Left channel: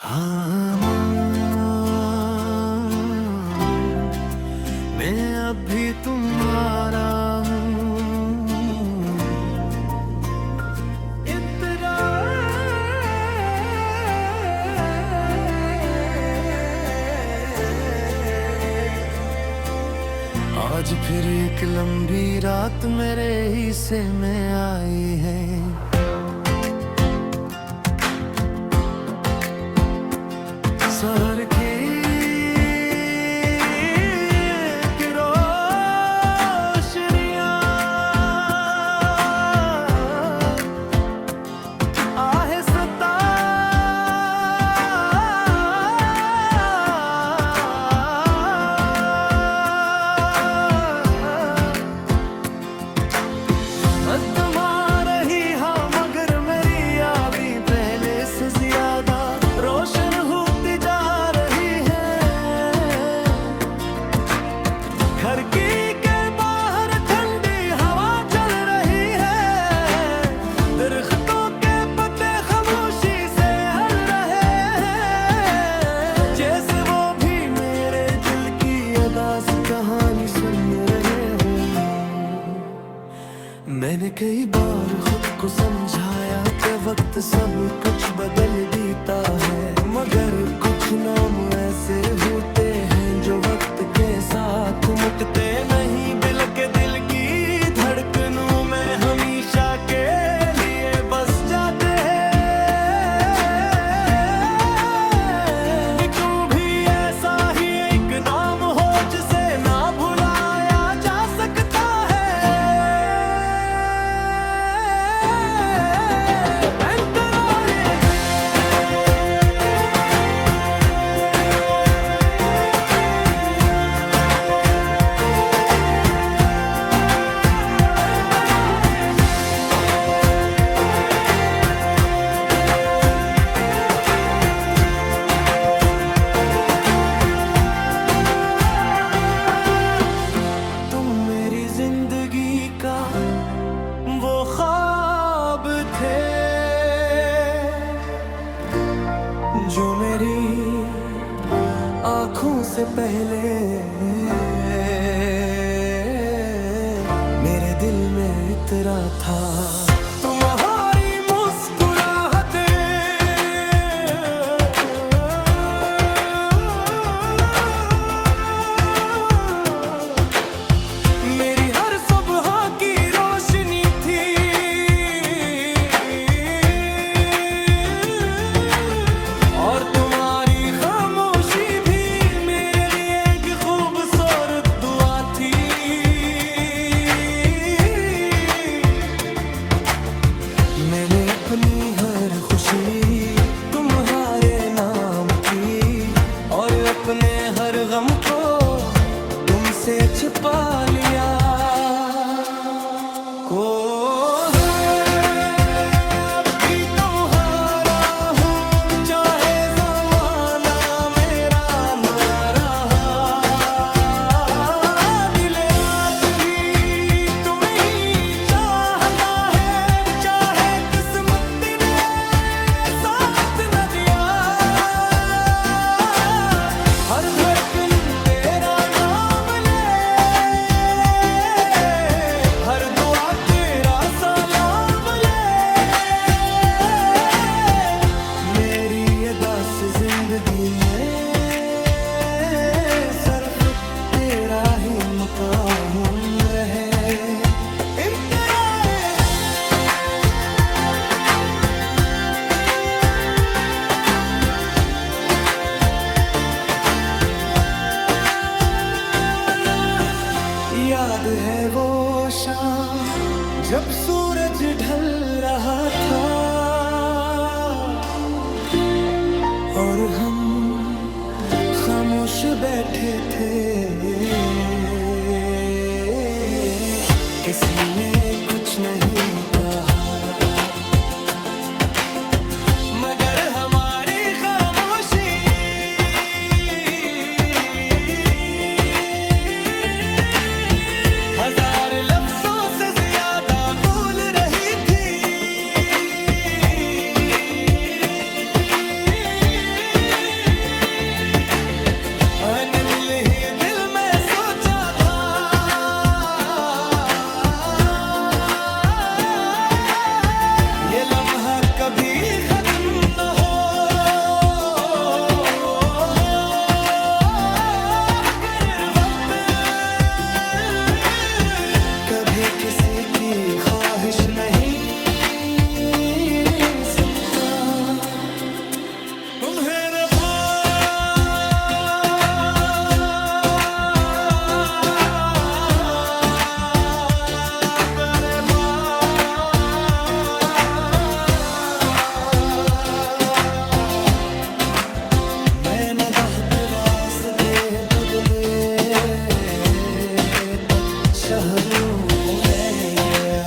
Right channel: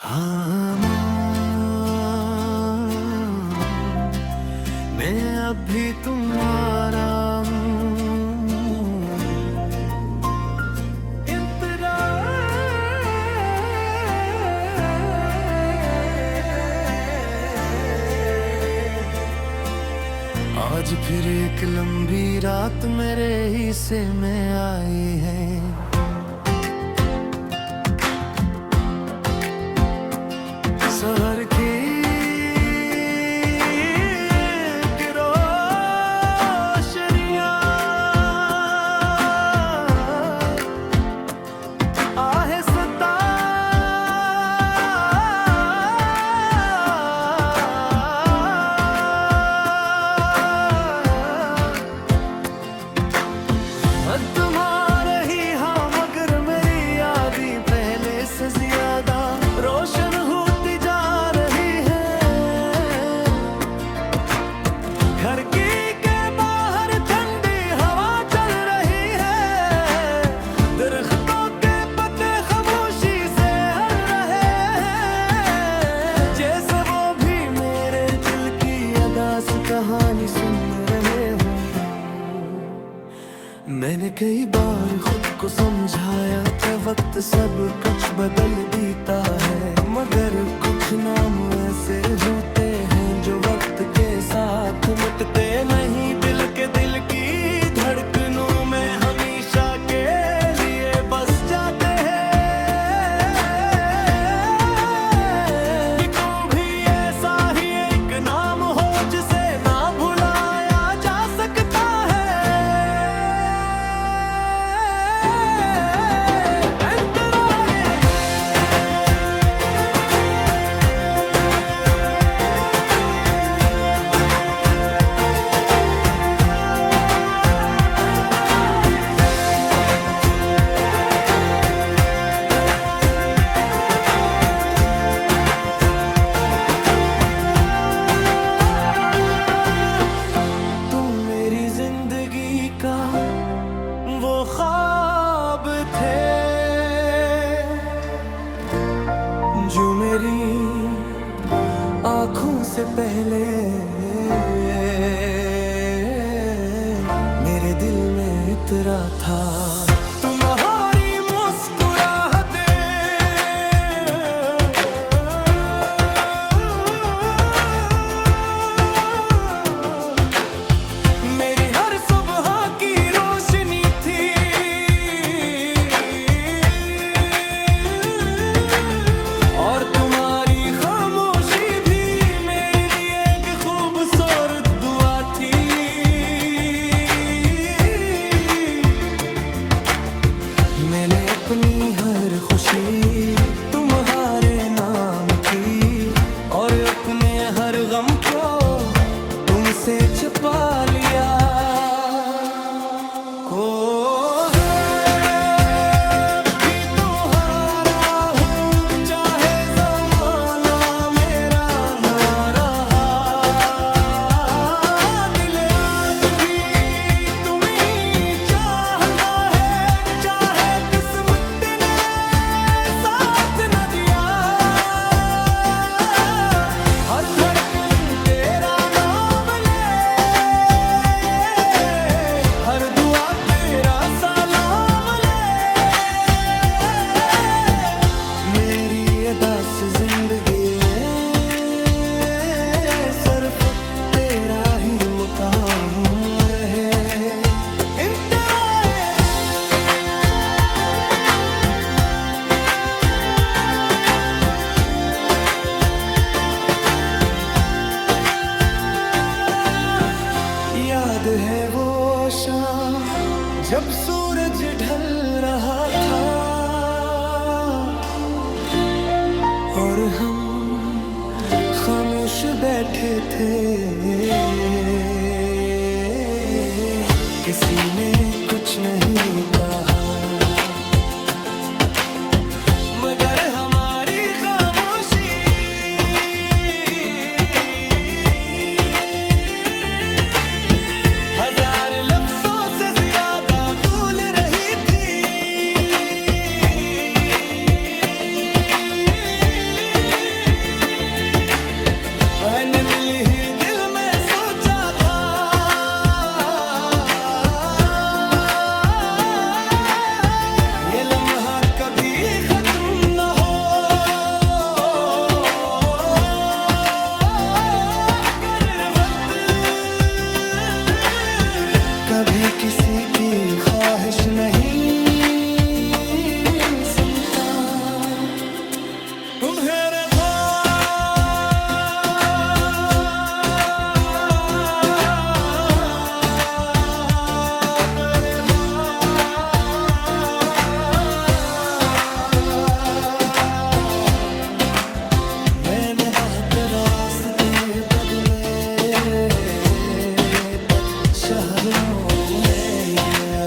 हाँ मैं अभी तुम्हारा आज फिर एक लंबी रात मेरे हिस्से में आई है। शहर की रोशनियां आहिस्ता तुम्हारे ही हाँ, मगर मेरी यादें पहले से ज्यादा रोशन होती जा रही है। घर की के बाहर ठंडी हवा चल रही है, दरख्तों के पत्ते खामोशी से हल रहे हैं, जैसे वो भी मेरे दिल की अदास कहानी सुन रहे हों। मैंने कई बार खुद को समझाया कि वक्त सब कुछ बदल देता है, मगर कुछ नाम ऐसे होते हैं जो वक्त के साथ मुटते नहीं। दिल की धड़कनों में हमेशा के लिए बस जाते हैं। तू भी ऐसा ही एक नाम हो जिसे ना भुलाया जा सकता है। जिंदगी का वो ख्वाब थे जो मेरी आंखों से पहले मेरे दिल में इतरा था। तुम्हारी मुस्कुराहटें मेरी हर सुबह की रोशनी थी, और तुम्हारी खामोशी भी मेरे लिए एक खूबसूरत दुआ थी। मैंने अपनी हर खुशी तुम्हारे नाम की, और अपने हर गम को तुमसे छुपा लिया। को भी तुम्हारा हूँ, चाहे ज़माना मेरा ना रहा। दिल आज भी तुम्हें ही चाहता है, चाहे किस्मत ने साथ न दिया। हर धड़कन तेरा नाम ले, हर दुआ तेरा सलाम ले। मेरी अदास जिंदगी में सिर्फ तेरा ही मकाम रहे। याद है वो शाम जब सूरज ढल रहा था, और हम खामोश बैठे थे। किसी ने कुछ नहीं कहा, मगर हमारी खामोशी हजार लफ्जों से ज्यादा बोल रही थी। मैंने दिल ही दिल में सोचा था, ये लम्हा कभी खत्म न हो। कर वक्त कभी किसी की ख्वाहिश नहीं सुनता। मेरे रास्ते बदले तब शहरों में गया,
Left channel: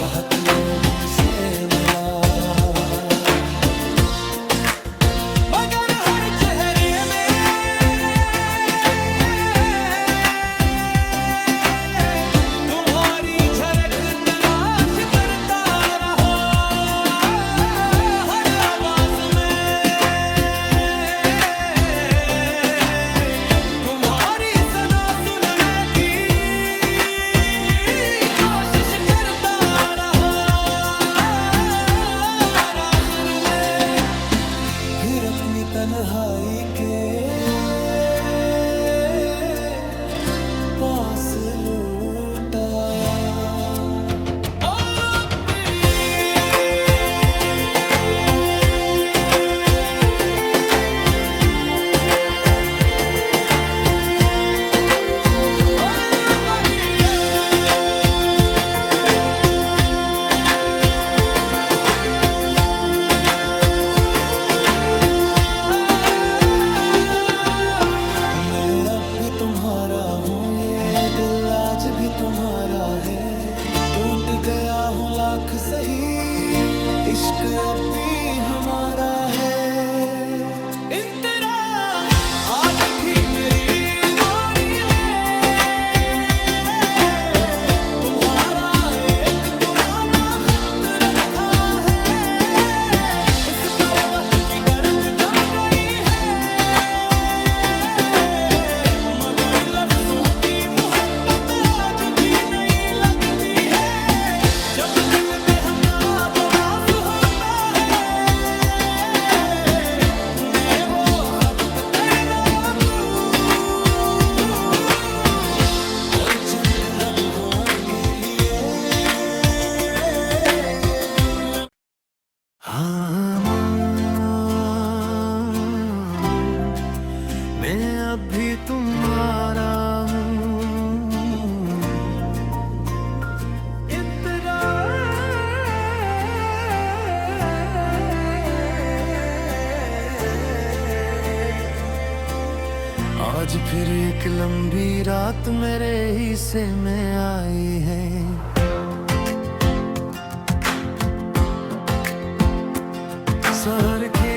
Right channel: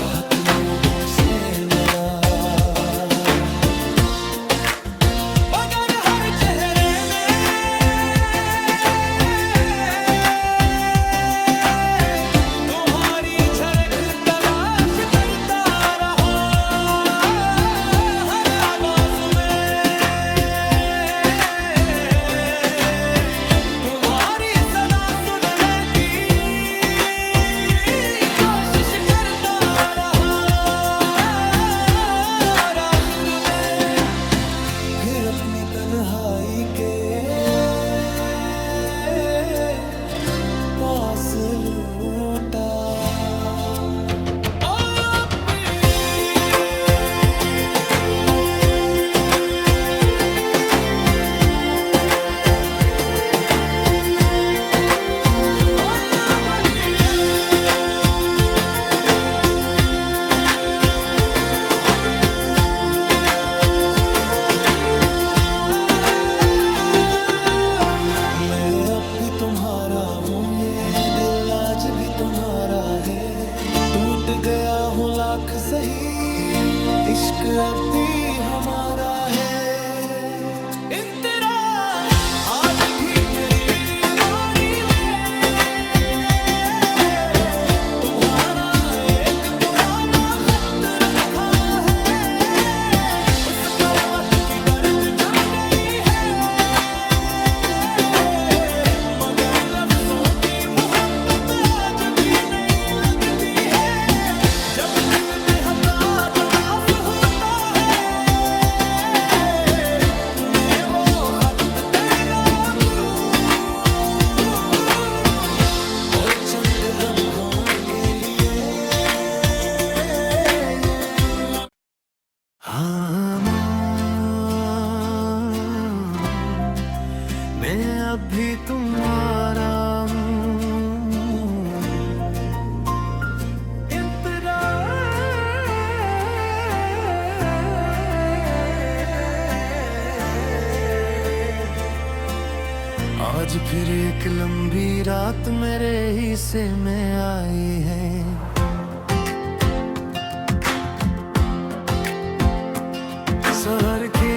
बहुत लोगों से मिला, मगर हर चेहरे में तुम्हारी झलक तलाश करता रहा। हर आवाज में तुम्हारी सदा सुनने की कोशिश करता रहा। आखिर में फिर अपनी तन्हाई के पास लौट आया। अब भी तुम्हारा हूँ, ये दिल आज भी तुम्हारा है। टूट गया हूँ लाख सही, इश्क अब भी हमारा है। इन तेरा आज भी मेरी मोरी में तुम्हारा एक पुराना खत रखा है। उस पर वक्त की गर्द जम गई है, मगर लफ्जों की मोहब्बत आज भी नहीं लगती है। जब दिल बेहदा बदास होता है, मैं वो खत देना दूं और चंद लम्हों के लिए हाँ मैं अब भी तुम्हारा हूँ। आज फिर एक लंबी रात मेरे हिस्से में आई है। शहर की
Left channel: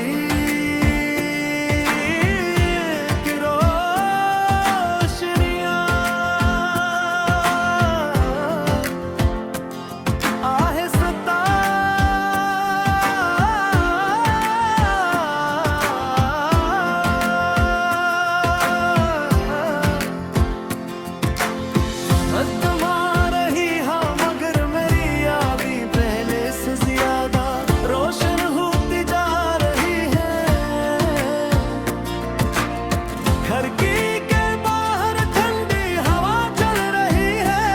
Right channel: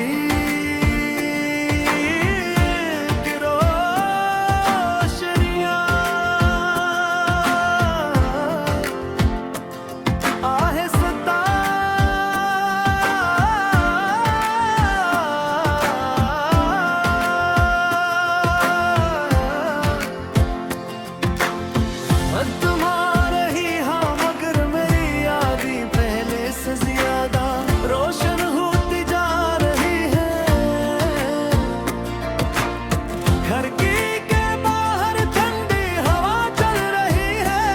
तुम्हारे ही हाँ, मगर मेरी यादें पहले से ज्यादा रोशन होती जा रही है। खिड़की के बाहर ठंडी हवा चल रही है,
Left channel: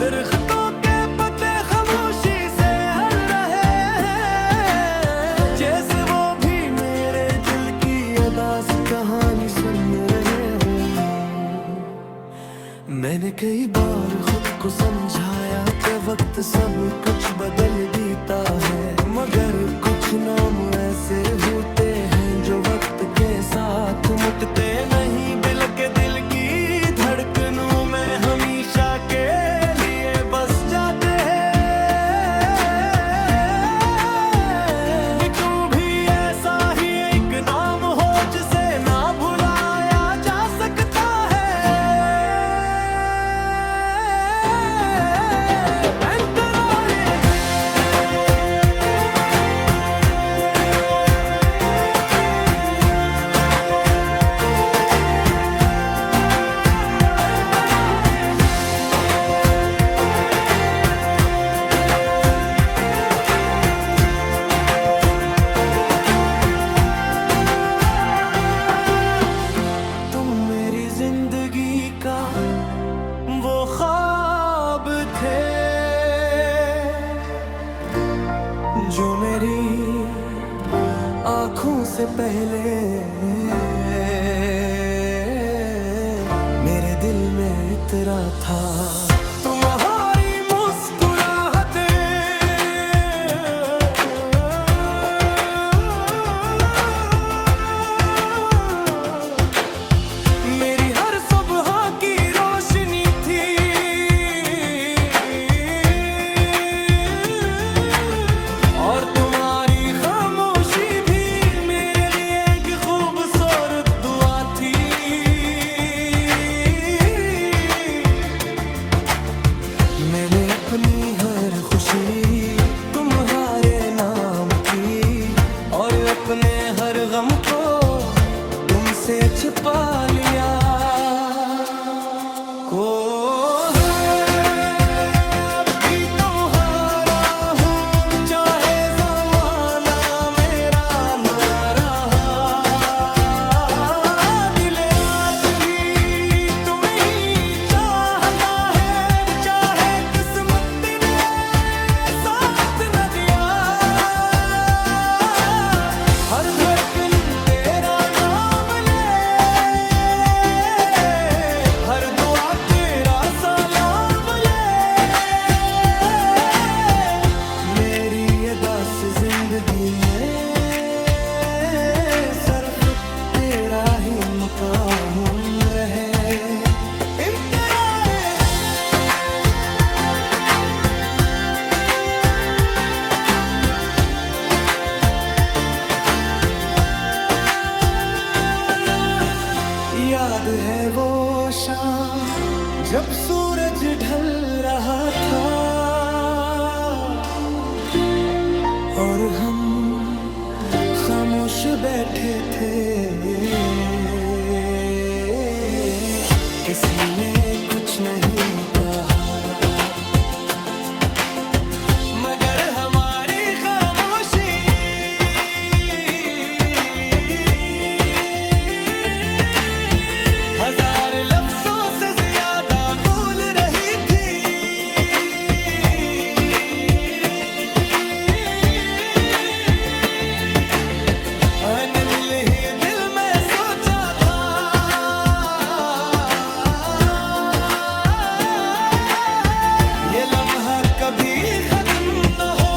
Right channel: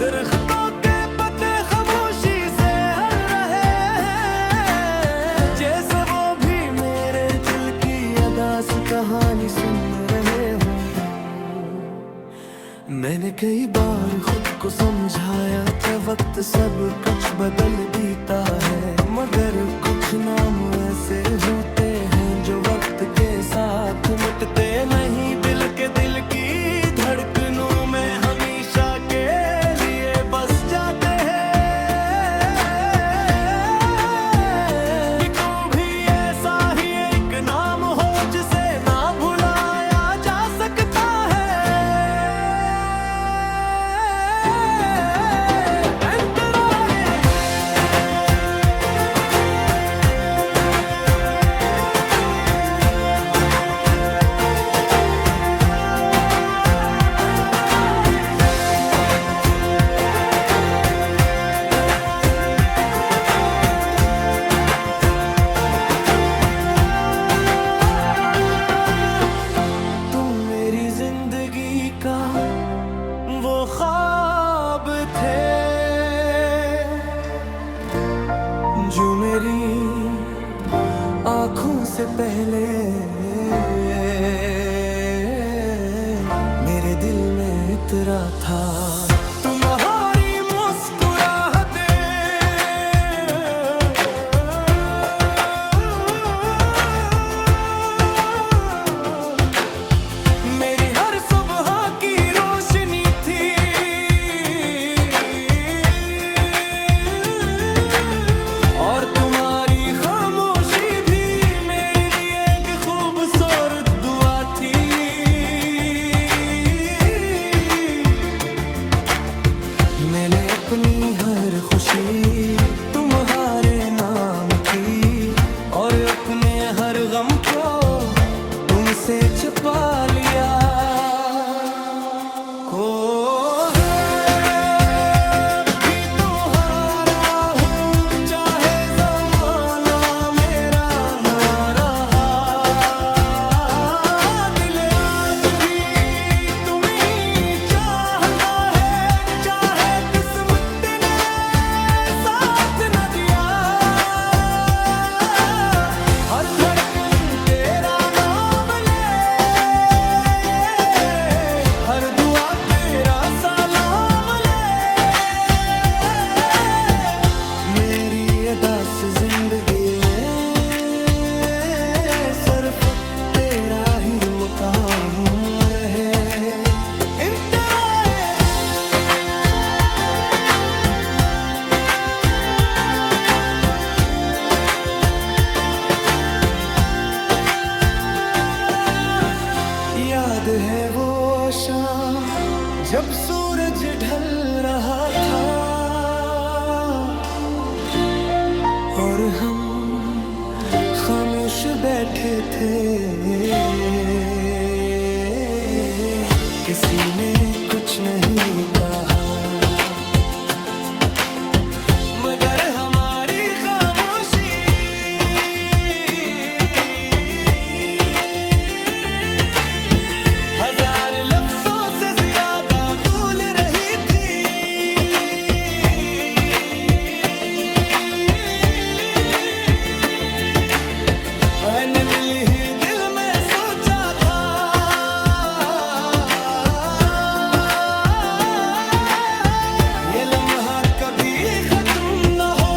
दरख्तों के पत्ते खामोशी से हल रहे हैं, जैसे वो भी मेरे दिल की अदास कहानी सुन रहे हो। मैंने कई बार खुद को समझाया कि वक्त सब कुछ बदल देता है, मगर कुछ नाम ऐसे होते हैं जो वक्त के साथ मुटते नहीं। दिल के दिल की धड़कनों में हमेशा के लिए बस जाते हैं। तू भी ऐसा ही एक नाम हो जिसे ना भुलाया जा सकता है। जो मेरी आँखों से पहले मेरे दिल में इतरा था। तुम्हारी मुस्कुराहटें मेरी हर सुबह की रोशनी थी। और तुम्हारी खामोशी भी मेरे लिए एक खूबसूरत दुआ थी। मैंने अपनी हर खुशी तुम्हारे नाम की और अपने हर गम को तुमसे छुपा लिया। को हर धड़कन तेरा नाम ले, हर दुआ तेरा सलाम ले। मेरी अदास जिंदगी में सिर्फ तेरा ही मकाम रहे। याद है वो शाम जब सूरज ढल रहा था और हम खामोश बैठे थे। किसी ने कुछ नहीं कहा मगर हमारी खामोशी हजार लफ्जों से ज्यादा बोल रही थी। मैंने दिल ही दिल में सोचा था ये लम्हा कभी खत्म न हो।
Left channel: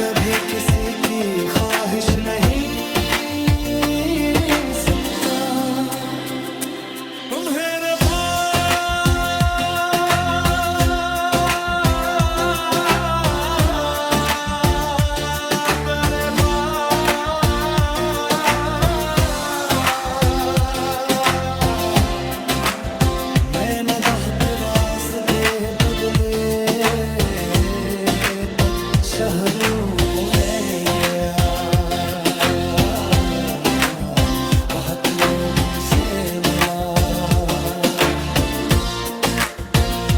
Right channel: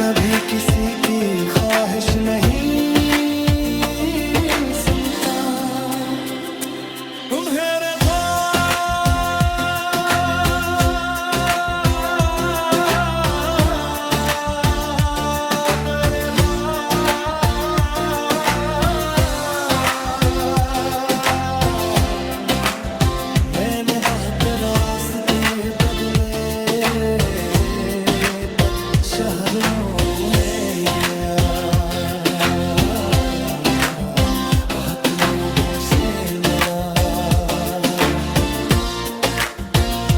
कभी किसी की ख्वाहिश नहीं सुनता। तुम्हारे मैंने बहुत रास्ते बदले तब शहरों में गया। बहुत लोगों से मिला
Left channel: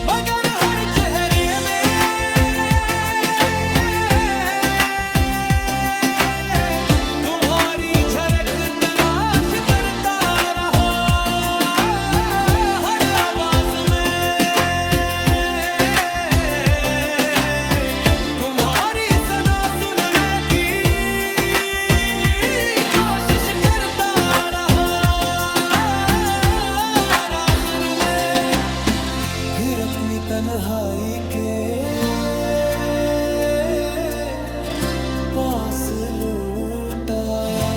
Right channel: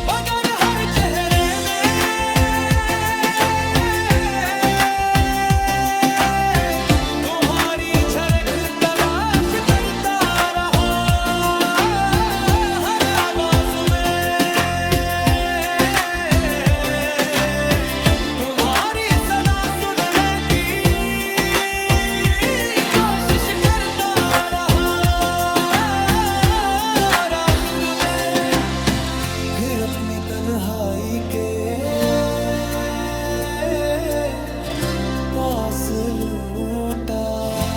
मगर हर चेहरे में तुम्हारी झलक तलाश करता रहा। हर आवाज में तुम्हारी सदा सुनने की कोशिश करता रहा। और आखिर में फिर अपनी तन्हाई के पास लौट आया।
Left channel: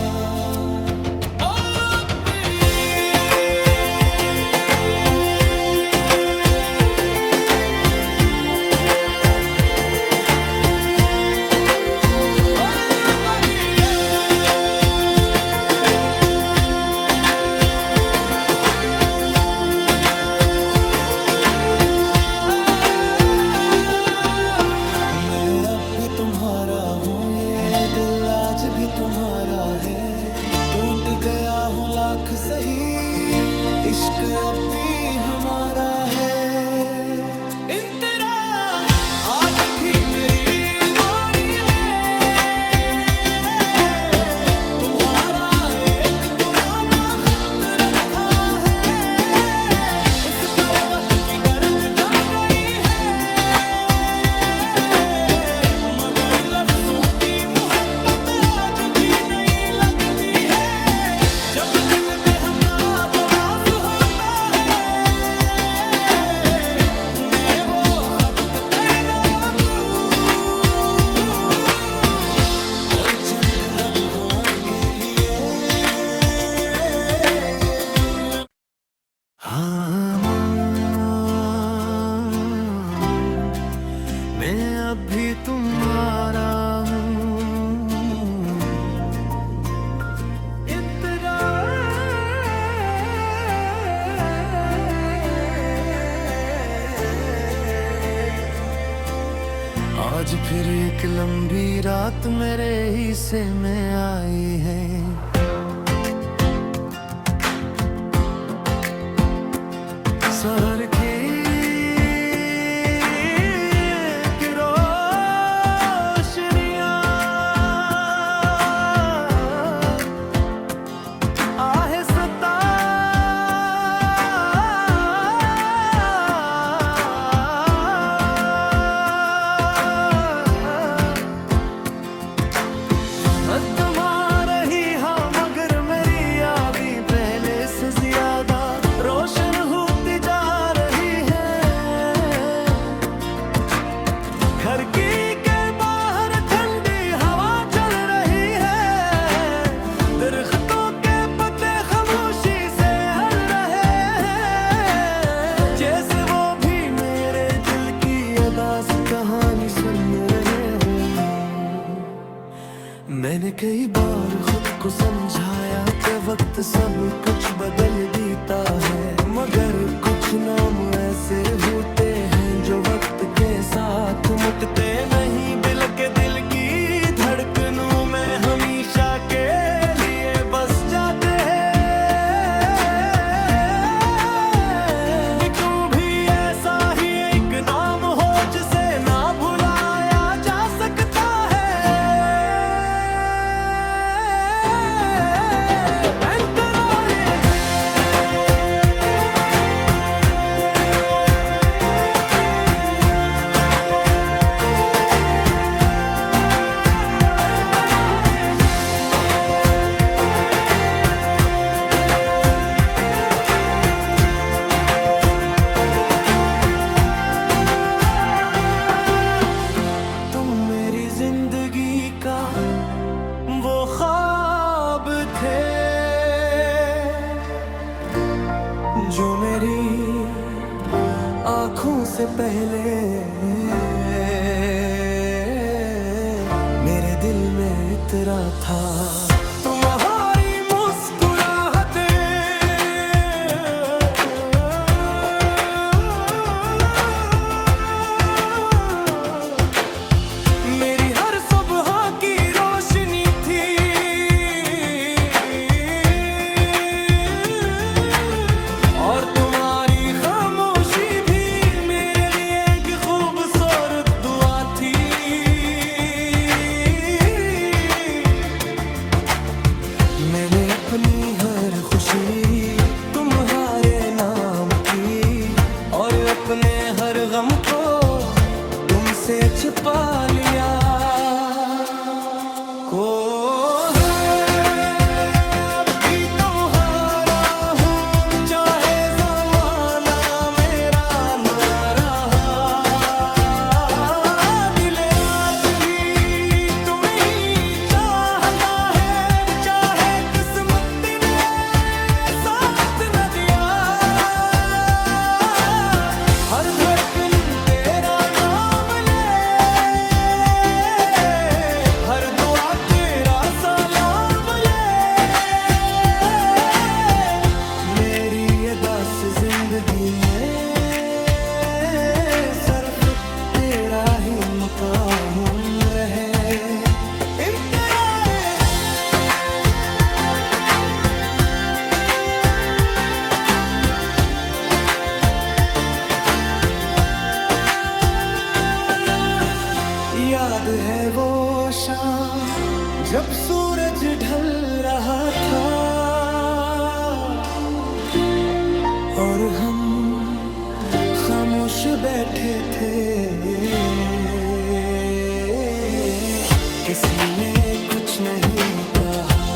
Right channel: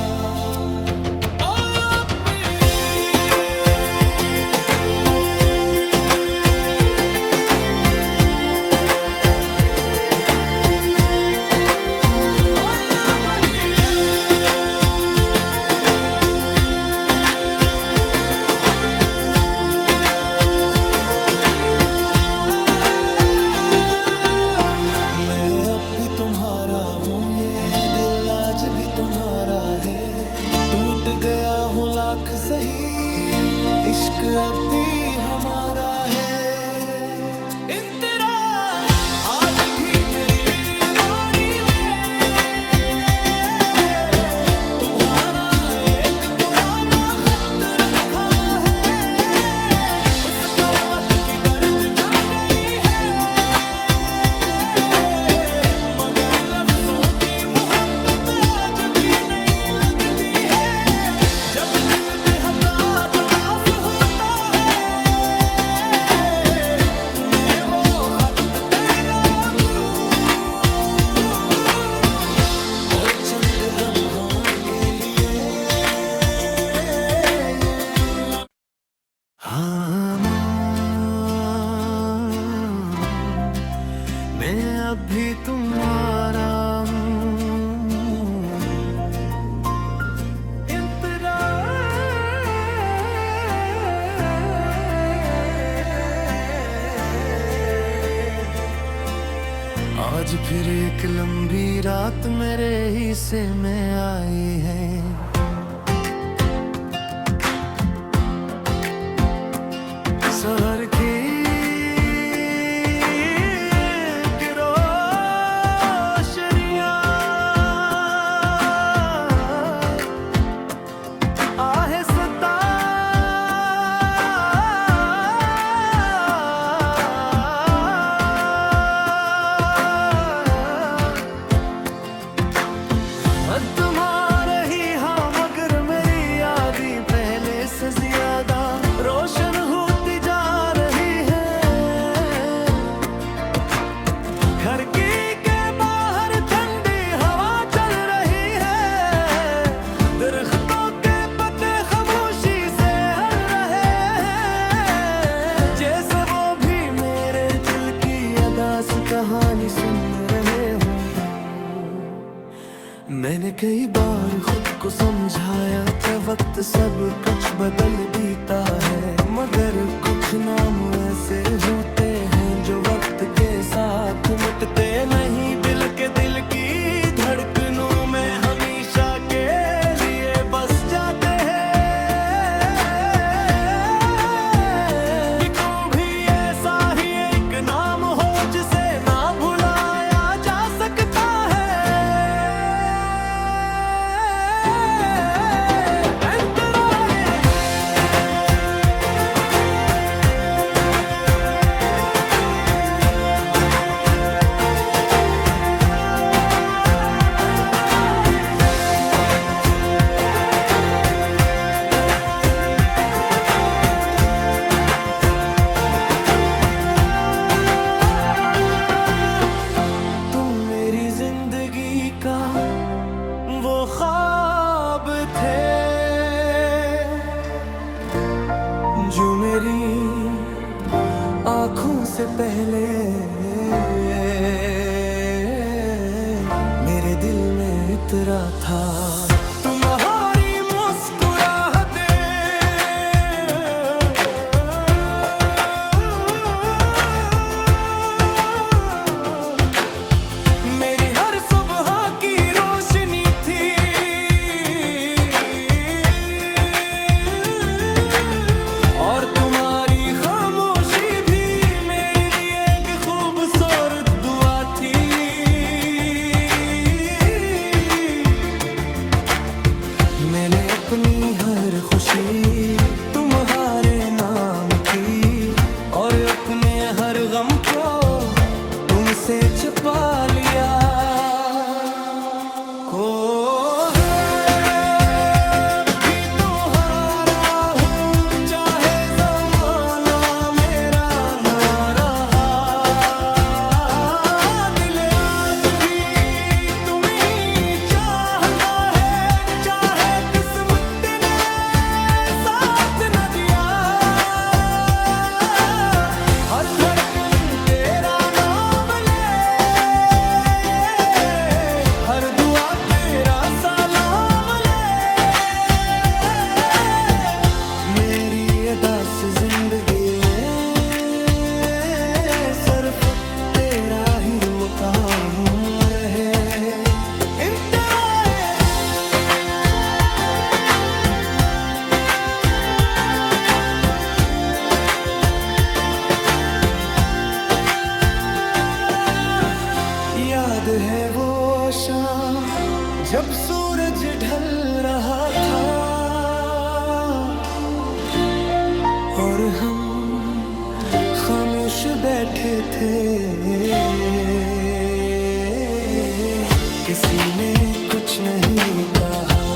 भी तुम्हारा हूँ ये दिल आज भी तुम्हारा है। टूट गया हूँ लाख सही इश्क अब भी हमारा है। आज भी मेरी मोरी में तुम्हारा एक पुराना खत रखा है। चंद लम्हों के लिए हाँ मैं अब भी तुम्हारा आज फिर एक लंबी रात मेरे हिस्से में आई है। शहर की रोशनियां आहिस्ता तुम्हारे ही हाँ मगर मेरी यादें पहले से ज्यादा रोशन होती जा रही है। घर की के बाहर ठंडी हवा चल रही है, दरख्तों के पत्ते खामोशी से हल रहे हैं, जैसे वो भी मेरे दिल की अदास कहानी सुन रहे हों। मैंने कई बार खुद को समझाया कि वक्त सब कुछ बदल देता है, मगर कुछ नाम ऐसे होते हैं जो वक्त के साथ मुटते नहीं। दिल की धड़कनों में हमेशा के लिए बस जाते हैं। तुम भी ऐसा ही एक नाम हो जिसे ना भुलाया जा सकता है। जिंदगी का वो ख्वाब थे जो मेरी आँखों से पहले मेरे दिल में इतरा था। तुम्हारी मुस्कुराहटें मेरी हर सुबह की रोशनी थी, और तुम्हारी खामोशी भी मेरे लिए एक खूबसूरत दुआ थी। मैंने अपनी हर खुशी तुम्हारे नाम की, और अपने हर गम को तुमसे छुपा लिया। को भी तुम्हारा हूँ चाहे ज़माना मेरा ना रहा, दिल आज भी तुम्हें ही चाहता है, चाहे किस्मत ने साथ न दिया। हर धड़कन तेरा नाम ले, हर दुआ तेरा सलाम ले। मेरी अदास जिंदगी में सिर्फ तेरा ही मकाम रहे। याद है वो शाम जब सूरज ढल रहा था, और हम खामोश बैठे थे, किसी ने कुछ नहीं कहा,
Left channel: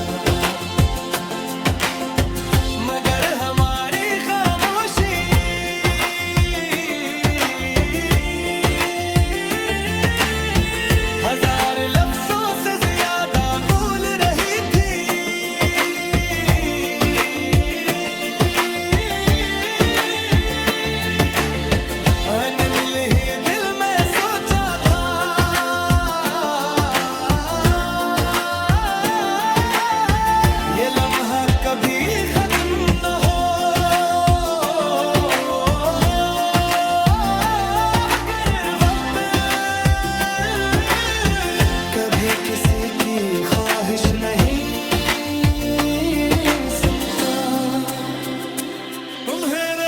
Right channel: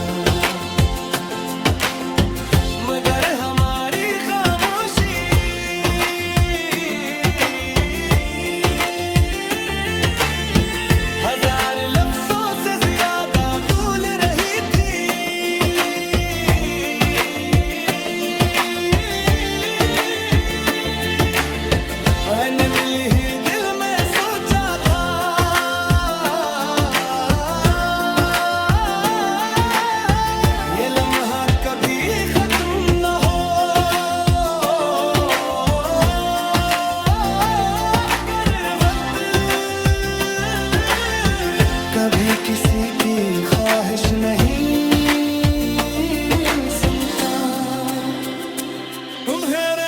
मगर हमारी खामोशी हजार लफ्जों से ज्यादा मैंने दिल ही दिल में सोचा था, ये लम्हा कभी खत्म न हो। कर वक्त कभी किसी की ख्वाहिश नहीं सुनता। मेरे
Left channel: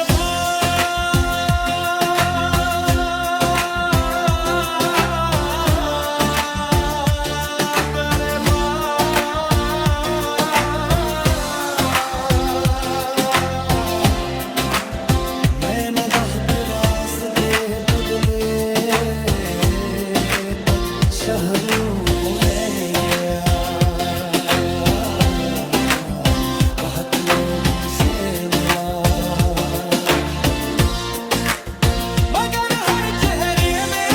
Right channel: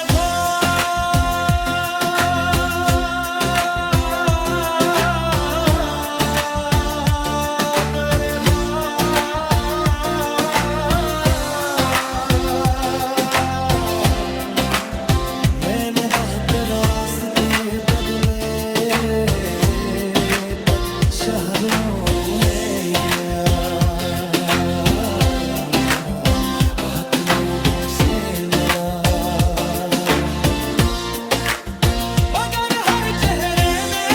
मैंने बहुत रास्ते बदले, तब शहरों में गया, बहुत लोगों से मिला, मगर हर चेहरे में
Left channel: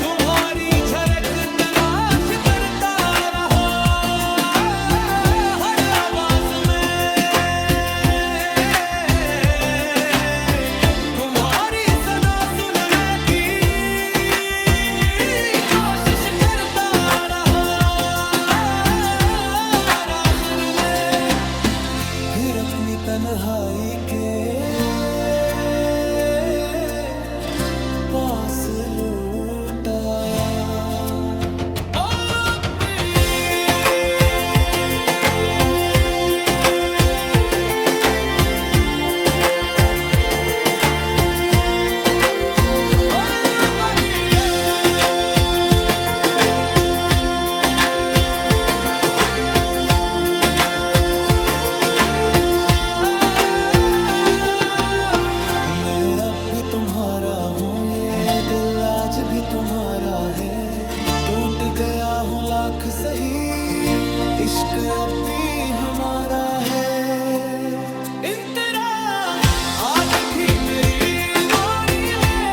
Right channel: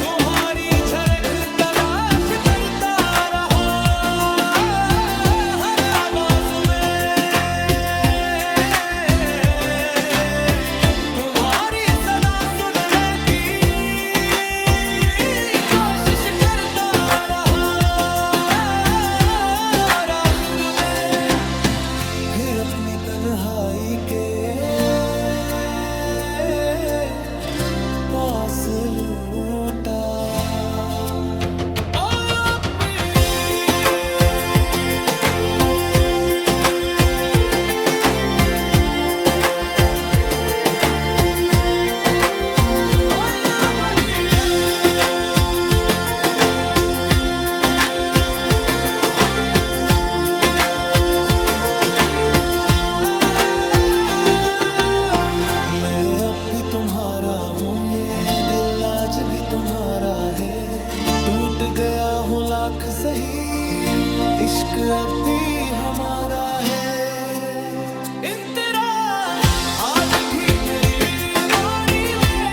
तुम्हारी झलक तलाश करता रहा। हर आवाज में तुम्हारी सदा सुनने की कोशिश करता रहा। और आखिर में फिर अपनी तन्हाई के पास लौट आया। मैं अब भी तुम्हारा हूँ, ये दिल आज भी तुम्हारा है। टूट गया हूँ लाख सही, इश्क अब भी हमारा है। इन तेरा आज भी मेरी मोरी में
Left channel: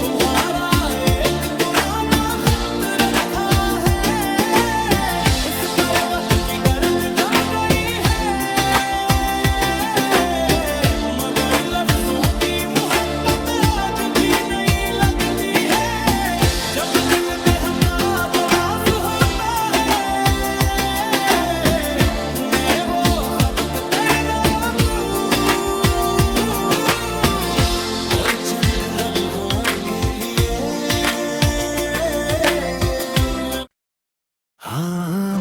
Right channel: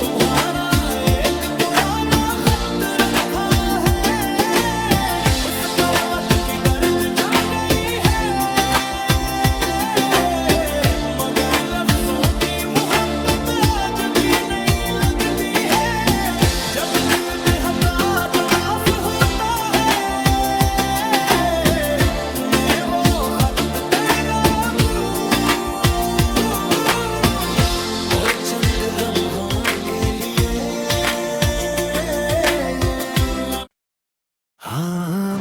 तुम्हारा एक पुराना खत रखा है। उस पर वक्त की गर्द जम गई है, मगर लफ्जों की मोहब्बत आज भी नहीं लगती है। जब दिल बेहताब उदास होता है, मैं वो खत तेरा दूं, और चंद लम्हों के लिए हाँ,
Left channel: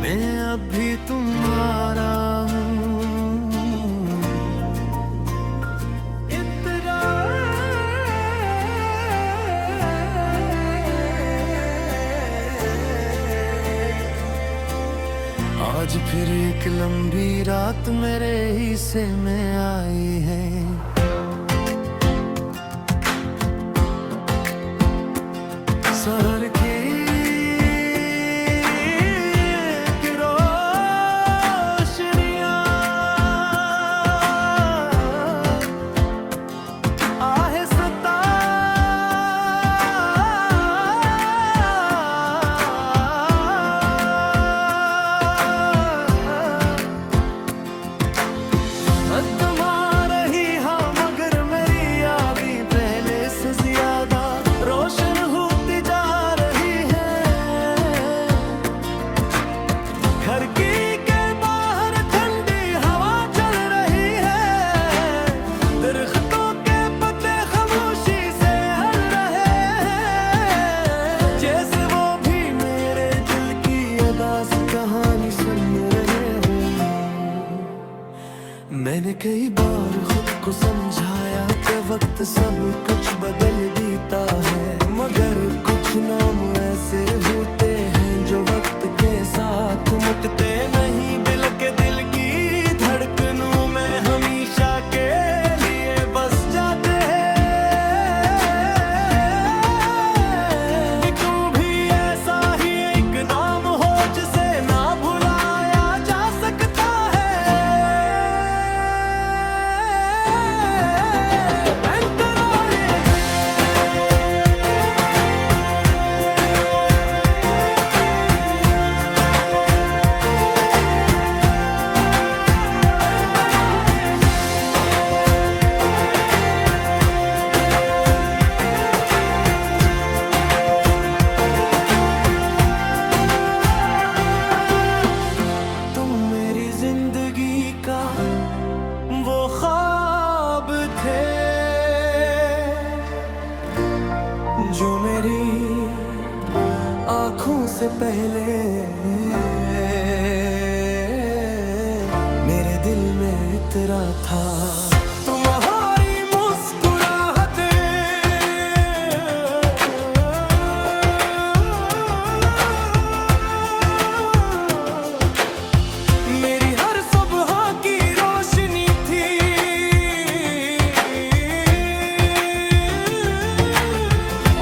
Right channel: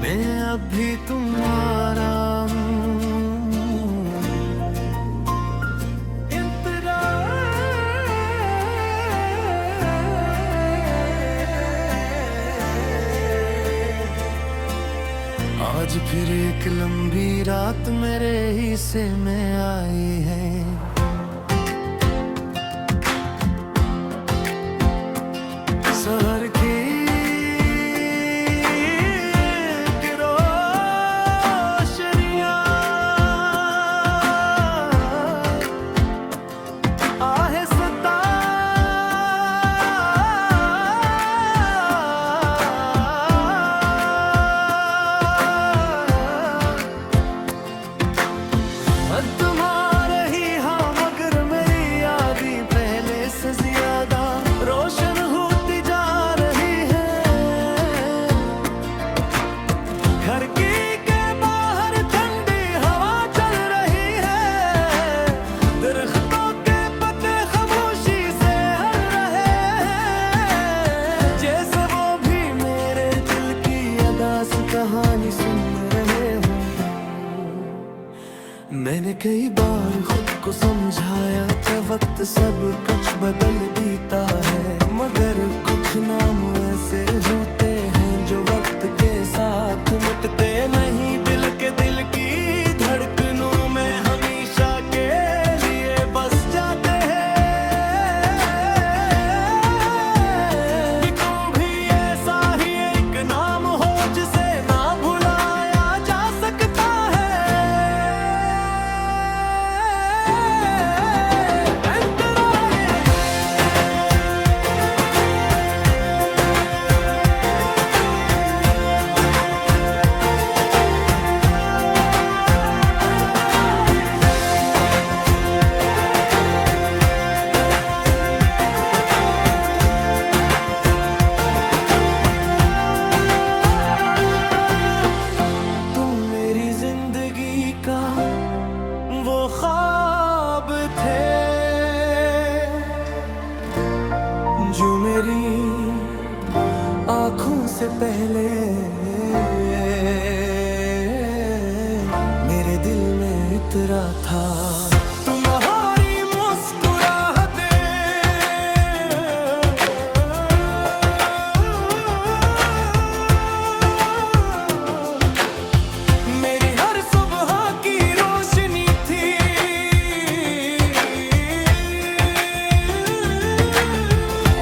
मैं अब भी तुम्हारा हूँ। आज फिर एक लंबी रात मेरे हिस्से में आई है। शहर की रोशनियां आहिस्ता तुम्हारे ही हाँ, मगर मेरी यादें पहले से ज्यादा रोशन होती जा रही है। खिड़की के बाहर ठंडी हवा चल रही है, दरख्तों के पत्ते खामोशी से हल रहे हैं, जैसे वो भी मेरे दिल की अदास कहानी सुन रहे हों। मैंने कई बार खुद को समझाया कि वक्त सब कुछ बदल देता है, मगर कुछ नाम ऐसे होते हैं जो वक्त के साथ मुटते नहीं। दिल के दिल की धड़कनों में हमेशा के लिए बस जाते हैं। तुम भी ऐसा ही एक नाम हो जिसे ना भुलाया जा सकता है। तेरी आँखों से पहले मेरे दिल में इतरा था तुम्हारी मुस्कुराहटें। मेरी हर सुबह की रोशनी थी,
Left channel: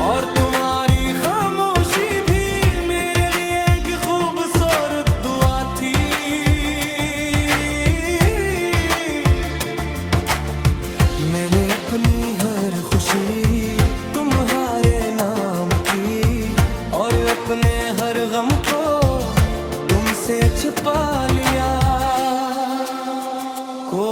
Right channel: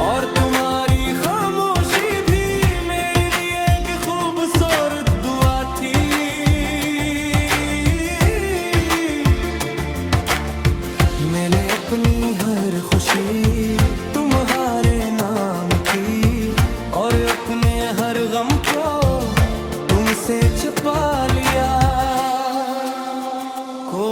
और तुम्हारी खामोशी भी मेरे लिए एक खूबसूरत दुआ थी। मैंने अपनी हर खुशी तुम्हारे नाम की, और अपने हर गम को तुमसे छुपा लिया। को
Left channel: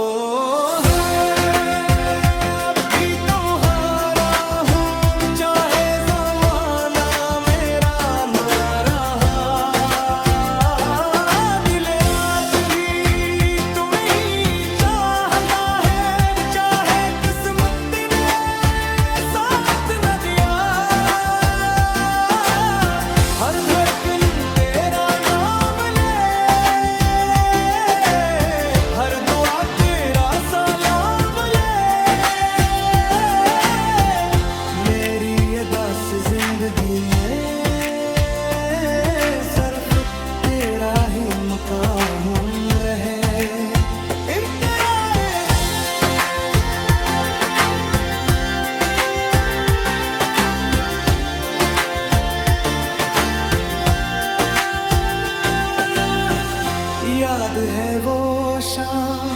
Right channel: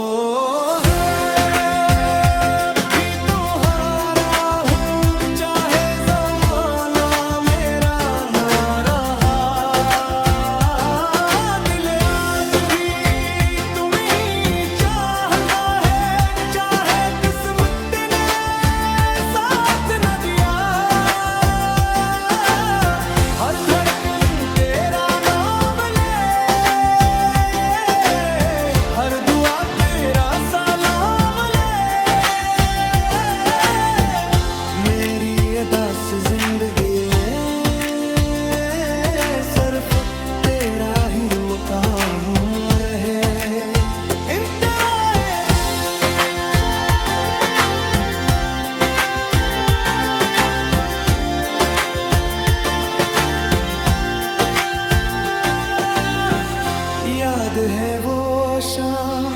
हर दुआ तेरा सलाम ले। मेरी अदास जिंदगी में सिर्फ तेरा ही मकाम रहे। याद है वो शाम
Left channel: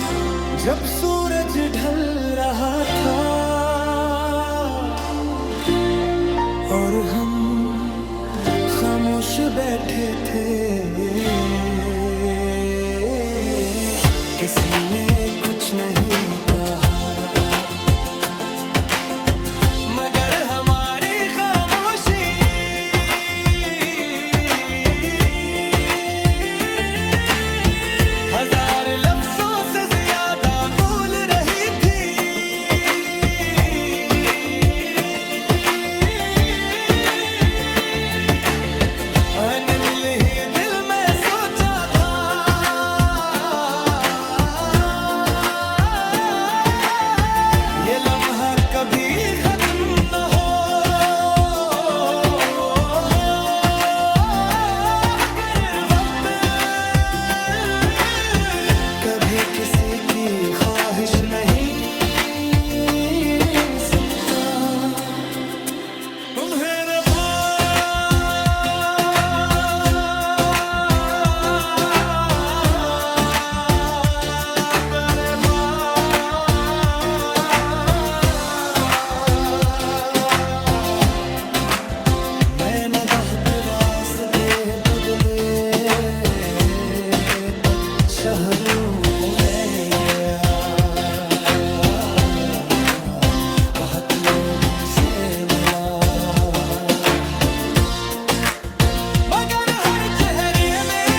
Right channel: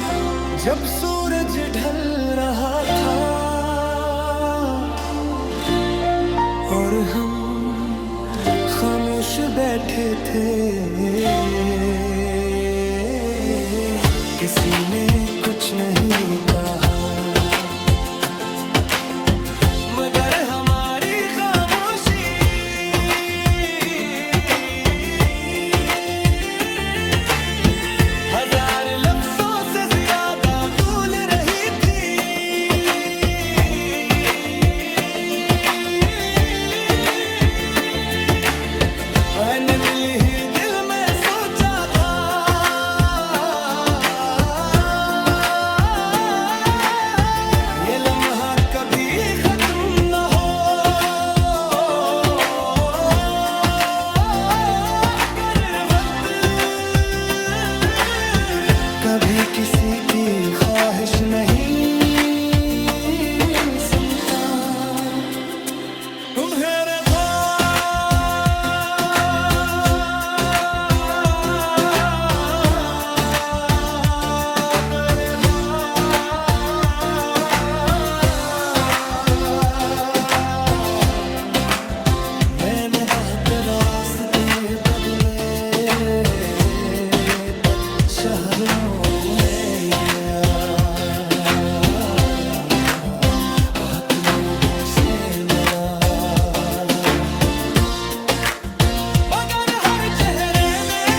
जब सूरज ढल रहा था, और हम खामोश बैठे थे। किसी ने कुछ नहीं कहा, मगर हमारी खामोशी हजार लफ्जों से ज्यादा बोल रही थी। मैंने दिल ही दिल में सोचा था, ये लम्हा कभी खत्म न हो। कभी किसी की ख्वाहिश नहीं सुनता। तुम्हारे मैंने बहुत रास्ते बदले, शहरों में गया, बहुत लोगों से मिला, मगर हर चेहरे में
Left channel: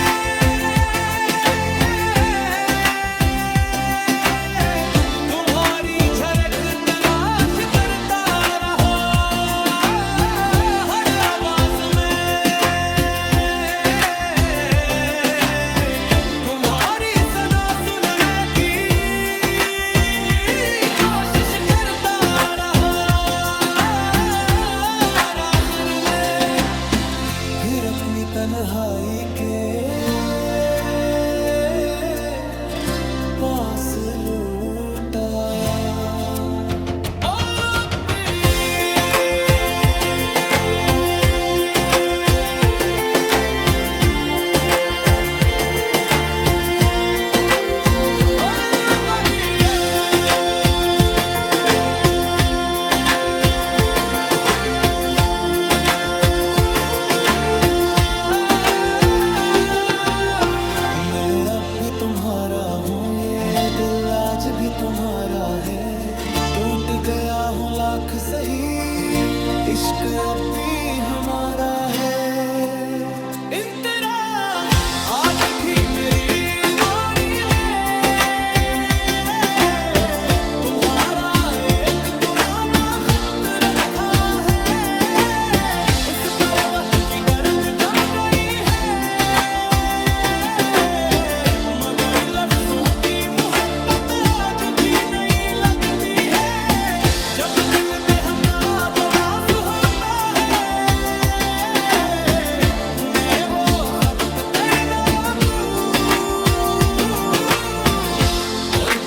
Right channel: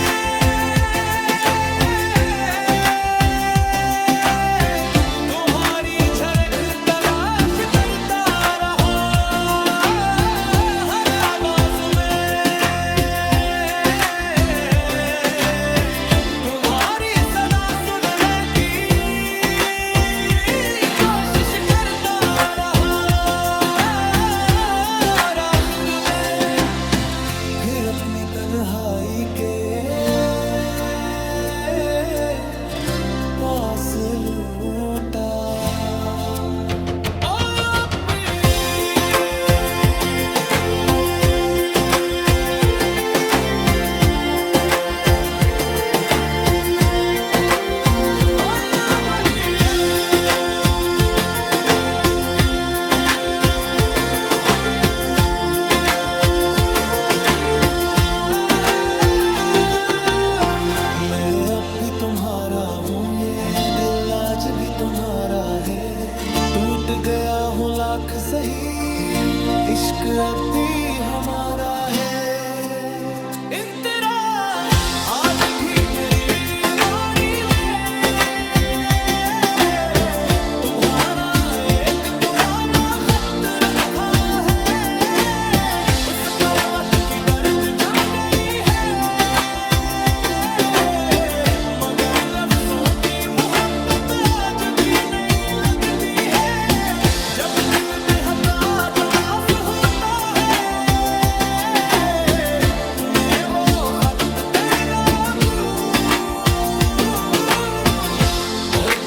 तुम्हारी झलक तलाश करता रहा। हर आवाज में तुम्हारी फिर अपनी तन्हाई के पास लौट आया। भी तुम्हारा हूँ, ये दिल आज भी तुम्हारा है। टूट गया हूँ लाख सही, इश्क अब भी हमारा है। आज भी मेरी मोरी में तुम्हारा एक पुराना खत रखा है।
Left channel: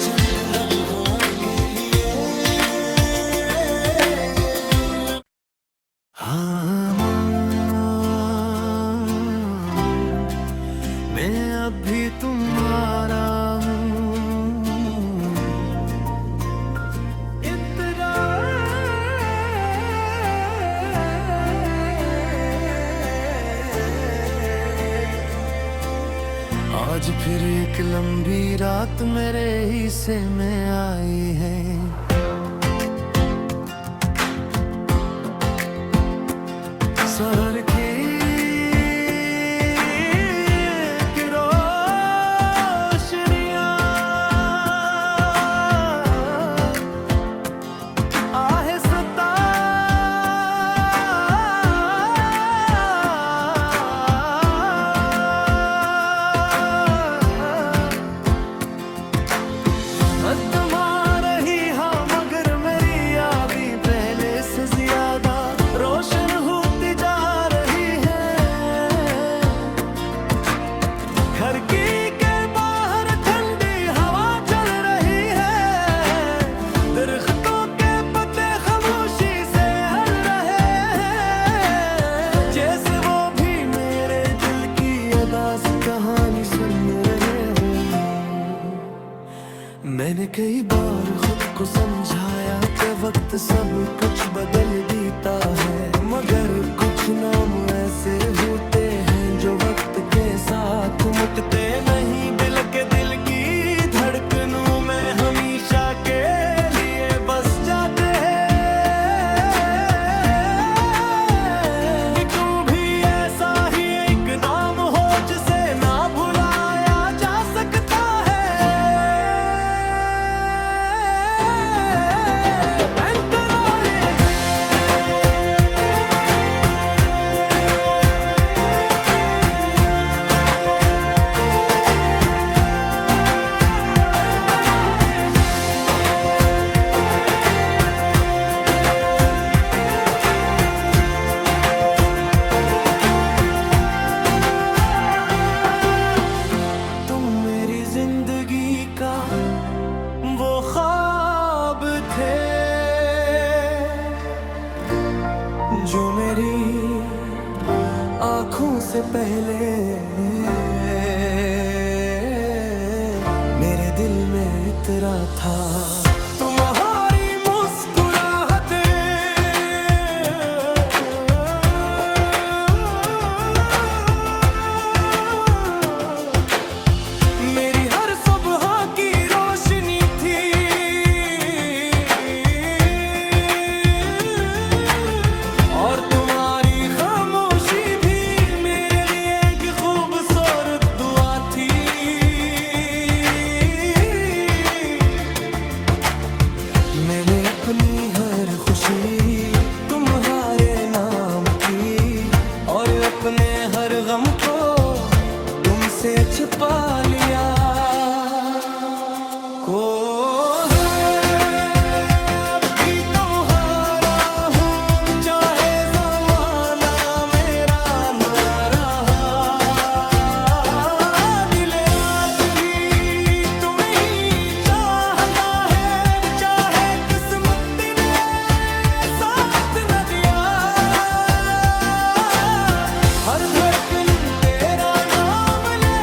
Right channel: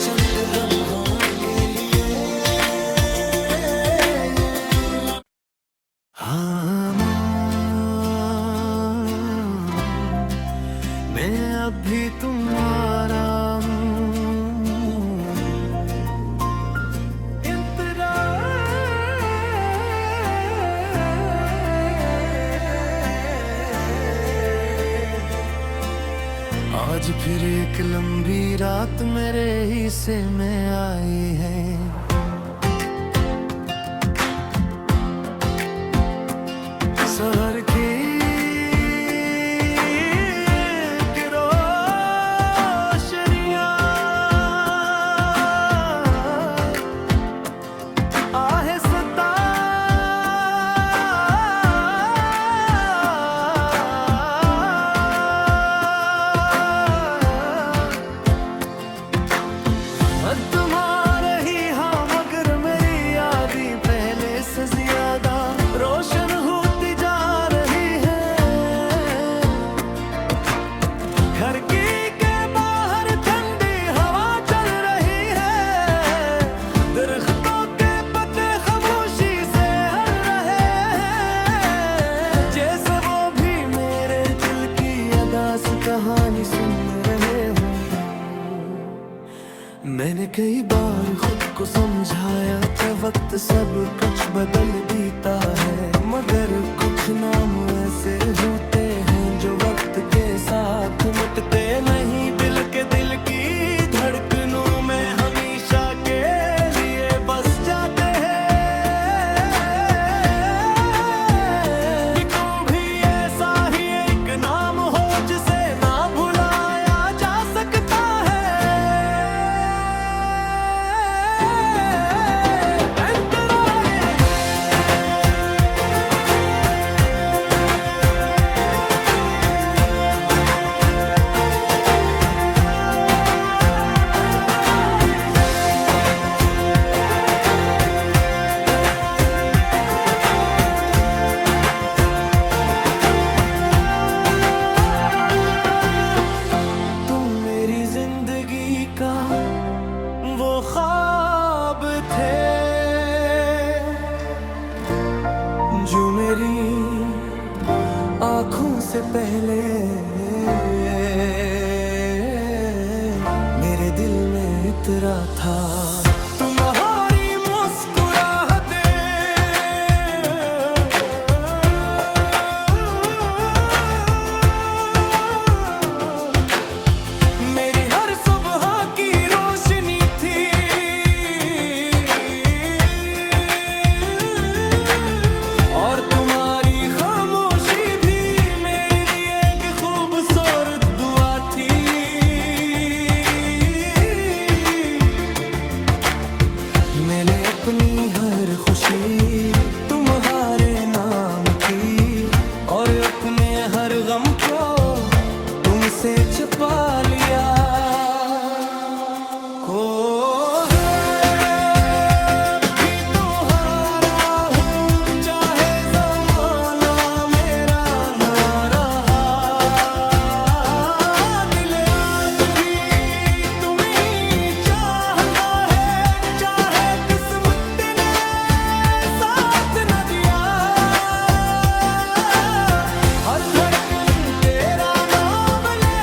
चंद लम्हों के लिए हाँ मैं अभी तुम्हारा आज फिर एक लंबी रात मेरे हिस्से में आई है। शहर की रोशनियां आहिस्ता तुम्हारे ही हाँ मगर मेरी यादें पहले से ज्यादा रोशन होती जा रही है। घर की के बाहर ठंडी हवा चल रही है। दरख्तों के पत्ते खामोशी से हल रहे हैं, जैसे वो भी मेरे दिल की अदास कहानी सुन रहे हो। मैंने कई बार खुद को समझाया कि वक्त सब कुछ बदल देता है, मगर कुछ नाम ऐसे होते हैं जो वक्त के साथ मुटते नहीं। दिल की धड़कनों में हमेशा के लिए बस जाते हैं। तुम भी ऐसा ही एक नाम हो जिसे ना भुलाया जा सकता है। जिंदगी का वो ख्वाब थे जो मेरी आँखों से पहले मेरे दिल में इतरा था। तुम्हारी मुस्कुराहटें मेरी हर सुबह की रोशनी थी। और तुम्हारी खामोशी भी मेरे लिए एक खूबसूरत दुआ थी। मैंने अपनी हर खुशी तुम्हारे नाम की और अपने हर गम को तुमसे छुपा लिया। को भी तुम्हारा हूँ चाहे ज़माना मेरा ना रहा। दिल आज भी तुम्हें ही चाहता है, चाहे किस्मत ने साथ न दिया। हर धड़कन तेरा नाम ले,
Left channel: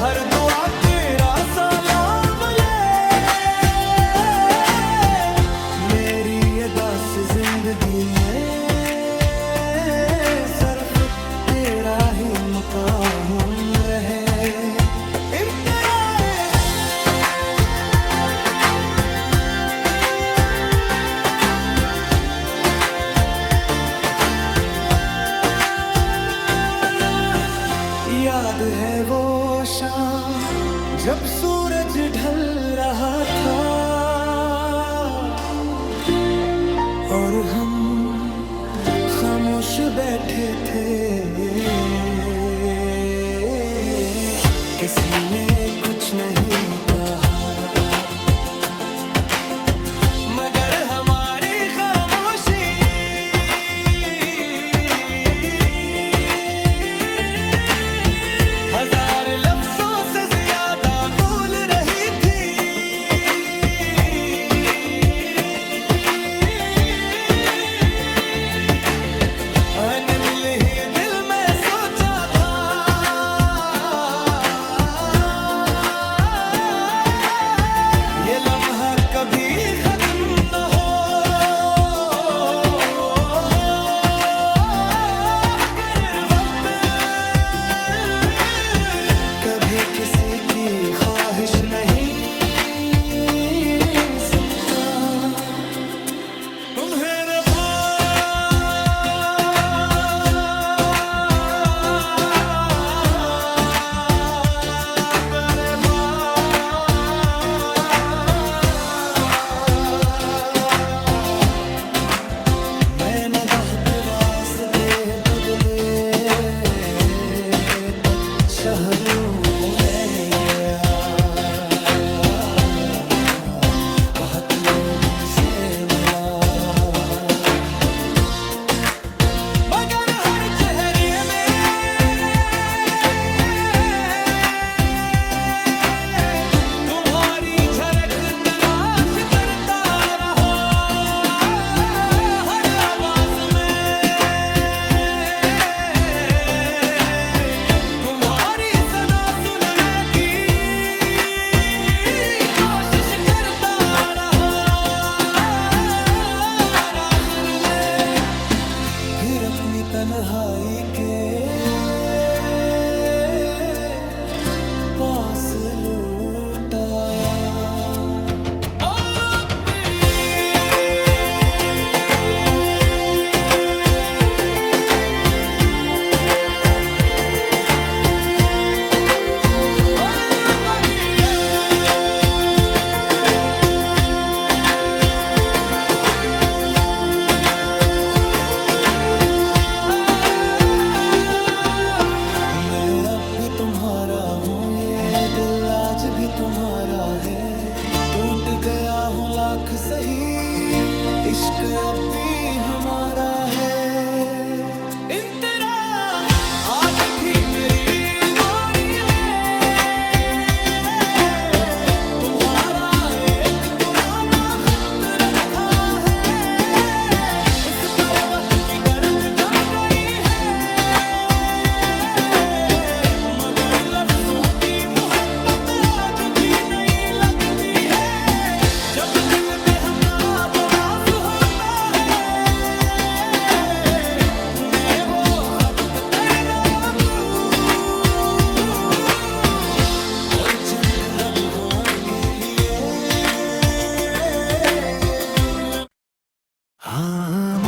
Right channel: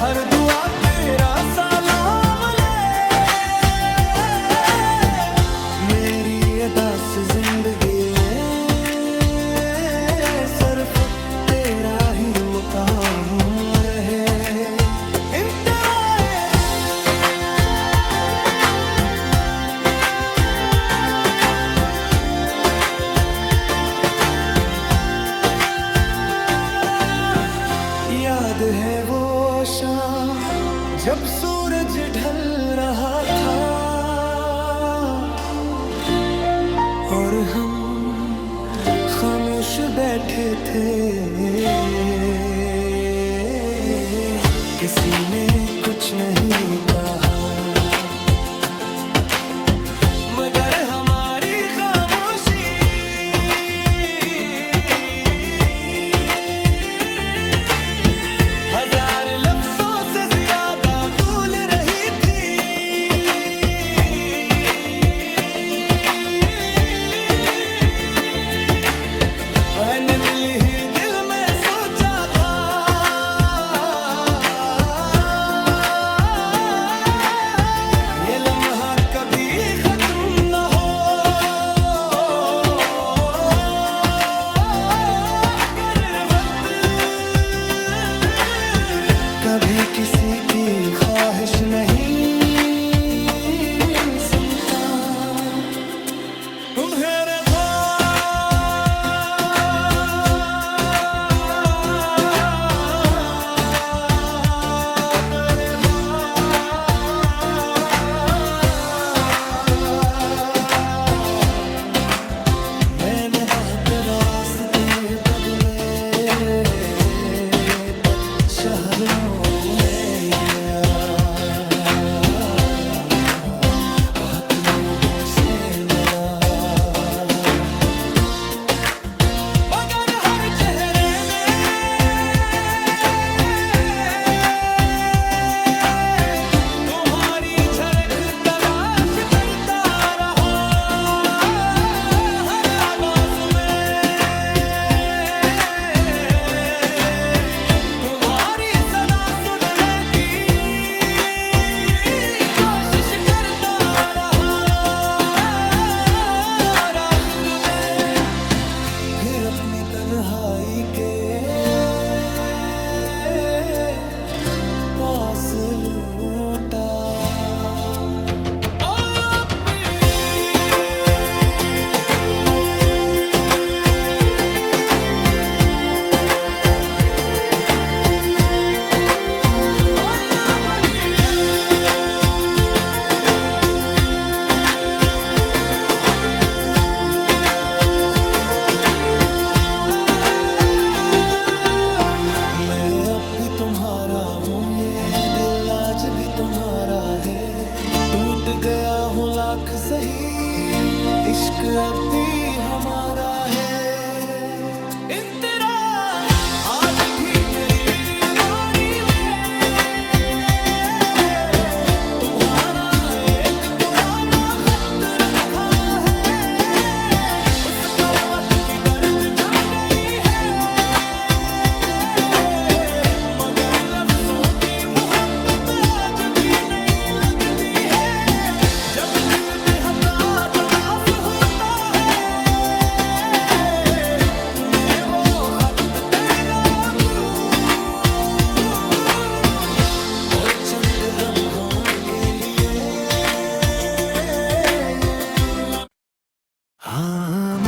हर दुआ तेरा सलाम ले। मेरी अदास जिंदगी में सिर्फ तेरा ही मकाम रहे। याद है वो शाम जब सूरज ढल रहा था और हम खामोश बैठे थे। किसी ने कुछ नहीं कहा मगर हमारी खामोशी हजार लफ्जों से ज्यादा मैंने दिल ही दिल में सोचा था ये लम्हा कभी खत्म न हो, कर वक्त कभी किसी की ख्वाहिश नहीं सुनता। मेरे रास्ते बदले तब शहरों में गया, बहुत लोगों से मिला, मगर हर चेहरे में तुम्हारी झलक तलाश करता रहा, हर आवाज में तुम्हारी सदा सुनने की कोशिश करता रहा, आखिर में फिर अपनी तन्हाई के पास लौट आया। अब भी तुम्हारा हूँ, ये दिल आज भी तुम्हारा है, टूट गया हूँ लाख सही, इश्क अब भी हमारा है। इन तेरा आज भी मेरी मोरी में तुम्हारा एक पुराना खत रखा है, उस पर वक्त की गर्द जम गई है, मगर लफ्जों की मोहब्बत आज भी नहीं लगती है, जब दिल बेहदा तदास होता है, मैं वो खत तेरा दूं और चंद लम्हों के लिए हाँ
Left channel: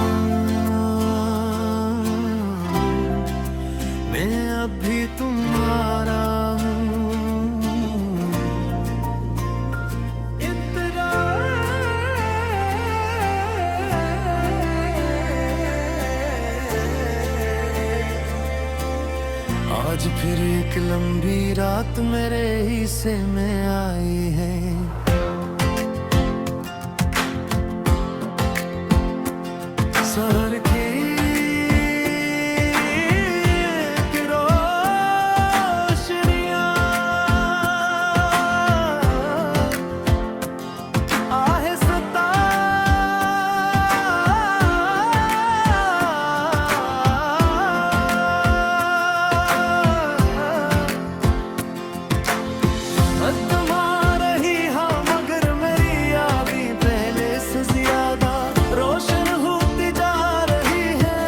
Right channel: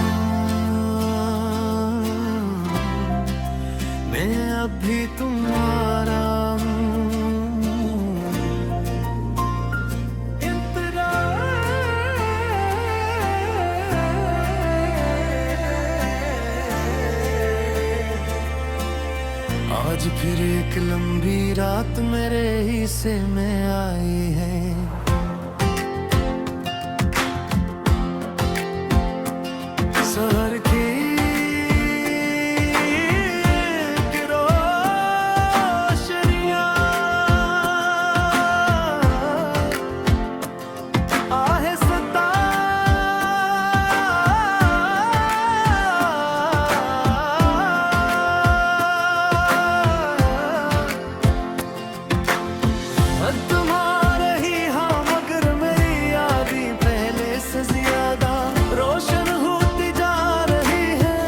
मैं अब भी तुम्हारा हूँ, इंतजार आज फिर एक लंबी रात मेरे हिस्से में आई है, शहर की तुम्हारे ही हाँ, मगर मेरी यादें पहले से ज्यादा रोशन होती जा रही है,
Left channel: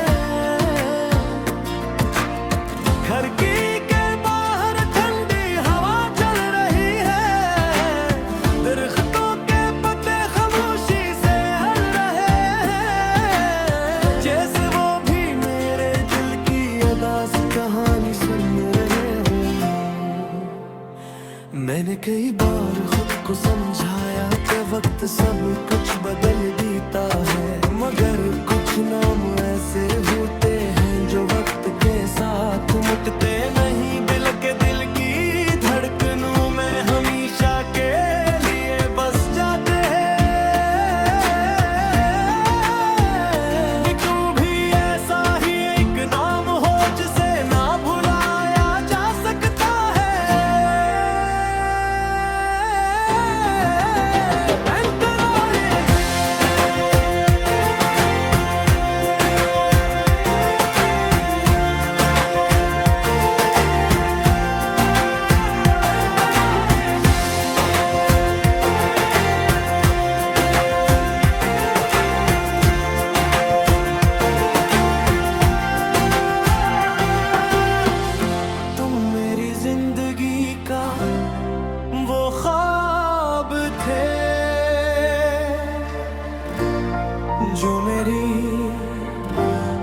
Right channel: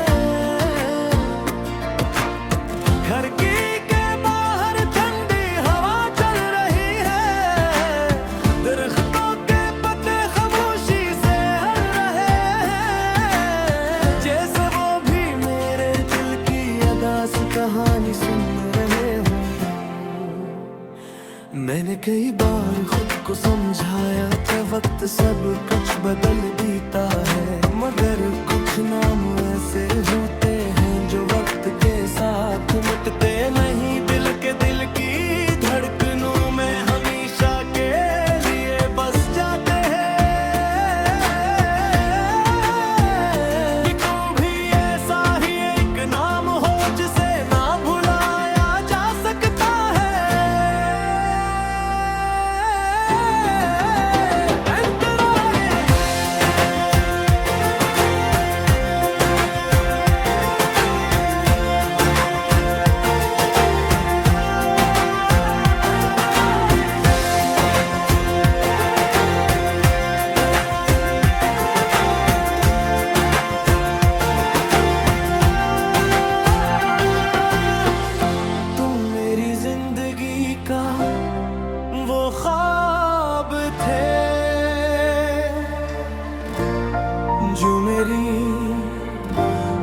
घर की के बाहर ठंडी हवा चल रही है, दरख्तों के पत्ते खामोशी से हल रहे हैं, जैसे वो भी मेरे दिल की अदास कहानी सुन रहे हो। मैंने कई बार खुद को समझाया कि वक्त सब कुछ बदल देता है, मगर कुछ नाम ऐसे होते हैं जो वक्त के साथ मुटते नहीं, दिल के दिल की धड़कनों में हमेशा के लिए बस जाते हैं। तू भी ऐसा ही एक नाम हो जिसे ना भुलाया जा सकता है।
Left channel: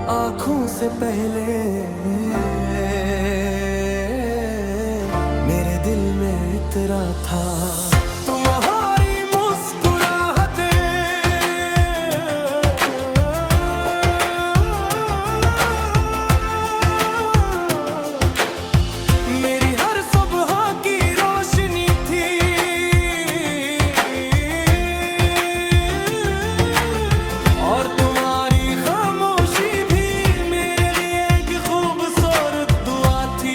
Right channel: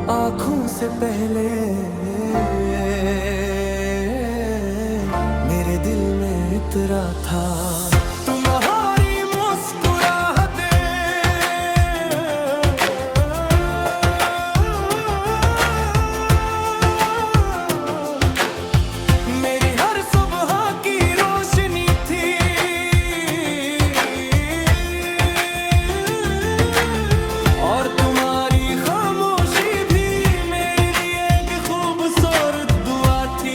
आँखों से पहले मेरे दिल में इतरा था तुम्हारी मुस्कुराहटें। मेरी हर सुबह की रोशनी थी, और तुम्हारी खामोशी भी मेरे लिए एक खूबसूरत दुआ थी।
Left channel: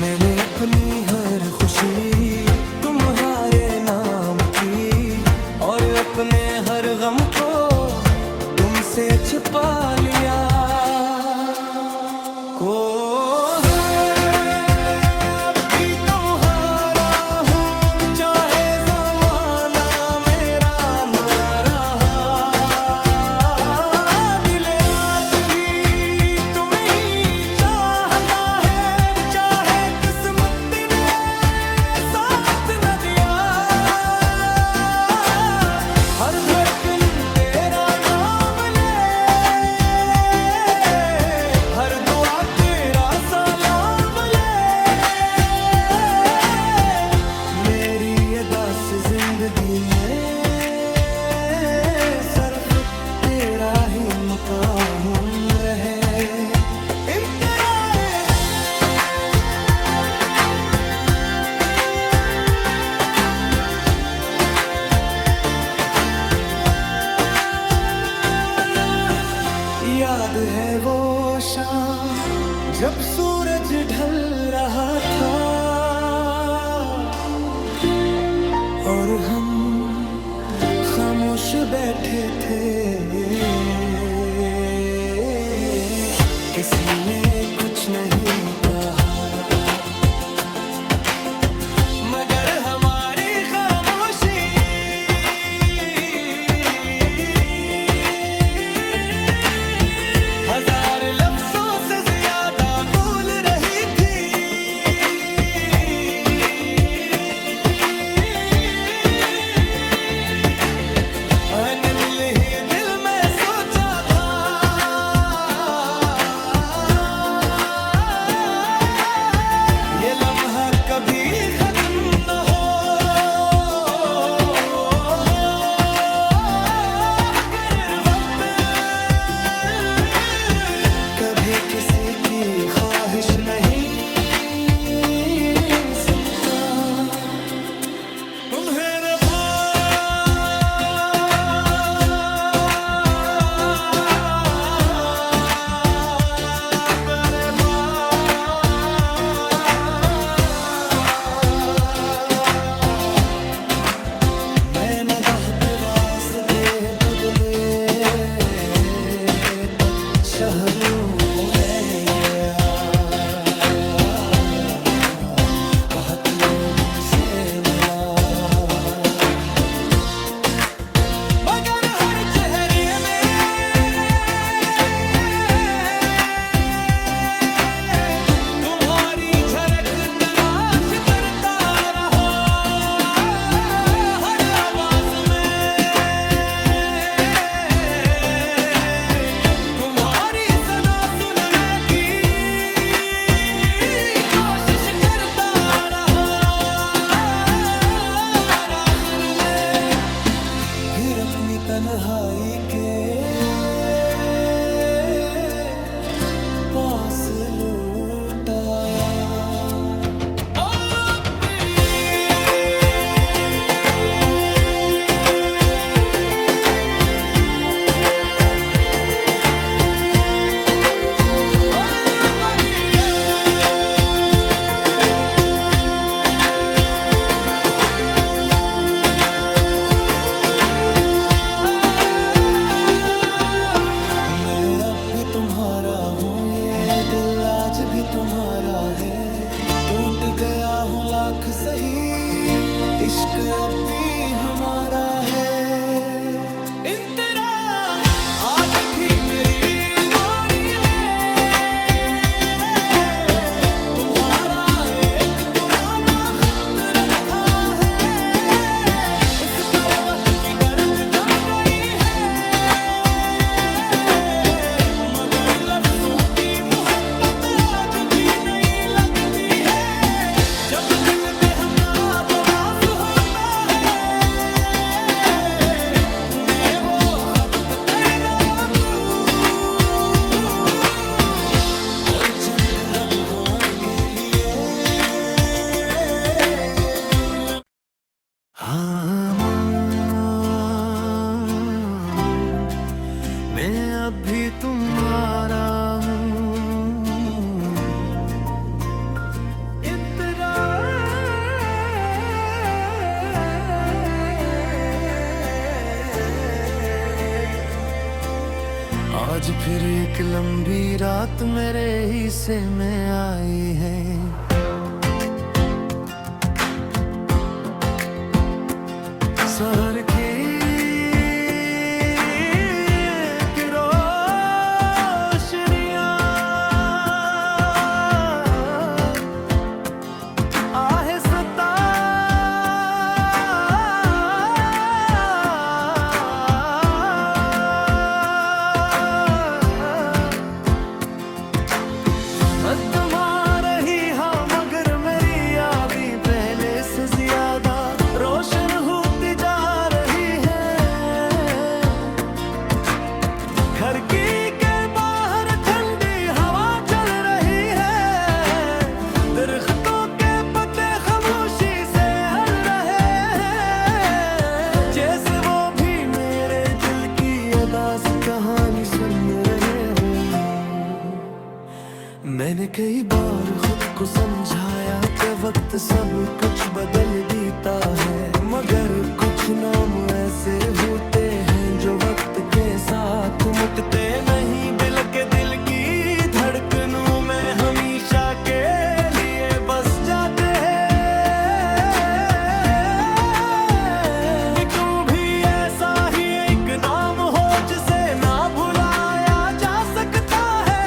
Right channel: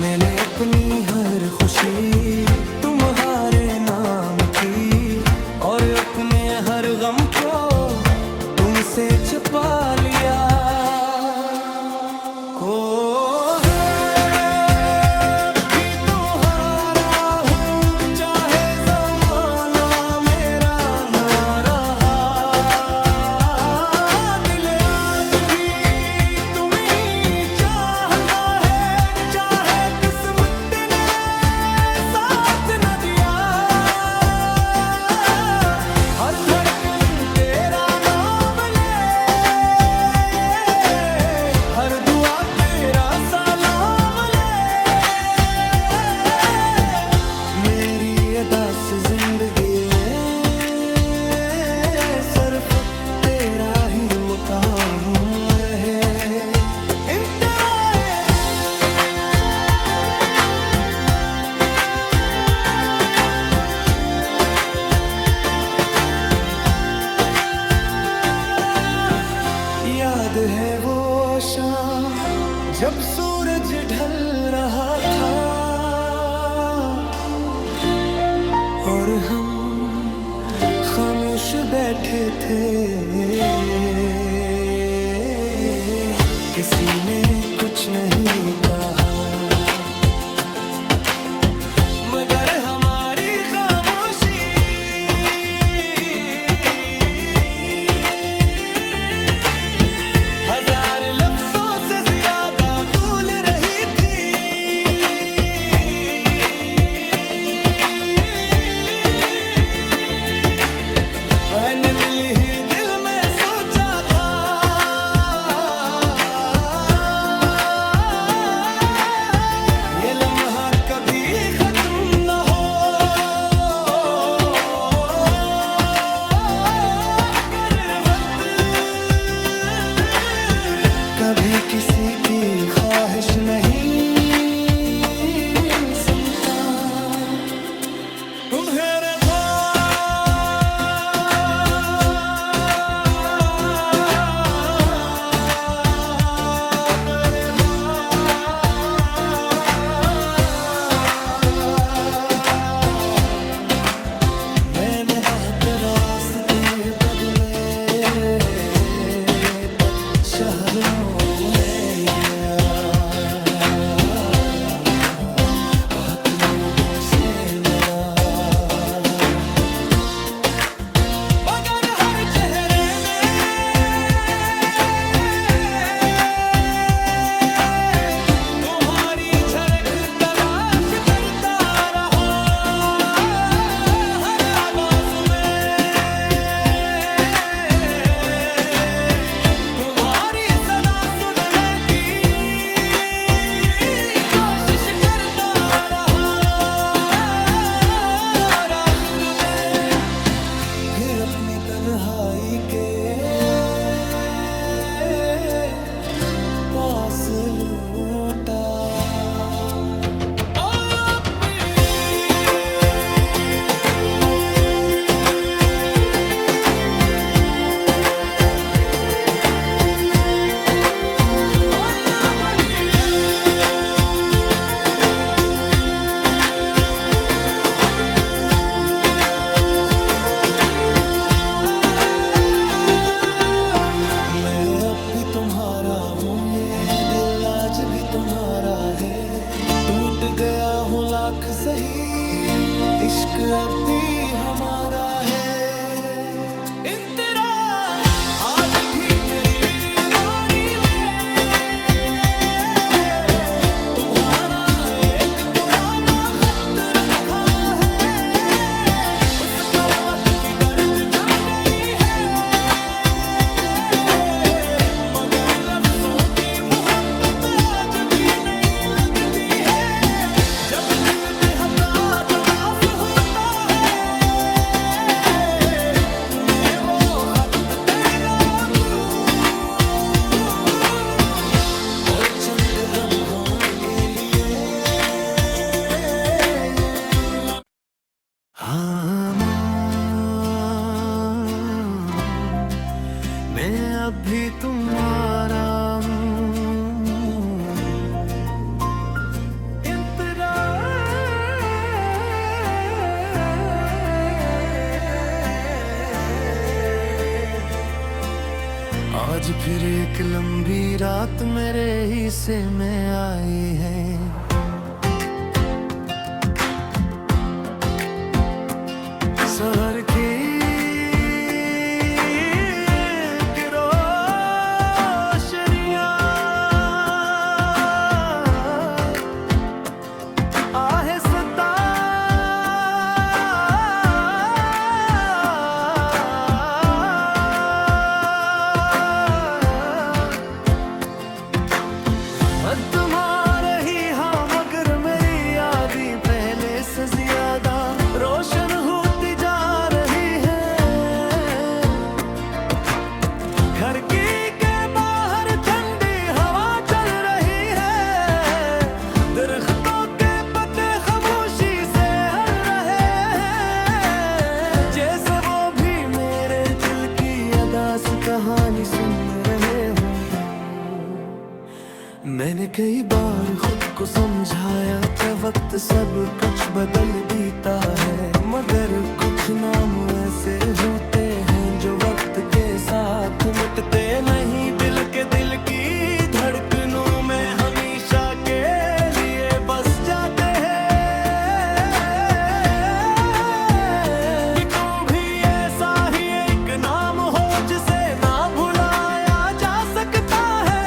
मैंने अपनी हर खुशी तुम्हारे नाम की, और अपने हर गम को तुमसे छुपा लिया। को हर दुआ तेरा सलाम ले। मेरी अदा से जिंदगी में सिर्फ तेरा ही मकाम रहे। याद है वो शाम जब सूरज ढल रहा था, और हम खामोश बैठे थे। किसी ने कुछ नहीं कहा, मगर हमारी खामोशी हजार लफ्जों से ज्यादा बोल रही थी। मैंने दिल ही दिल में सोचा था, ये लम्हा कभी खत्म न हो। कभी किसी की ख्वाहिश नहीं सुनता। तुम्हारे मैंने बहुत रास्ते बदले, शहरों में गया, बहुत लोगों से मिला, मगर हर चेहरे में तुम्हारी झलक तलाश करता रहा। हर आवाज में तुम्हारी सदा सुनने की कोशिश करता रहा। आखिर में फिर अपनी तन्हाई के पास लौट आया। भी तुम्हारा हूँ, ये दिल आज भी तुम्हारा है। टूट गया हूँ लाख सही, इश्क अब भी हमारा है। आज भी मेरी मोरी में तुम्हारा एक पुराना खत रखा है। उस पर वक्त की गर्द चंद लम्हों के लिए हाँ मैं अभी तुम्हारा आज फिर एक लंबी रात मेरे हिस्से में आई है। शहर की रोशनियां आहिस्ता तुम्हारे ही हाँ मगर मेरी यादें पहले से ज्यादा रोशन होती जा रही है। घर की के बाहर ठंडी हवा चल रही है। दरख्तों के पत्ते खामोशी से हल रहे हैं, जैसे वो भी मेरे दिल की अदास कहानी सुन रहे हो। मैंने कई बार खुद को समझाया कि वक्त सब कुछ बदल देता है, मगर कुछ नाम ऐसे होते हैं जो वक्त के साथ मुटते नहीं। दिल की धड़कनों में हमेशा के लिए बस जाते हैं। तू भी ऐसा ही एक नाम हो जिसे ना भुलाया जा सकता है।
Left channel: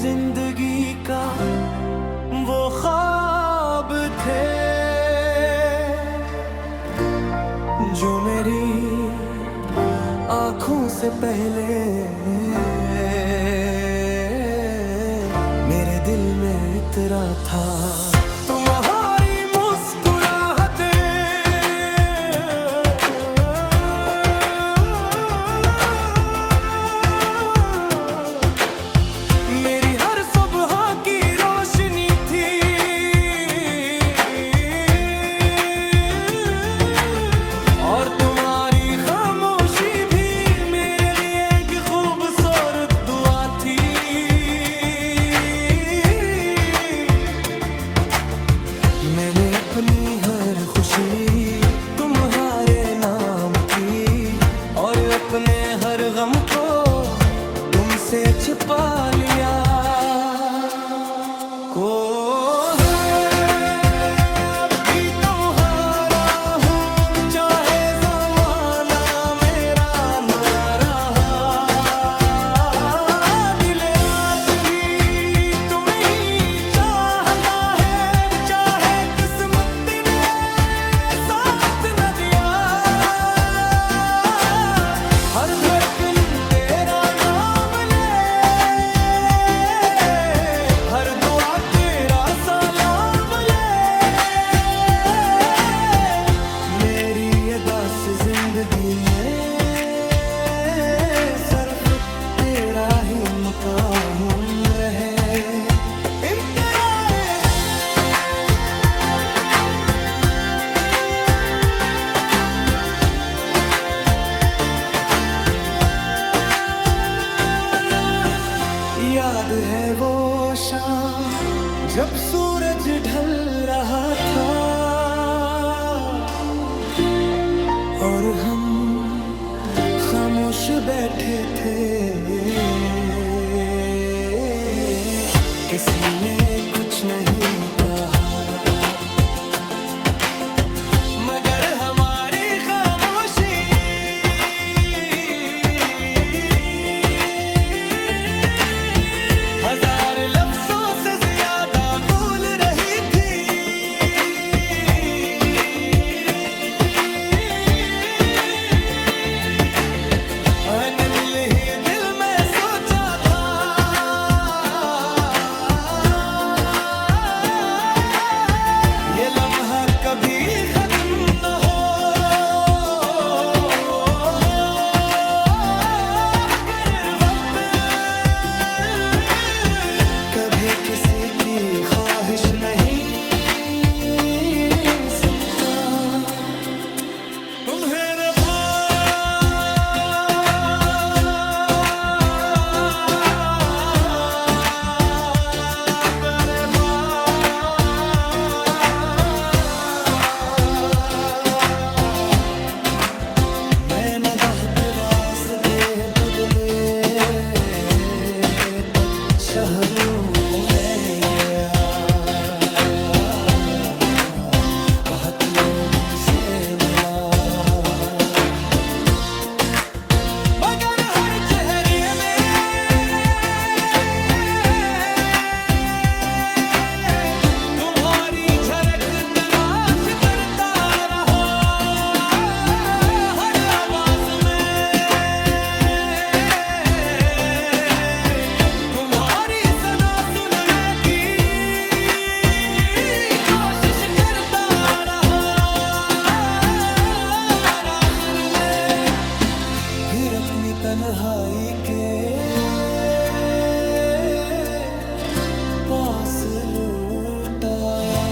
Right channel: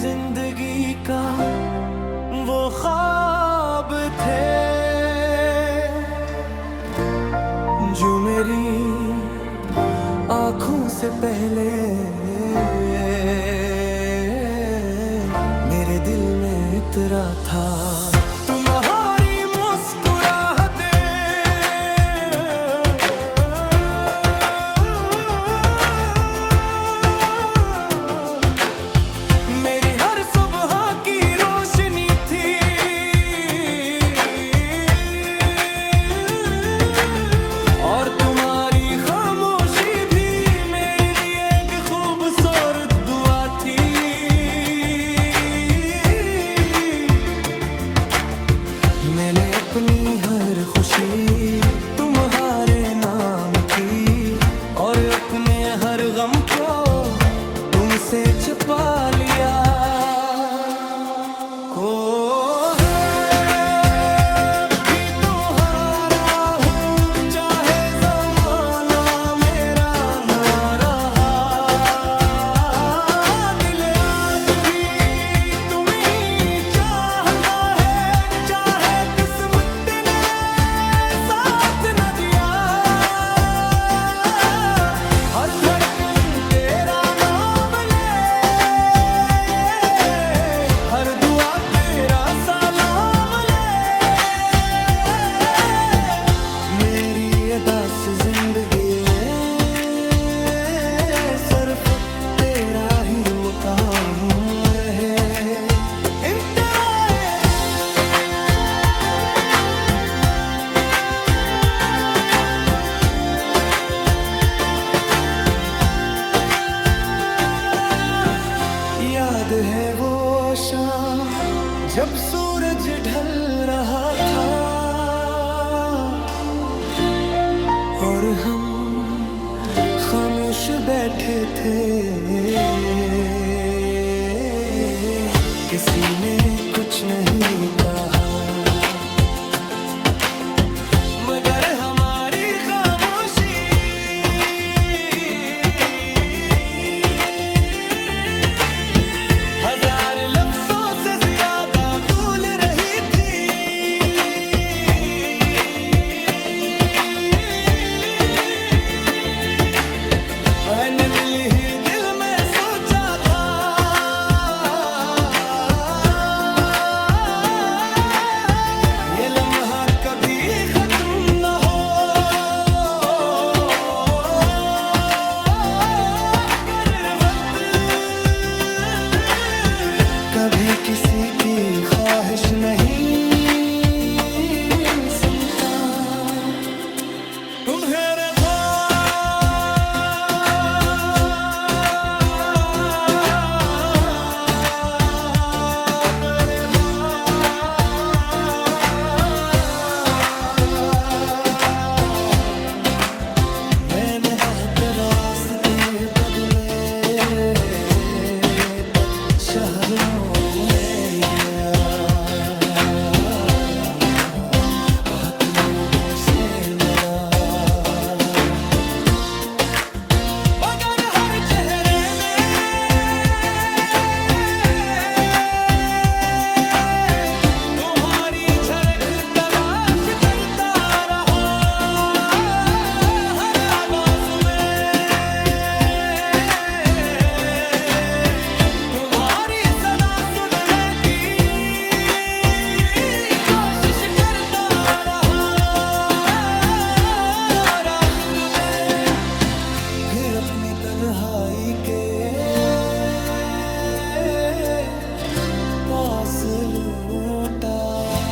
जिंदगी का वो ख्वाब थे जो मेरी आँखों से पहले मेरे दिल में इतरा था। तुम्हारी मुस्कुराहटें मेरी हर सुबह की रोशनी थी। और तुम्हारी खामोशी भी मेरे लिए एक खूबसूरत दुआ थी। मैंने अपनी हर खुशी तुम्हारे नाम की और अपने हर गम को तुमसे छुपा लिया। को भी तुम्हारा हूँ चाहे ज़माना मेरा ना रहा। दिल आज भी तुम्हें ही चाहता है, चाहे किस्मत ने साथ न दिया। हर धड़कन तेरा नाम ले, हर दुआ तेरा सलाम ले। मेरी अदास जिंदगी में सिर्फ तेरा ही मकाम रहे। याद है वो शाम जब सूरज ढल रहा था और हम खामोश बैठे थे। किसी ने कुछ नहीं कहा मगर हमारी खामोशी हजार लफ्जों से ज्यादा मैंने दिल ही दिल में सोचा था, ये लम्हा कभी खत्म न हो। कर वक्त कभी किसी की ख्वाहिश नहीं सुनता। तुम्हारे रास्ते बदले तक शहरों में गया, बहुत लोगों से मिला, मगर हर चेहरे में तुम्हारी झलक तलाश करता रहा। हर आवाज में तुम्हारी सदा सुनने की कोशिश करता रहा। आखिर में फिर अपनी तन्हाई के पास लौट आया।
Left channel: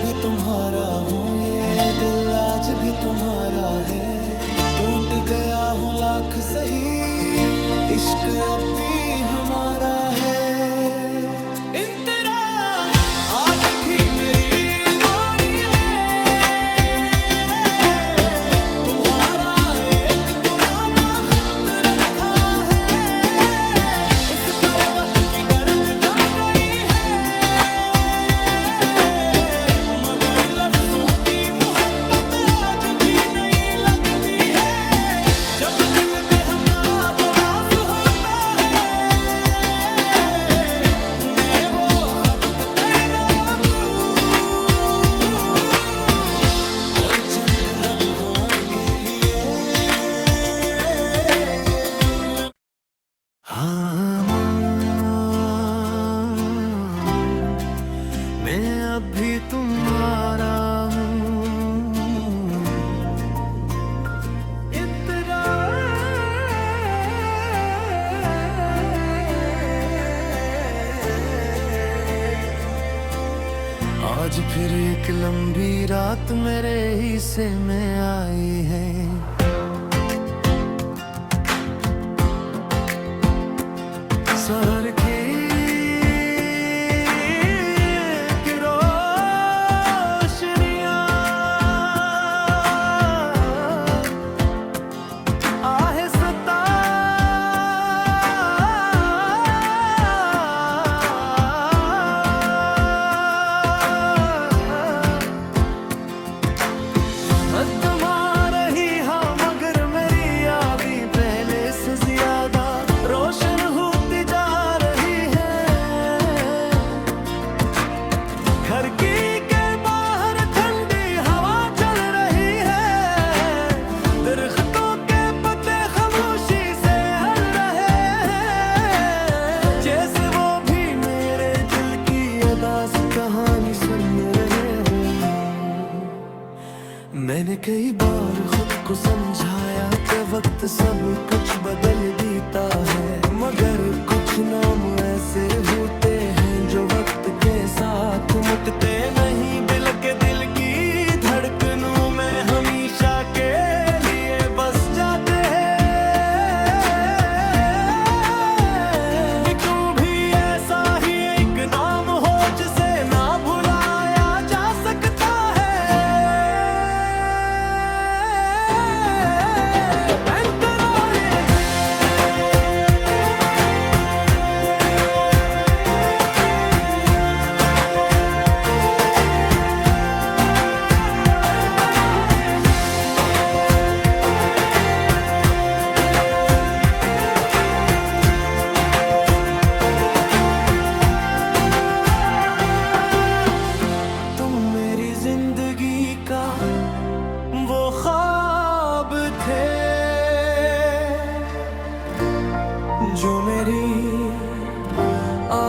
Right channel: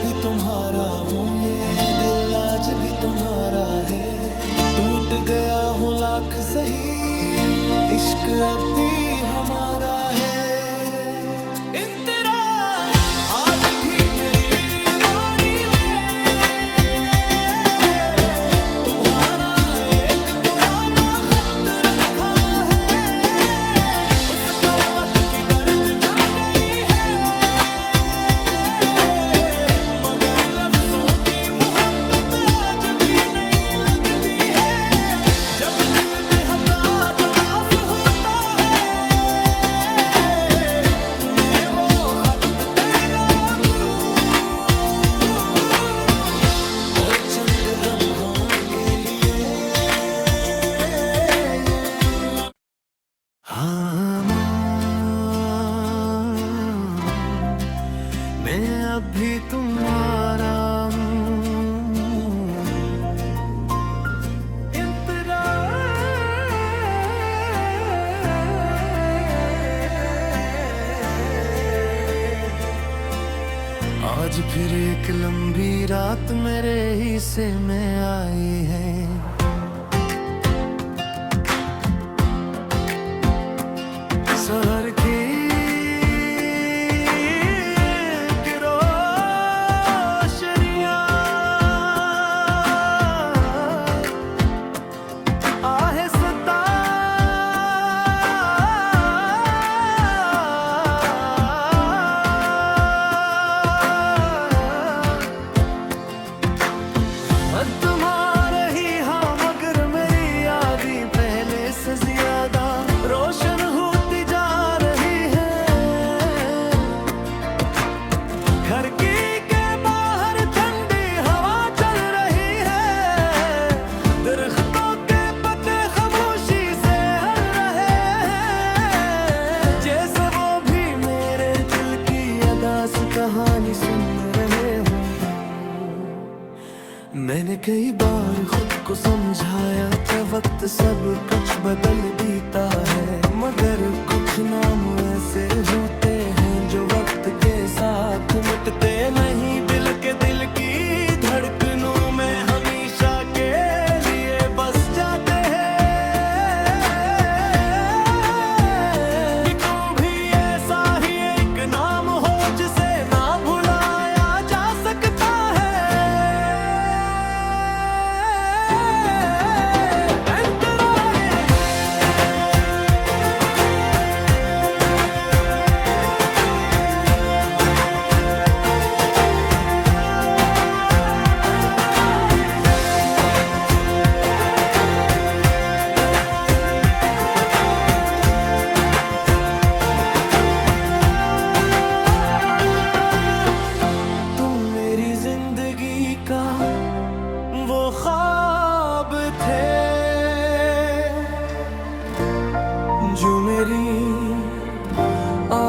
भी तुम्हारा हूँ, ये दिल आज भी तुम्हारा है। टूट गया हूँ लाख सही, इश्क अब भी हमारा है। इन तेरा आज भी मेरी मोरी में तुम्हारा एक पुराना खत रखा है। उस पर वक्त की गर्द जम गई है, मगर लफ्जों की मोहब्बत आज भी नहीं लगती है। जब दिल बेहताब उदास होता है, मैं वो खत देना दूं और चंद लम्हों के लिए मैं अब भी तुम्हारा हूँ। आज फिर एक लंबी रात मेरे हिस्से में आई है। शहर की तुम्हारे ही हाँ, मगर मेरी यादें पहले से ज्यादा रोशन होती जा रही है। खिड़की के बाहर ठंडी हवा चल रही है, दरख्तों के पत्ते खामोशी से हल रहे हैं, जैसे वो भी मेरे दिल की अदास कहानी सुन रहे हों। मैंने कई बार खुद को समझाया कि वक्त सब कुछ बदल देता है, मगर कुछ नाम ऐसे होते हैं जो वक्त के साथ मिटते नहीं। दिल के दिल की धड़कनों में हमेशा के लिए बस जाते हैं। तू भी ऐसा ही एक नाम हो जिसे ना भुलाया जा सकता है।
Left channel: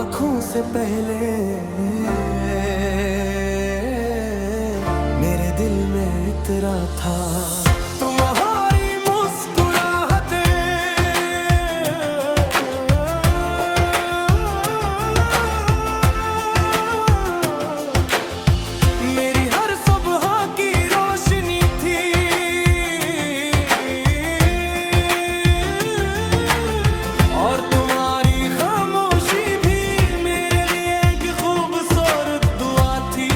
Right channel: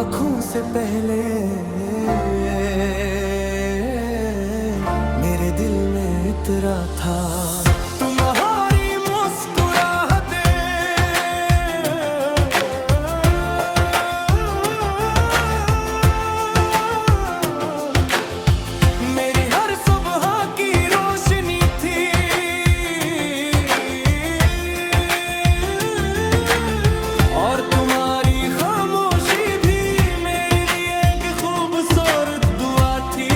आँखों से पहले मेरे दिल में इतरा था तुम्हारी मुस्कुराहटें। मेरी हर सुबह की रोशनी थी, और तुम्हारी खामोशी भी मेरे लिए एक खूबसूरत दुआ थी।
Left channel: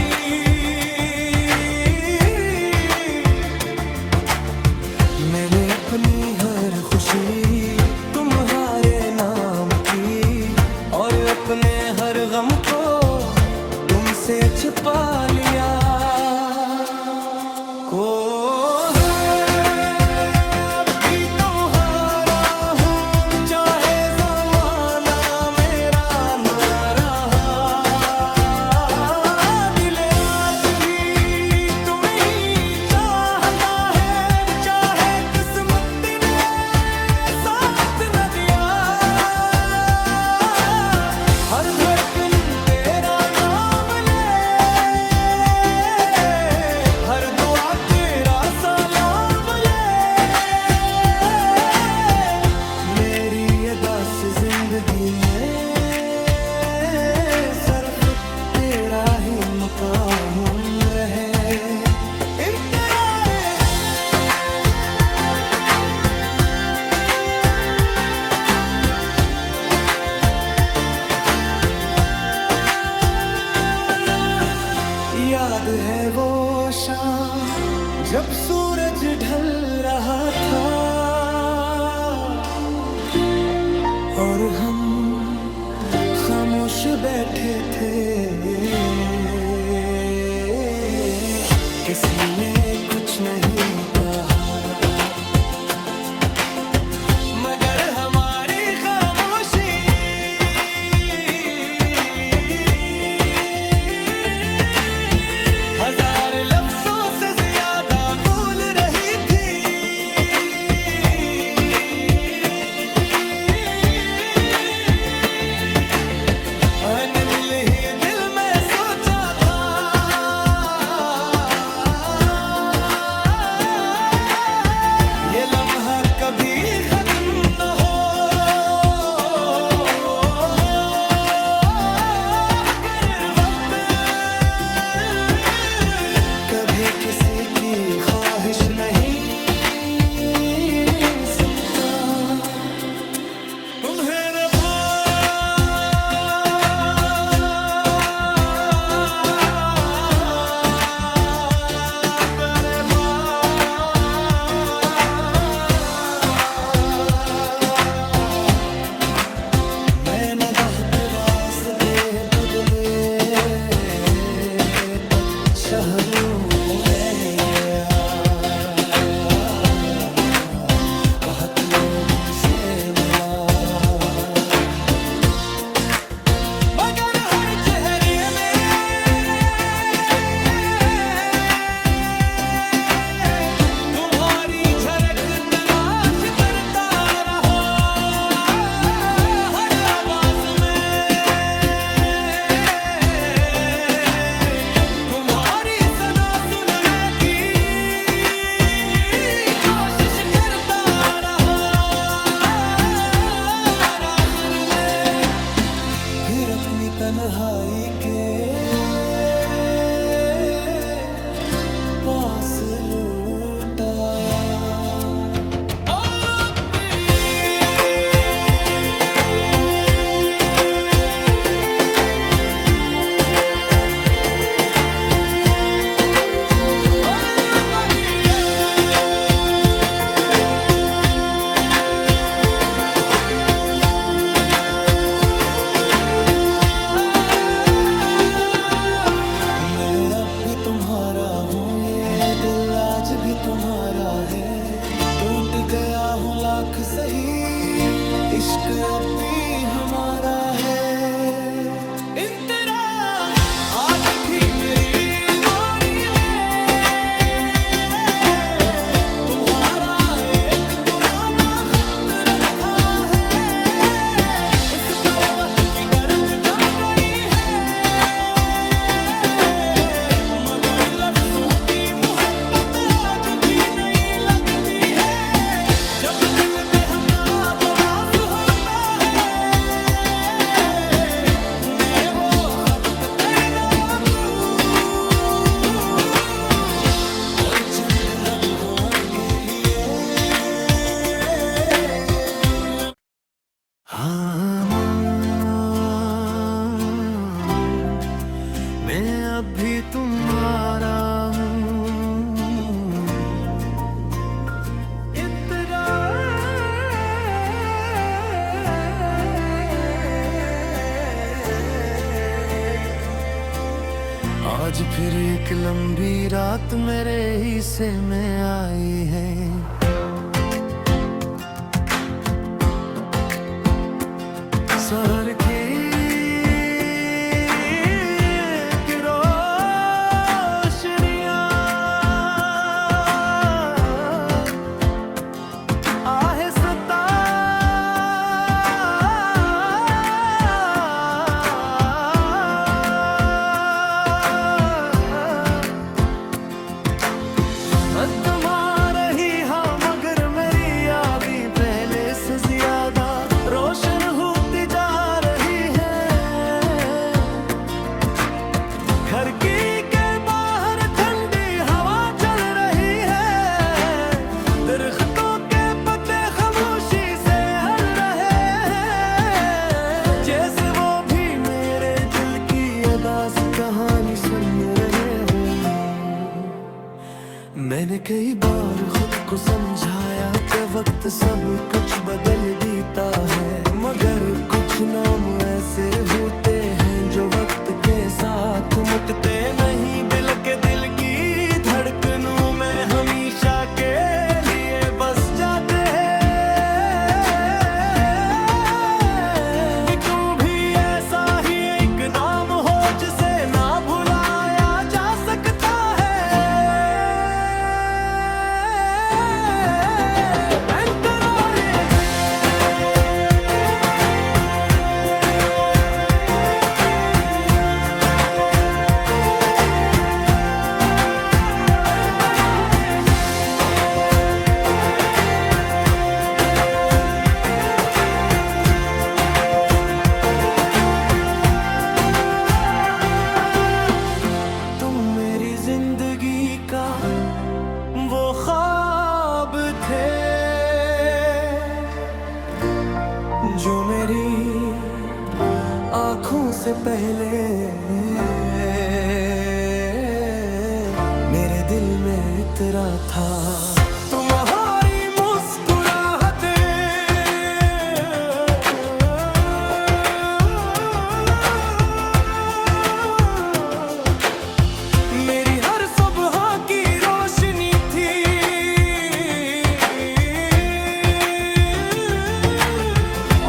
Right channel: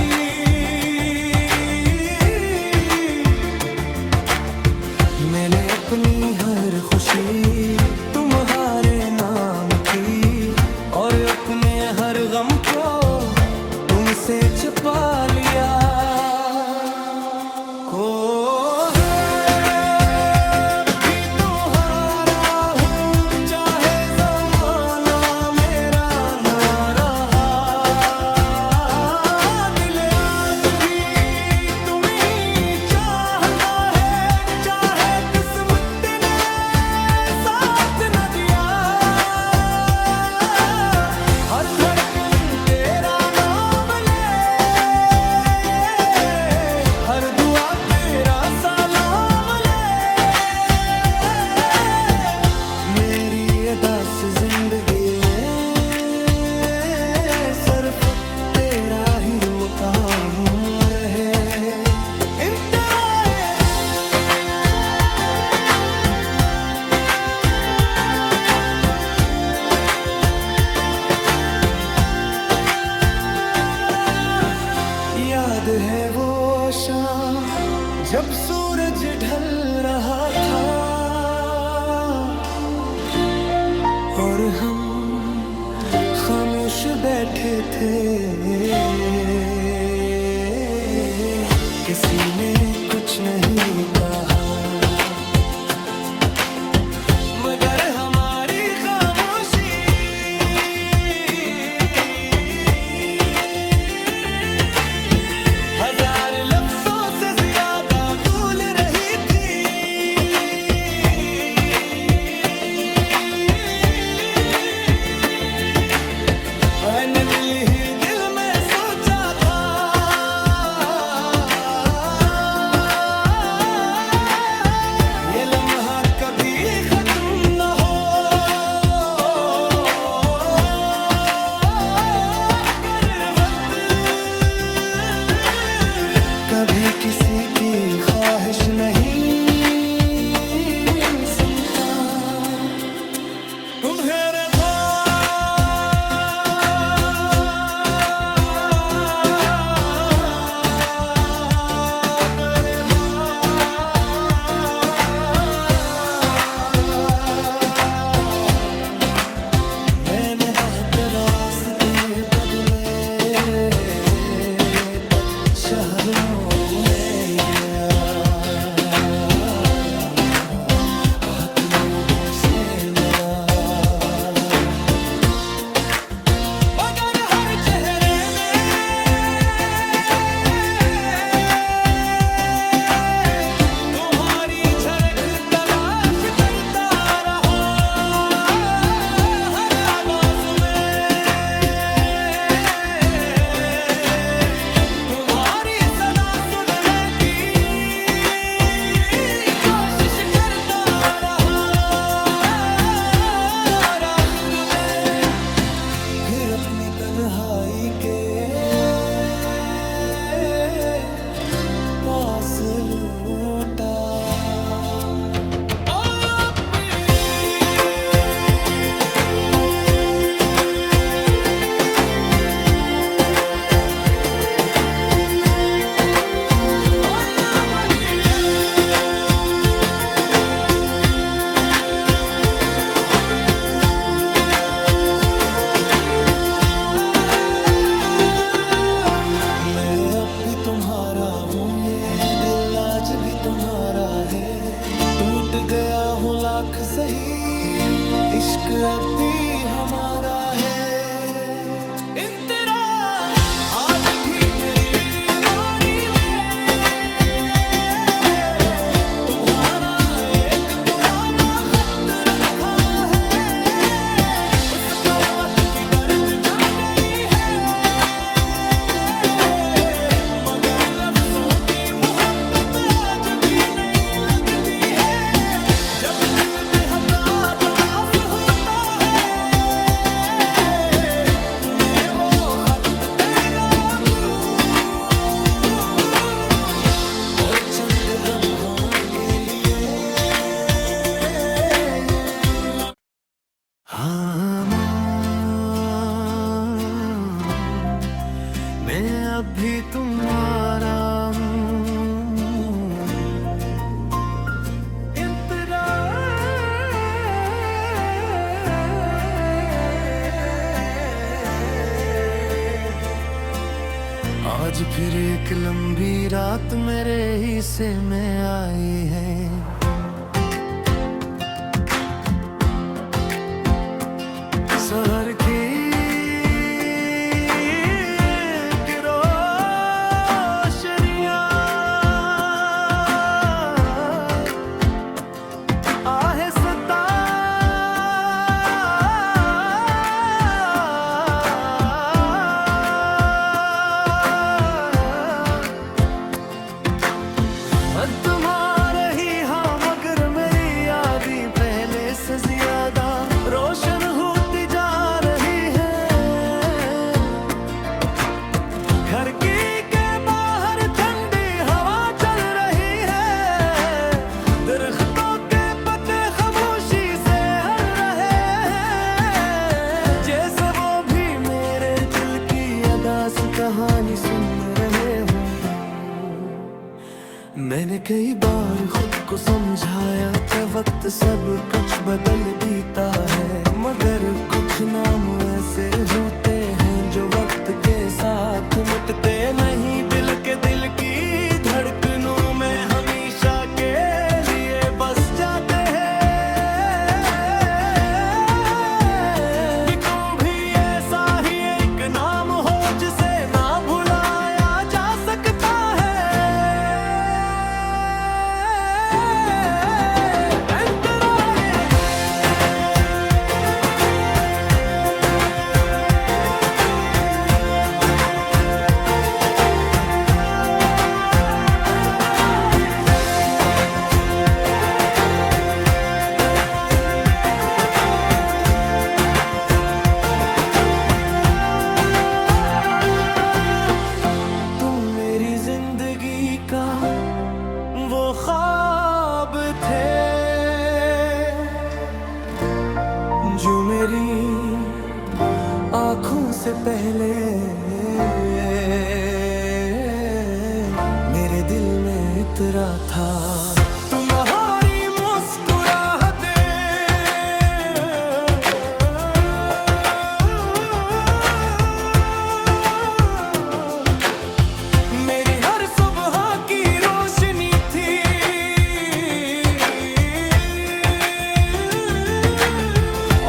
मैंने अपनी हर खुशी तुम्हारे नाम की, और अपने हर गम को तुमसे छुपा लिया। को हर धड़कन तेरा नाम ले, हर दुआ तेरा सलाम ले। मेरी अदा से जिंदगी में सिर्फ तेरा ही मकाम रहे। याद है वो शाम जब सूरज ढल रहा था, और हम खामोश बैठे थे। किसी ने कुछ नहीं कहा, मगर हमारी खामोशी हजार लफ्जों से ज्यादा बोल रही थी। मैंने दिल ही दिल में सोचा था, ये लम्हा कभी खत्म न हो। कभी किसी की ख्वाहिश नहीं सुनता। तुम्हारे मैंने बहुत रास्ते बदले, तब शहरों में गया, बहुत लोगों से मिला, मगर हर चेहरे में तुम्हारी झलक तलाश करता रहा। हर आवाज में तुम्हारी सदा सुनने की कोशिश करता रहा। आखिर में फिर अपनी तन्हाई के पास लौट आया। भी तुम्हारा हूँ, ये दिल आज भी तुम्हारा है। टूट गया हूँ लाख सही, इश्क अब भी हमारा है। इन तेरा आज भी मेरी मोरी में तुम्हारा एक पुराना खत रखा है। उस पर वक्त की गर्द जम चंद लम्हों के लिए हाँ मैं अभी तुम्हारा आज फिर एक लंबी रात मेरे हिस्से में आई है। शहर की रोशनियां आहिस्ता तुम्हारे ही हाँ मगर मेरी यादें पहले से ज्यादा रोशन होती जा रही है। घर की के बाहर ठंडी हवा चल रही है, दरख्तों के पत्ते खामोशी से हल रहे हैं, जैसे वो भी मेरे दिल की अदास कहानी सुन रहे हो। मैंने कई बार खुद को समझाया कि वक्त सब कुछ बदल देता है, मगर कुछ नाम ऐसे होते हैं जो वक्त के साथ मुटते नहीं। दिल की धड़कनों में हमेशा के लिए बस जाते हैं। तुम भी ऐसा ही एक नाम हो जिसे ना भुलाया जा सकता है। जिंदगी का वो ख्वाब थे जो मेरी आँखों से पहले मेरे दिल में इतरा था। तुम्हारी मुस्कुराहटें मेरी हर सुबह की रोशनी थी,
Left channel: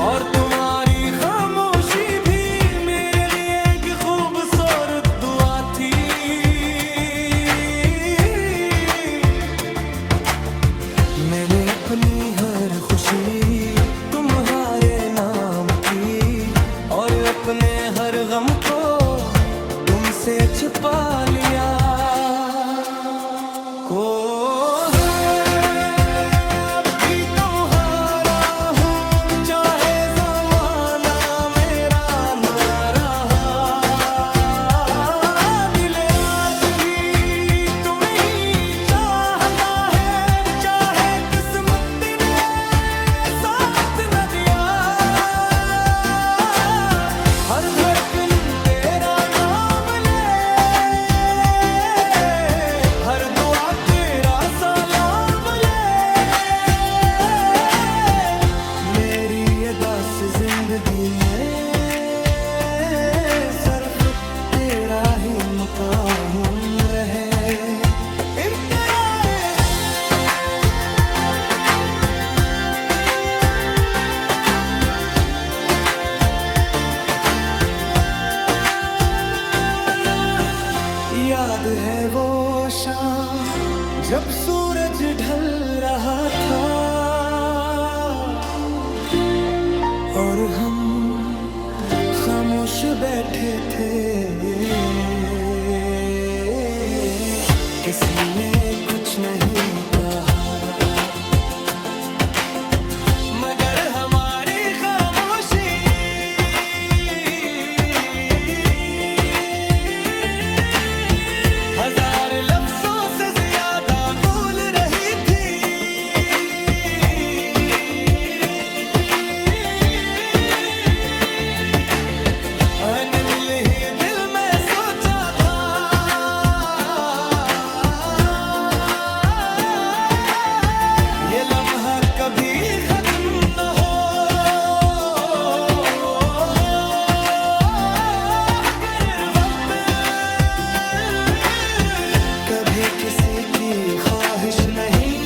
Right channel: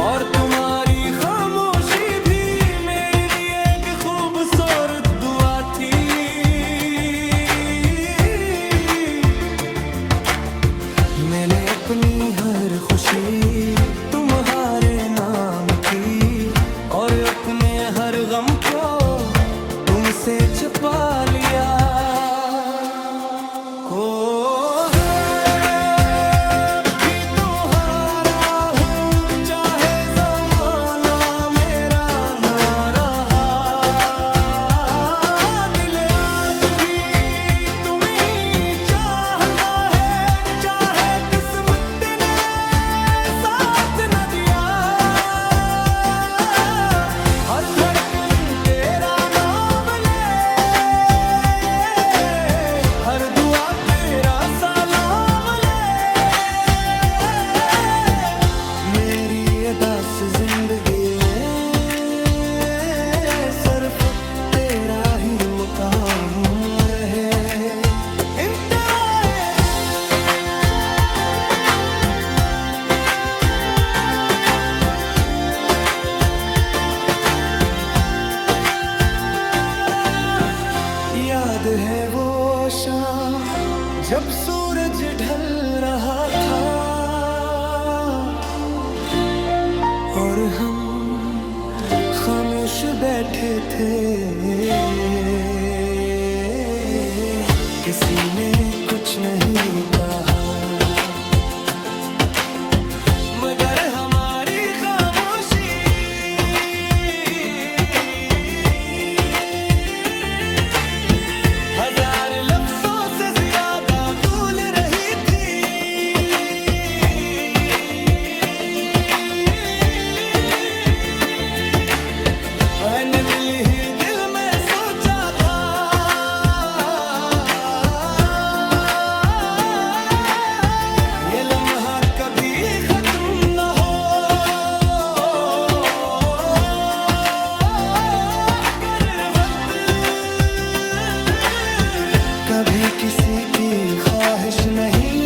और तुम्हारी खामोशी भी मेरे लिए एक खूबसूरत दुआ थी। मैंने अपनी हर खुशी तुम्हारे नाम की, और अपने हर गम को तुमसे छुपा लिया। को भी तुम्हारा हूँ चाहे ज़माना मेरा ना रहा, दिल आज भी तुम्हें ही चाहता है, चाहे किस्मत ने साथ न दिया। हर धड़कन तेरा नाम ले, हर दुआ तेरा सलाम ले। मेरी अदास जिंदगी में सिर्फ तेरा ही मकाम रहे। याद है वो शाम जब सूरज ढल रहा था, और हम खामोश बैठे थे। किसी ने कुछ नहीं कहा, मगर हमारी खामोशी हजार लफ्जों से ज्यादा भी दिल में सोचा था, ये लम्हा कभी खत्म न हो। कर वक्त कभी किसी की ख्वाहिश नहीं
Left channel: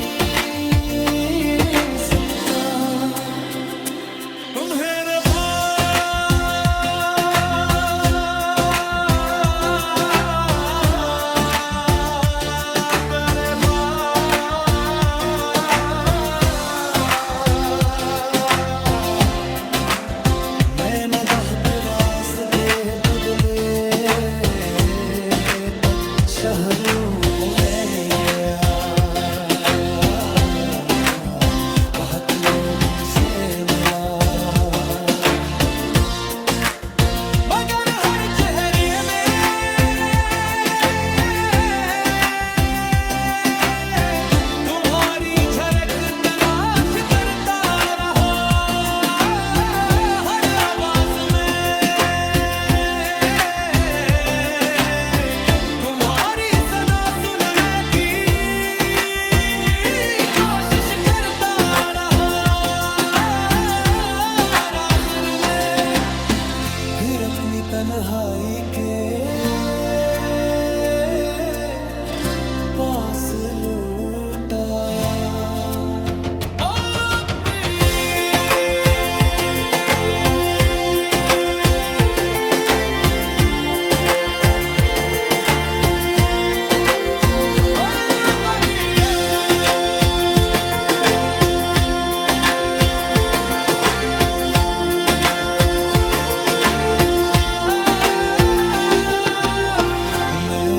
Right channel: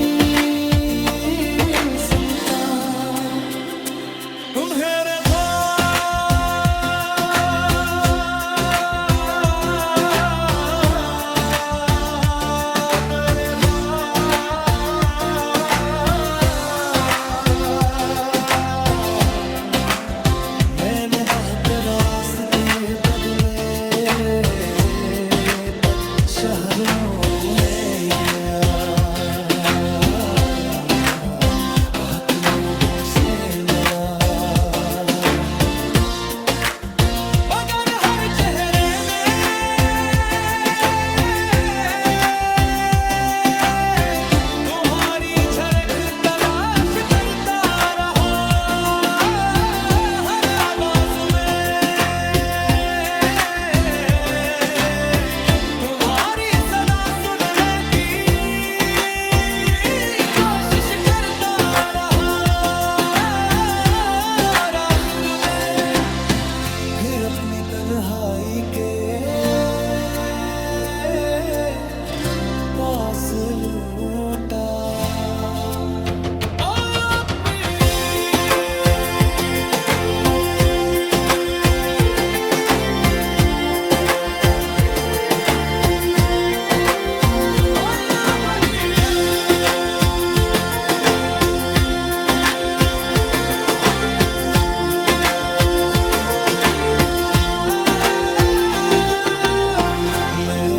सुनता। मेरे रास्ते बदले तक शहरों में गया, बहुत लोगों से मिला, मगर हर चेहरे में तुम्हारी झलक तलाश करता रहा। हर आवाज में तुम्हारी सदा सुनने की कोशिश करता रहा। आखिर में फिर अपनी तन्हाई के पास लौट आया।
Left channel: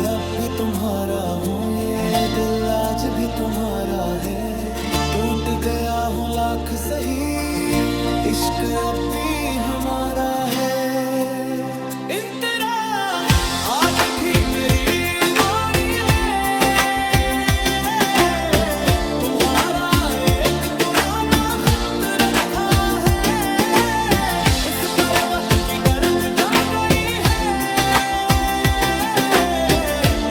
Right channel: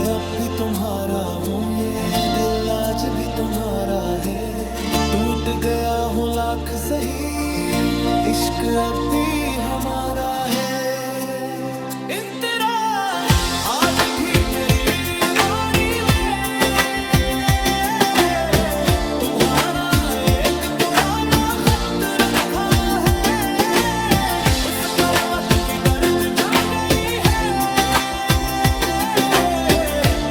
अब भी तुम्हारा हूँ, ये दिल आज भी तुम्हारा है। टूट गया हूँ लाख सही, इश्क अब भी हमारा है। इंतरा आज भी मेरी मोरी में तुम्हारा एक पुराना खत रखा है। उस पर वक्त की गर्द जम गई है,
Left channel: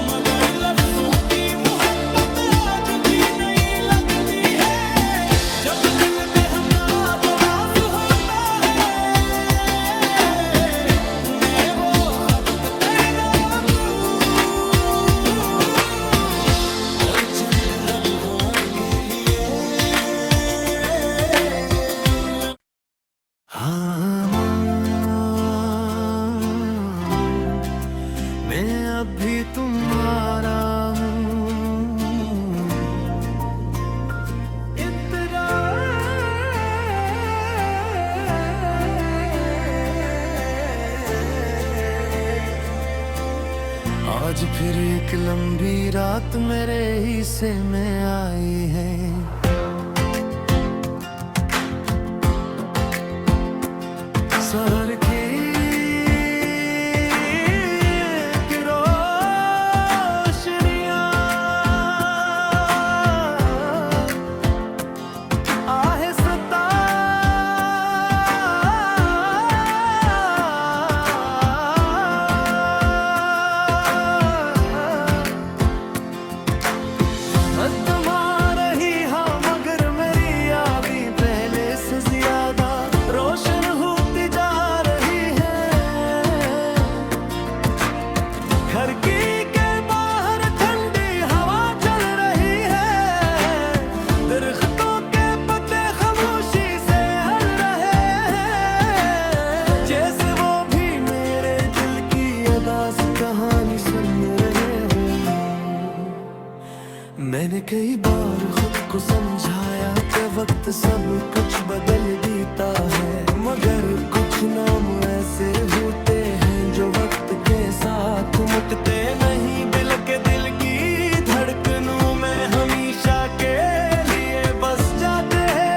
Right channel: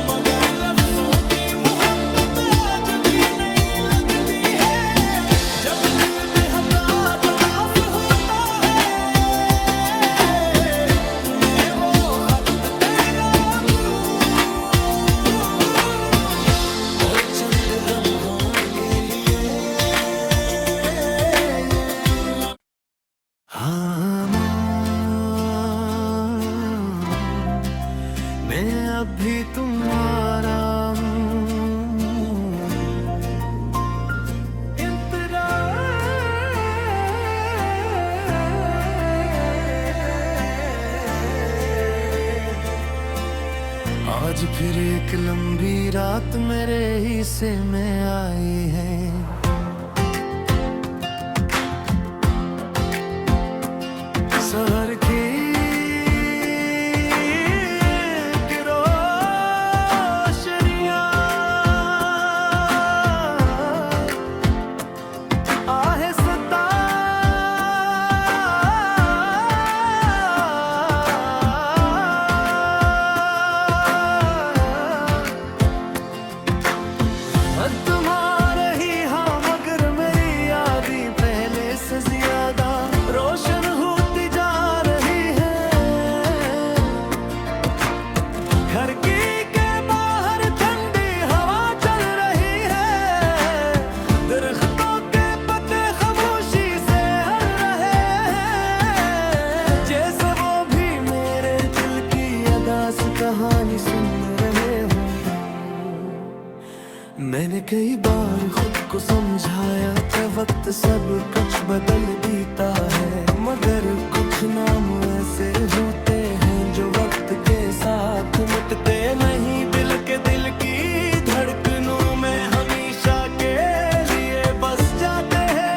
मगर लफ्जों की मोहब्बत आज भी नहीं लगती है। जब दिल बेहदा बदास होता है, मैं वो खत तेरा दूं और चंद लम्हों के लिए हाँ मैं अब भी तुम्हारा हूँ। इंतरा आज फिर एक लंबी रात मेरे हिस्से में आई है। शहर की तुम्हारा ही हाँ, मगर मेरी यादें पहले से ज्यादा रोशन होती जा रही है। खिड़की के बाहर ठंडी हवा चल रही है, दरख्तों के पत्ते खामोशी से हल रहे हैं, जैसे वो भी मेरे दिल की अदास कहानी सुन रहे हो। मैंने कई बार खुद को समझाया कि वक्त सब कुछ बदल देता है, मगर कुछ नाम ऐसे होते हैं जो वक्त के साथ मुटते नहीं। दिल की धड़कनों में हमेशा के लिए बस जाते हैं।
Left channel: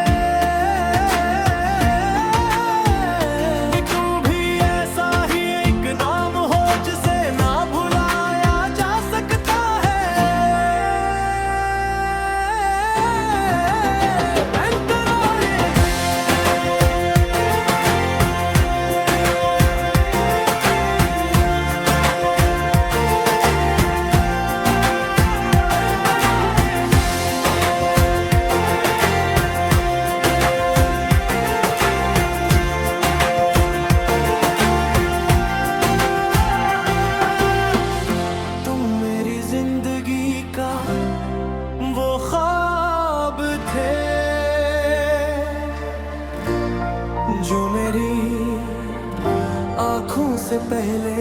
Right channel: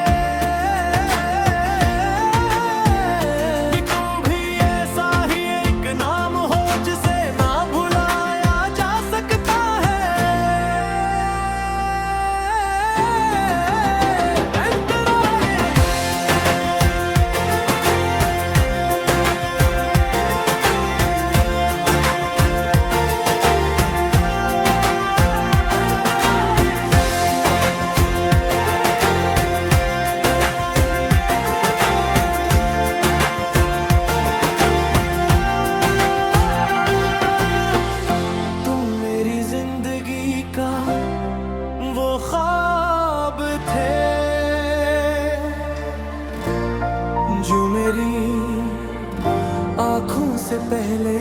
तू भी ऐसा ही एक नाम हो जिसे ना भुलाया जा सकता है। से पहले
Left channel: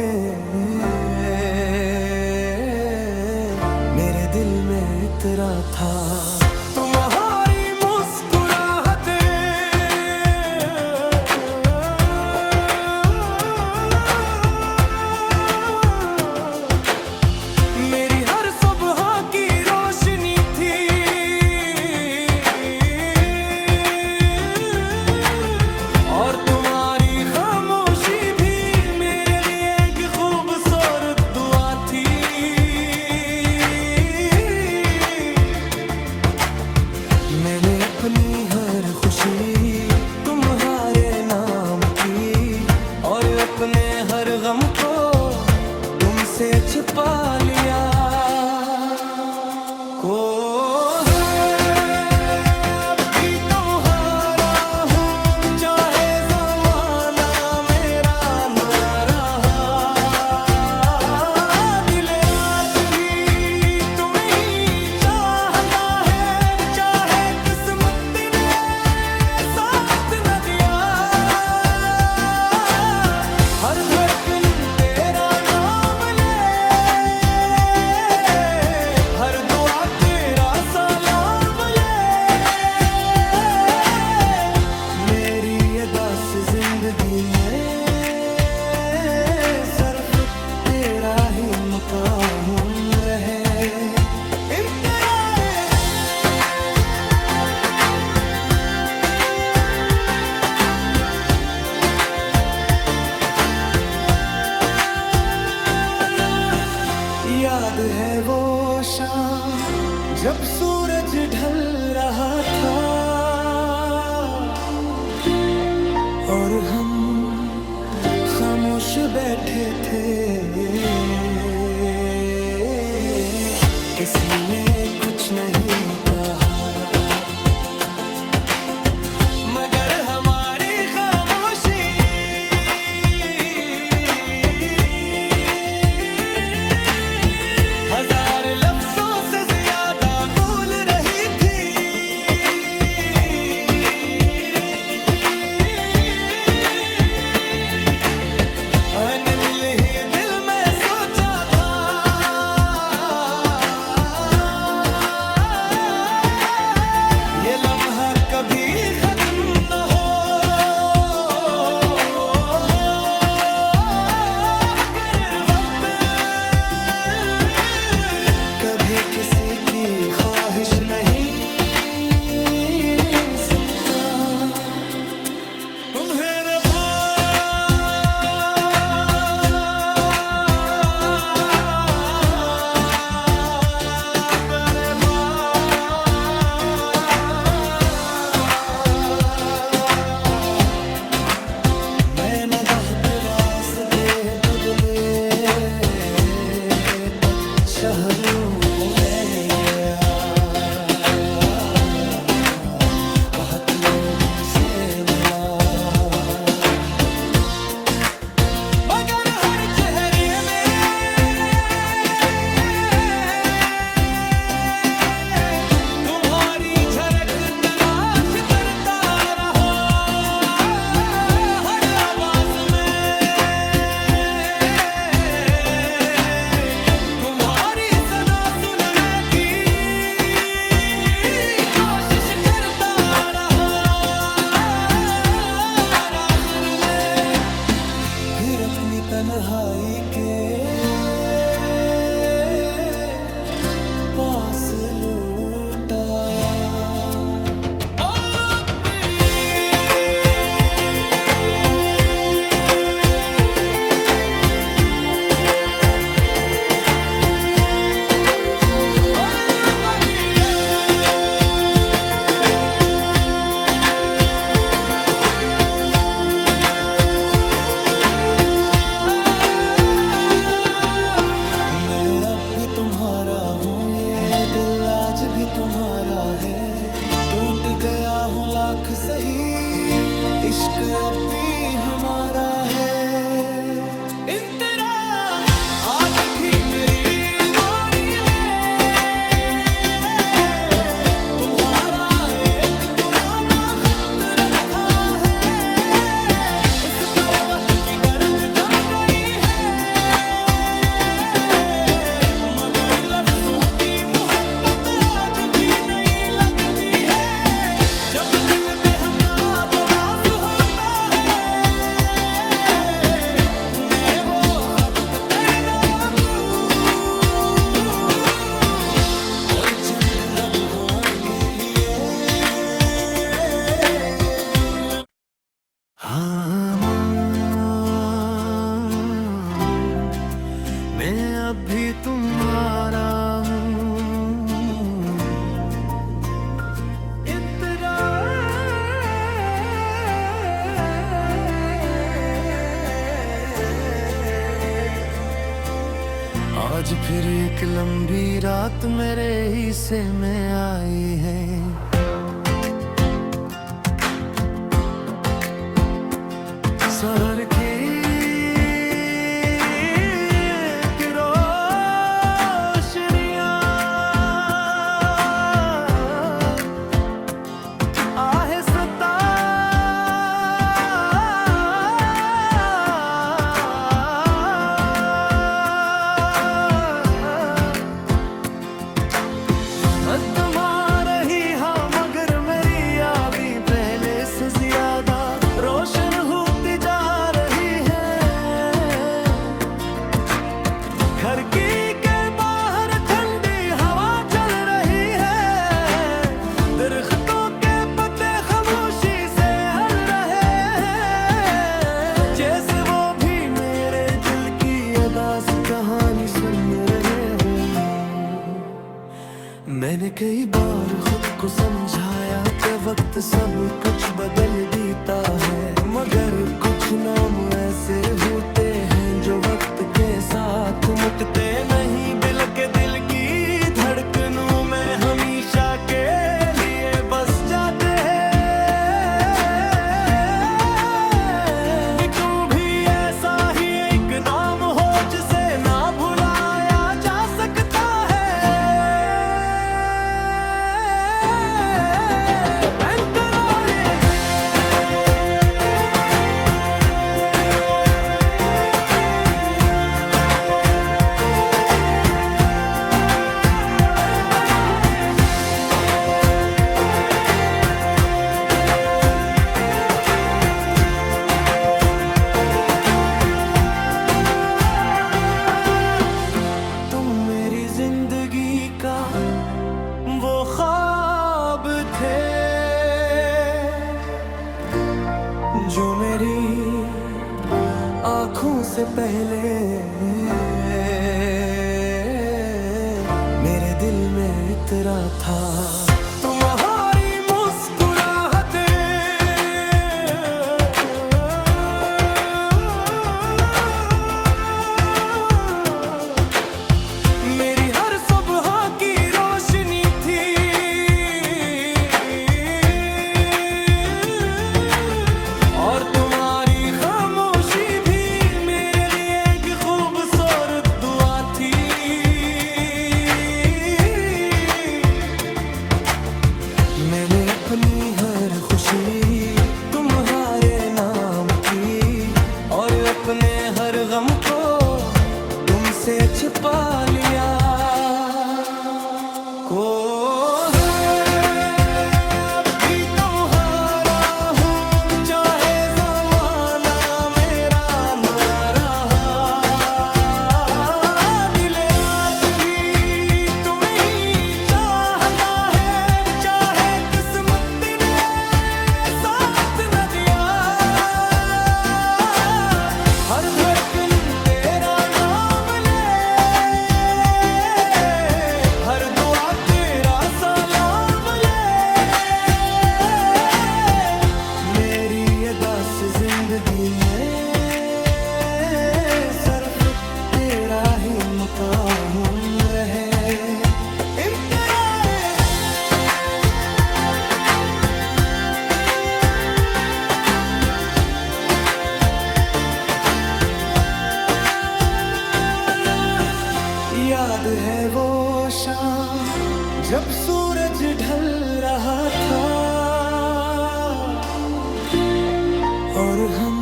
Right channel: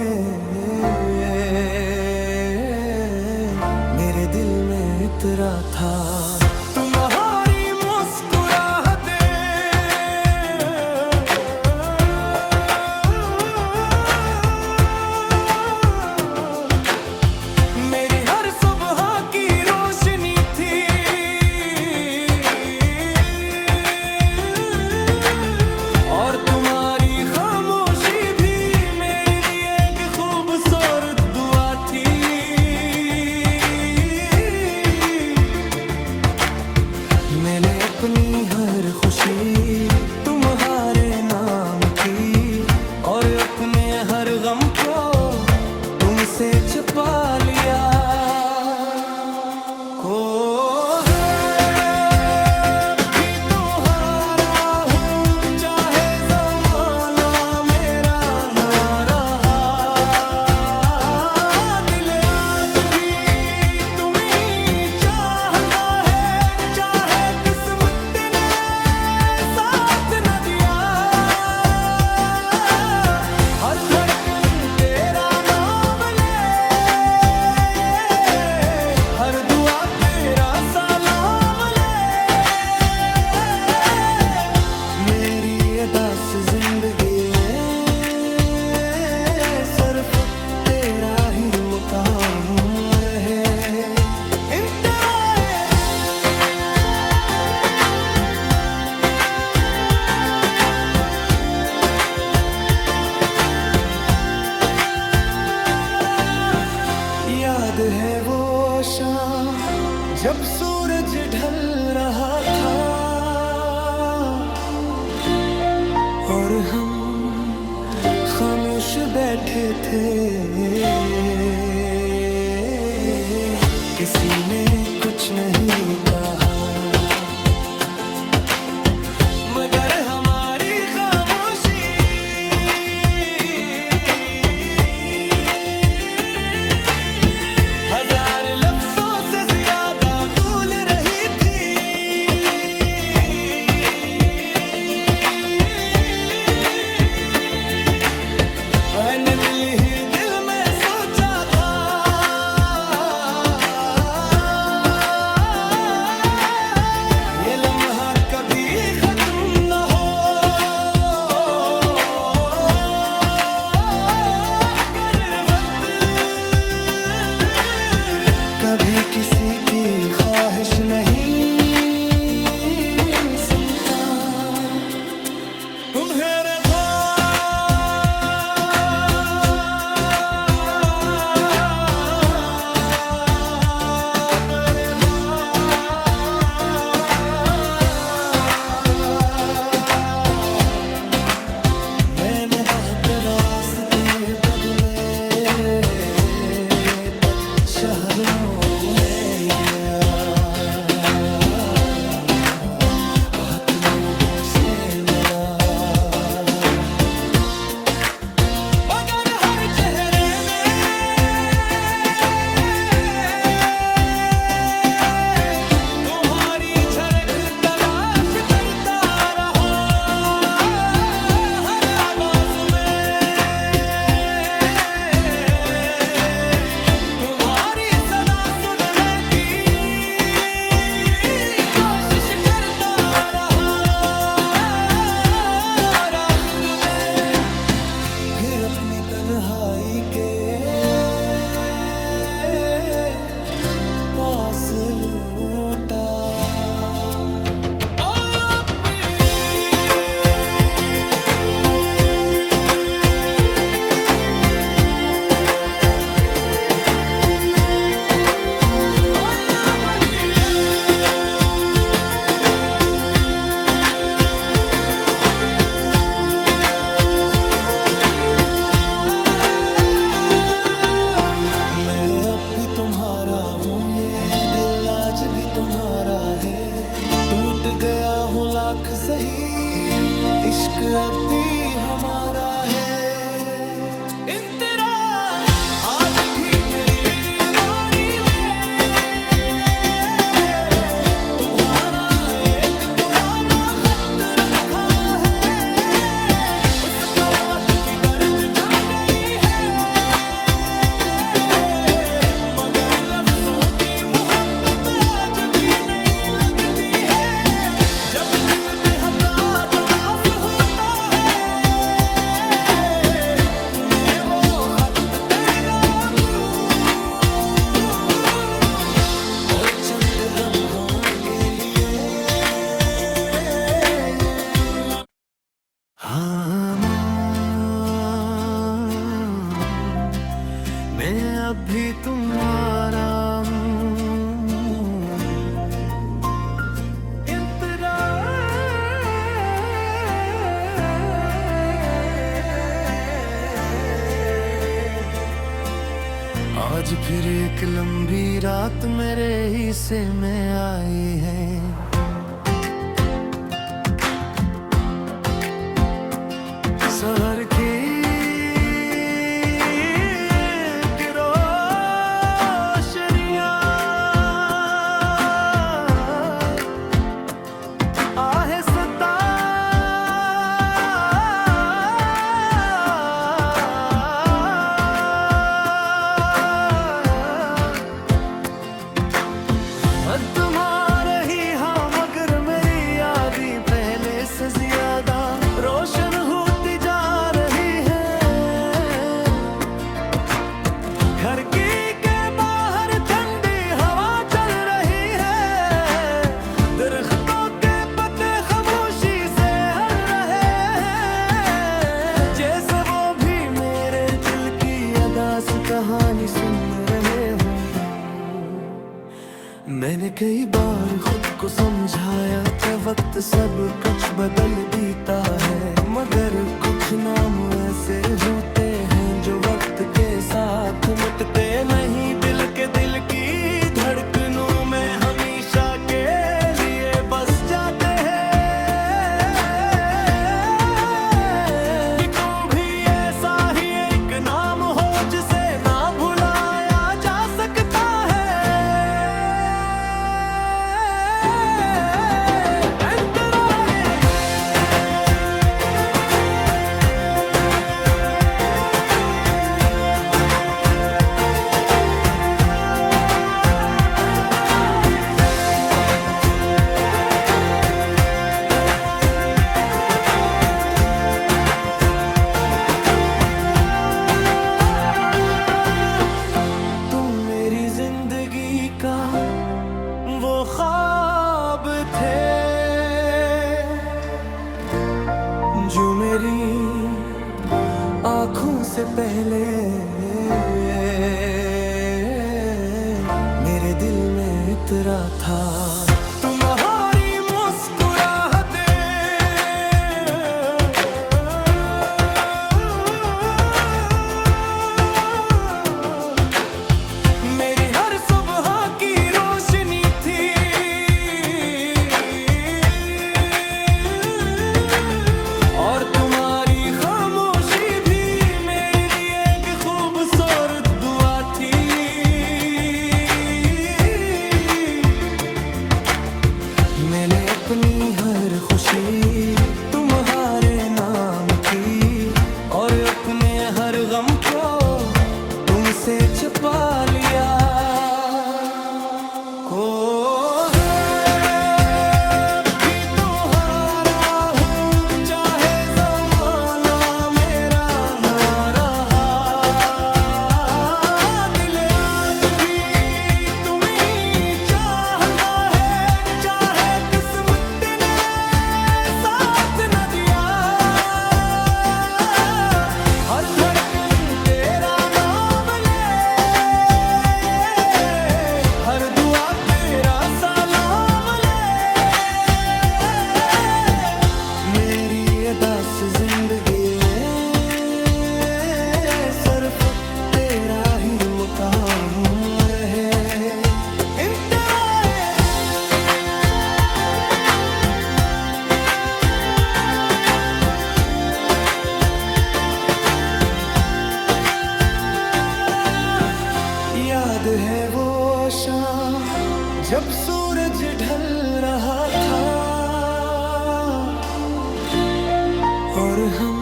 मेरे दिल में इतरा था तुम्हारी मुस्कुराहटें। मेरी हर सुबह की रोशनी थी, और तुम्हारी खामोशी भी मेरे लिए एक खूबसूरत दुआ थी। मैंने अपनी हर खुशी तुम्हारे नाम की, और अपने हर गम को तुमसे छुपा लिया। को हर धड़कन तेरा नाम ले, हर दुआ तेरा सलाम ले। मेरी अदास जिंदगी में सिर्फ तेरा ही मकाम रहे। याद है वो शाम जब सूरज ढल रहा था, और हम खामोश बैठे थे। किसी ने कुछ नहीं कहा, मगर हमारी खामोशी हजार लफ्जों से ज्यादा बोल रही थी। मैंने दिल ही दिल में सोचा था, ये लम्हा कभी खत्म न हो। कभी किसी की ख्वाहिश नहीं सुनता। मेरे मैंने बहुत रास्ते बदले, शहरों में गया, बहुत लोगों से मिला, मगर हर चेहरे में तुम्हारी झलक तलाश करता रहा। हर आवाज में तुम्हारी सदा सुनने की कोशिश करता रहा। आखिर में फिर अपनी तन्हाई के पास लौट आया। भी तुम्हारा हूँ, ये दिल आज भी तुम्हारा है। टूट गया हूँ लाख सही, इश्क अब भी हमारा है। आज भी मेरी मोरी में तुम्हारा एक पुराना खत रखा है। उस पर वक्त की गर्द जम गई, चंद लम्हों के लिए हाँ मैं अभी तुम्हारा आज फिर एक लंबी रात मेरे हिस्से में आई है। शहर की रोशनियां आहिस्ता तुम्हारे ही हाँ मगर मेरी यादें पहले से ज्यादा रोशन होती जा रही है। घर की के बाहर ठंडी हवा चल रही है, दरख्तों के पत्ते खामोशी से हल रहे हैं, जैसे वो भी मेरे दिल की अदास कहानी सुन रहे हो। मैंने कई बार खुद को समझाया कि वक्त सब कुछ बदल देता है, मगर कुछ नाम ऐसे होते हैं जो वक्त के साथ मुटते नहीं। दिल के दिल की धड़कनों में हमेशा के लिए बस जाते हैं। तुम भी ऐसा ही एक नाम हो जिसे ना भुलाया जा सकता है। जिंदगी का वो ख्वाब थे जो मेरी आँखों से पहले मेरे दिल में इतरा था। तुम्हारी मुस्कुराहटें मेरी हर सुबह की रोशनी थी, और तुम्हारी खामोशी भी मेरे लिए एक खूबसूरत दुआ थी। मैंने अपनी हर खुशी तुम्हारे नाम की, और अपने हर गम को तुमसे छुपा लिया। को भी तुम्हारा हूँ चाहे ज़माना मेरा ना रहा, दिल आज भी तुम्हें ही चाहता है, चाहे किस्मत ने साथ न दिया। हर धड़कन तेरा नाम ले, हर दुआ तेरा सलाम ले। मेरी अदास जिंदगी में सिर्फ तेरा ही मकाम रहे। याद है वो शाम जब सूरज ढल रहा था, और हम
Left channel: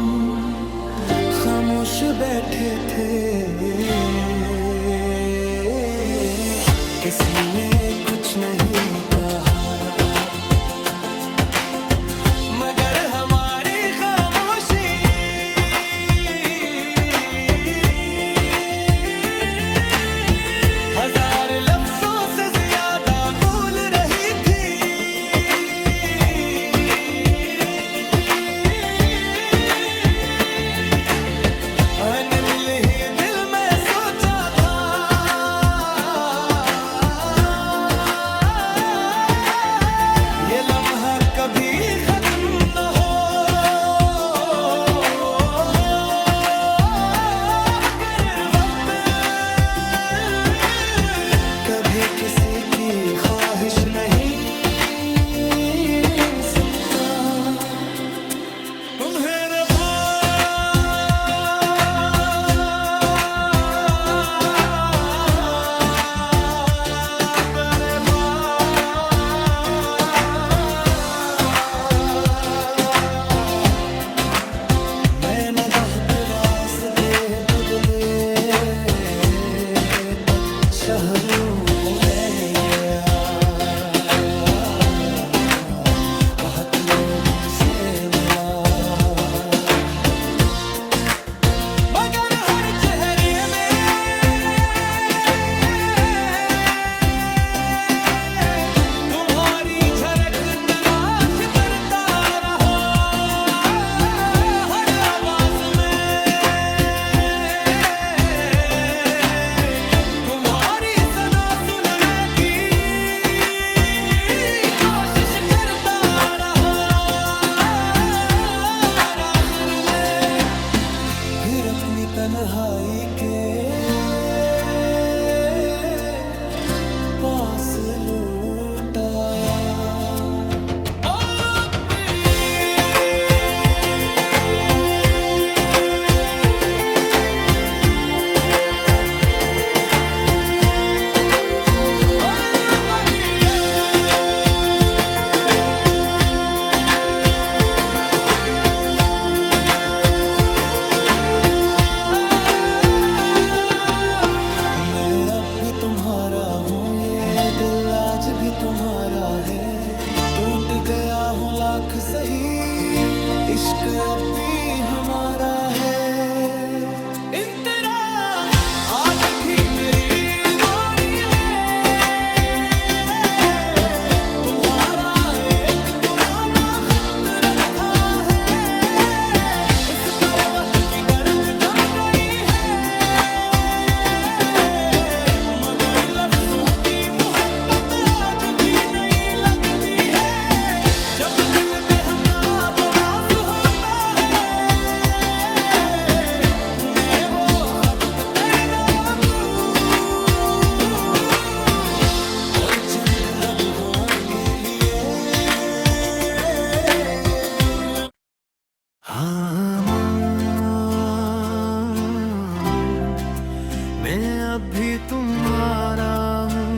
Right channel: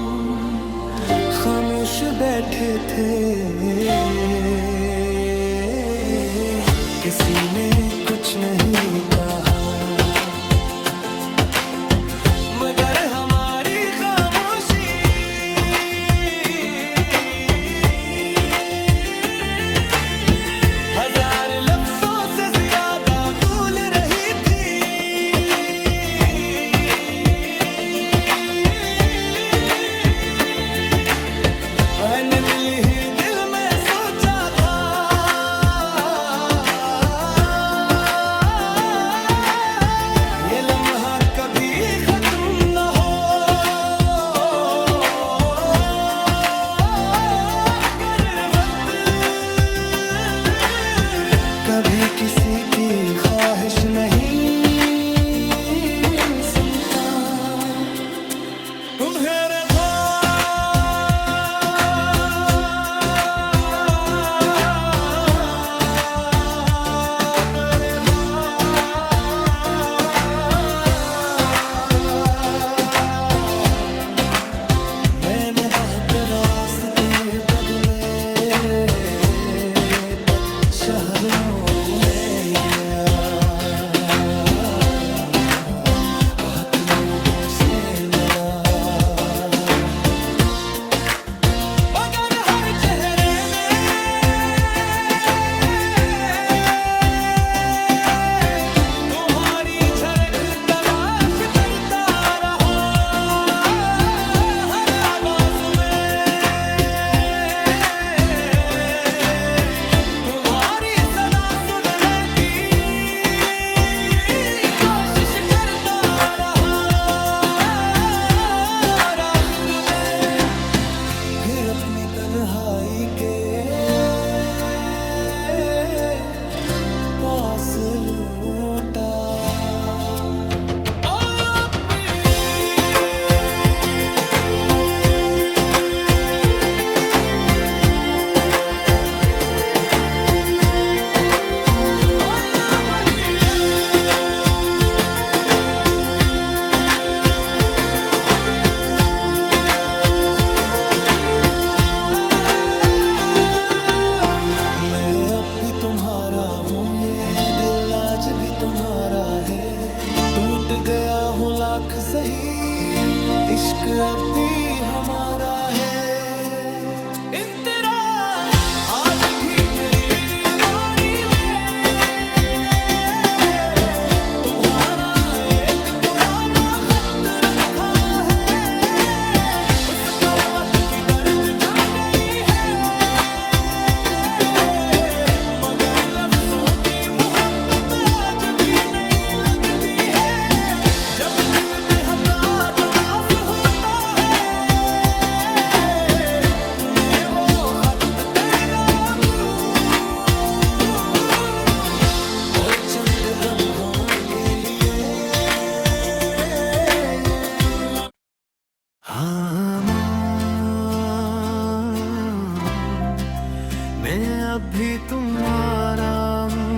खामोश बैठे थे। किसी ने कुछ नहीं कहा, मगर हमारी खामोशी हजार लफ्जों से ज्यादा कभी किसी की ख्वाहिश नहीं सुनता। मेरे मैंने बहुत रास्ते बदले तब शहरों में गया, बहुत लोगों से मिला, मगर हर चेहरे में तुम्हारी झलक तलाश करता रहा। हर आवाज में तुम्हारी सदा सुनने की कोशिश करता रहा। और आखिर में फिर अपनी तन्हाई के पास लौट आया। मैं अब भी तुम्हारा हूँ, ये दिल आज भी तुम्हारा है। टूट गया हूँ लाख सही, इश्क अब भी हमारा है। इन तेरा आज भी मेरी मेमोरी में तुम्हारा एक पुराना खत रखा है। उस पर वक्त की गर्द जम गई है, मगर लफ्जों की मोहब्बत आज भी नहीं लगती है। जब दिल बेहदा तरास होता है, मैं वो खत तेरा दूं और चंद लम्हों के लिए हाँ, मैं अब भी तुम्हारा हूँ।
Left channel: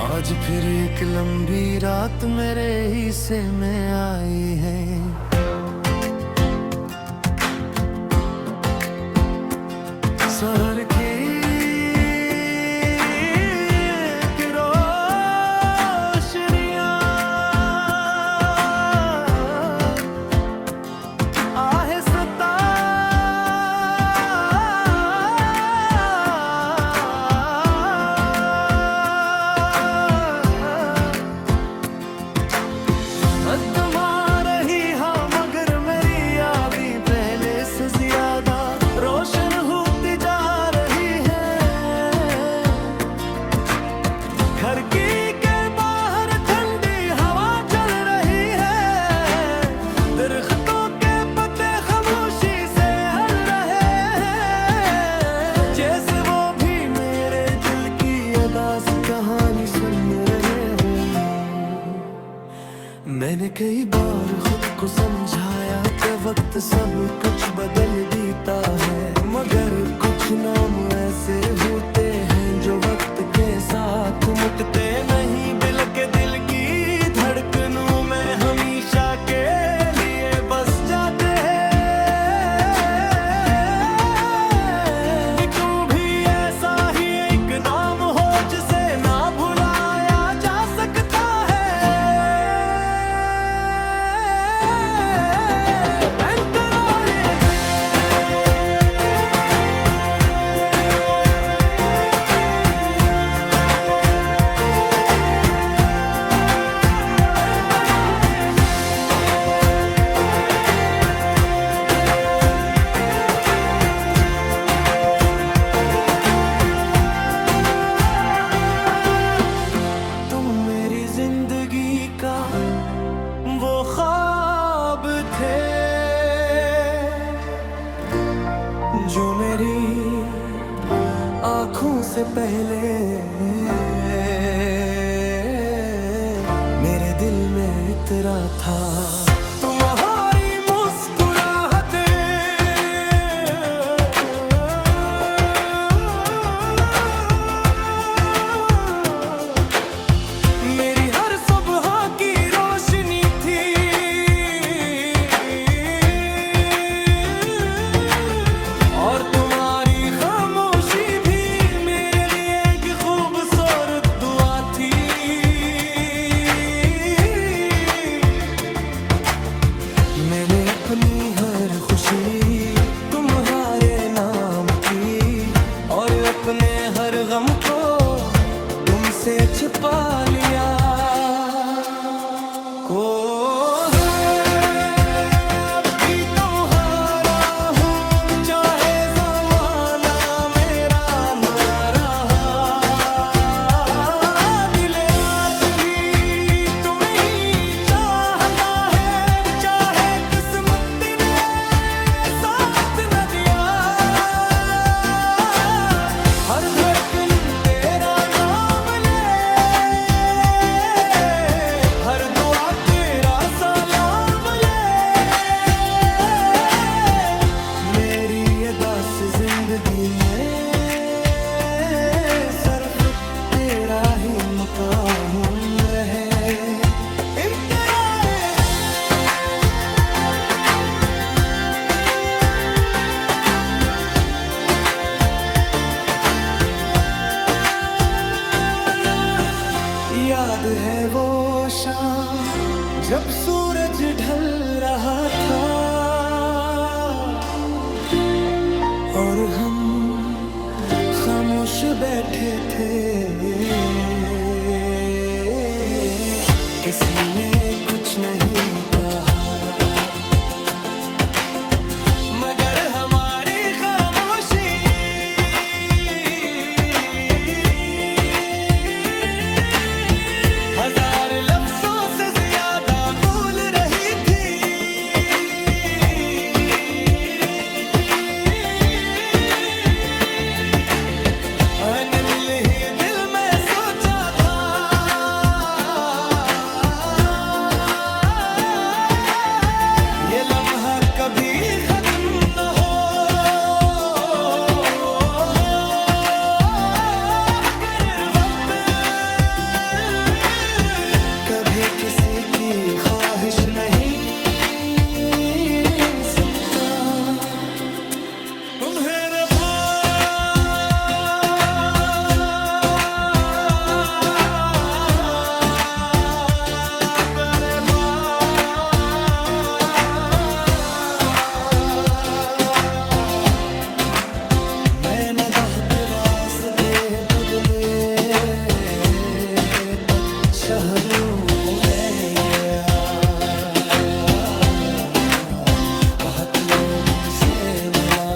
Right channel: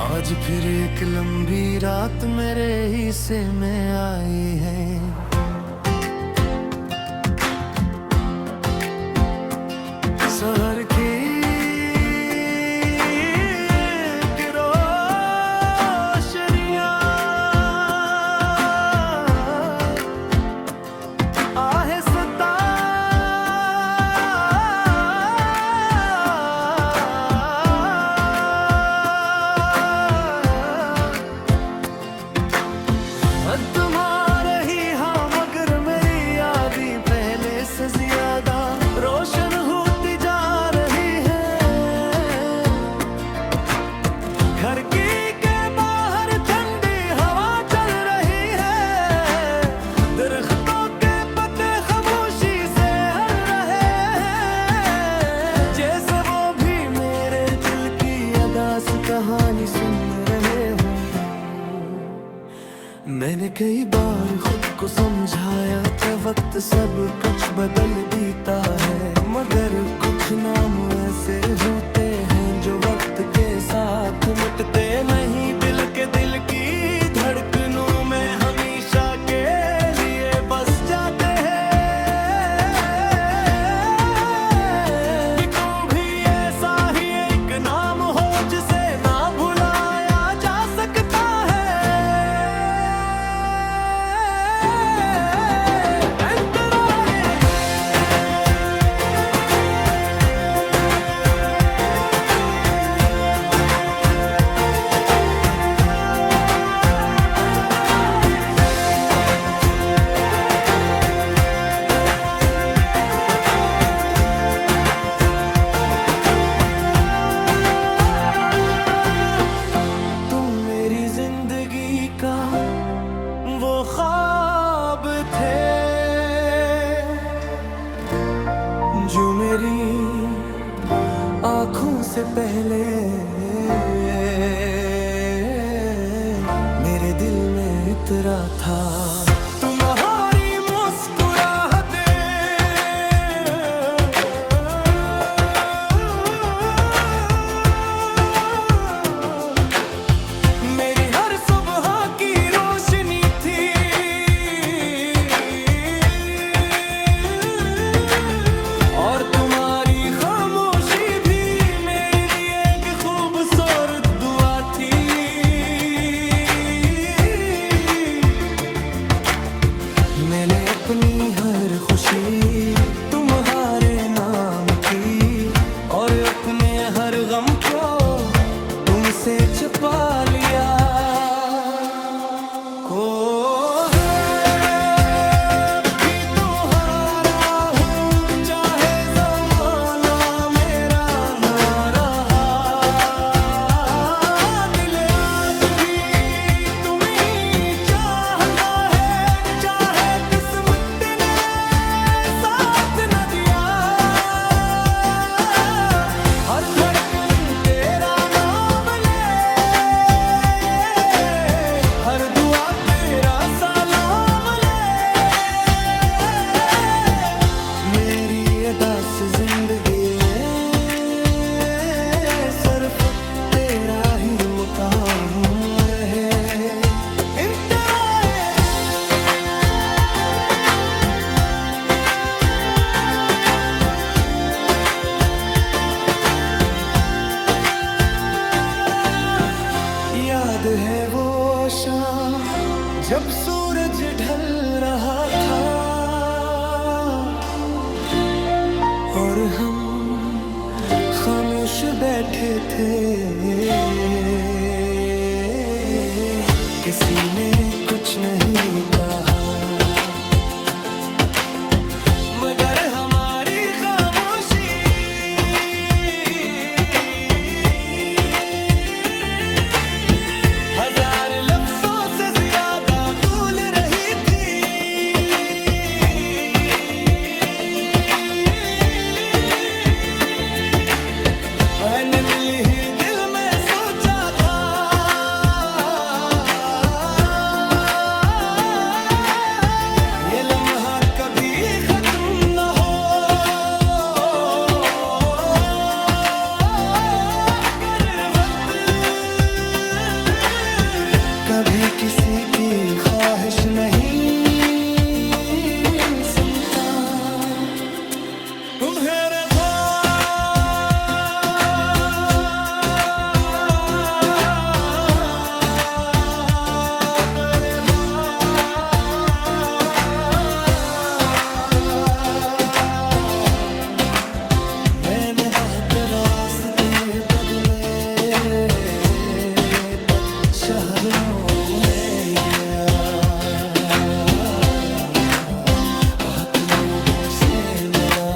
आज फिर एक लंबी रात मेरे हिस्से में आई है। शहर की रोशनियां आहिस्ता तुम्हारे ही हाँ, मगर मेरी यादें पहले से ज्यादा रोशन होती जा रही है। घर की के बाहर ठंडी हवा चल रही है, दरख्तों के पत्ते खामोशी से हल रहे हैं, जैसे वो भी मेरे दिल की अदास कहानी सुन रहे हों। मैंने कई बार खुद को समझाया कि वक्त सब कुछ बदल देता है, मगर कुछ नाम ऐसे होते हैं जो वक्त के साथ मुटते नहीं। दिल के दिल की धड़कनों में हमेशा के लिए बस जाते हैं। तू भी ऐसा ही एक नाम हो जिसे ना भुलाया जा सकता है। से पहले मेरे दिल में इतरा था तुम्हारी मुस्कुराहटें। मेरी हर सुबह की रोशनी थी, और तुम्हारी खामोशी भी मेरे लिए एक खूबसूरत दुआ थी। मैंने अपनी हर खुशी तुम्हारे नाम की, और अपने हर गम को तुमसे छुपा लिया। को हर धड़कन तेरा नाम ले, हर दुआ तेरा सलाम ले। मेरी अदास जिंदगी में सिर्फ तेरा ही मकाम रहे। याद है वो शाम जब सूरज ढल रहा था, और हम खामोश बैठे थे। किसी ने कुछ नहीं कहा, मगर हमारी खामोशी हजार लफ्जों से ज्यादा बोल रही थी। मैंने दिल ही दिल में सोचा था, ये लम्हा कभी खत्म न हो। कभी किसी की ख्वाहिश नहीं सुनता। तुम्हारे मैंने बहुत रास्ते बदले, शहरों में गया, बहुत लोगों से मिला,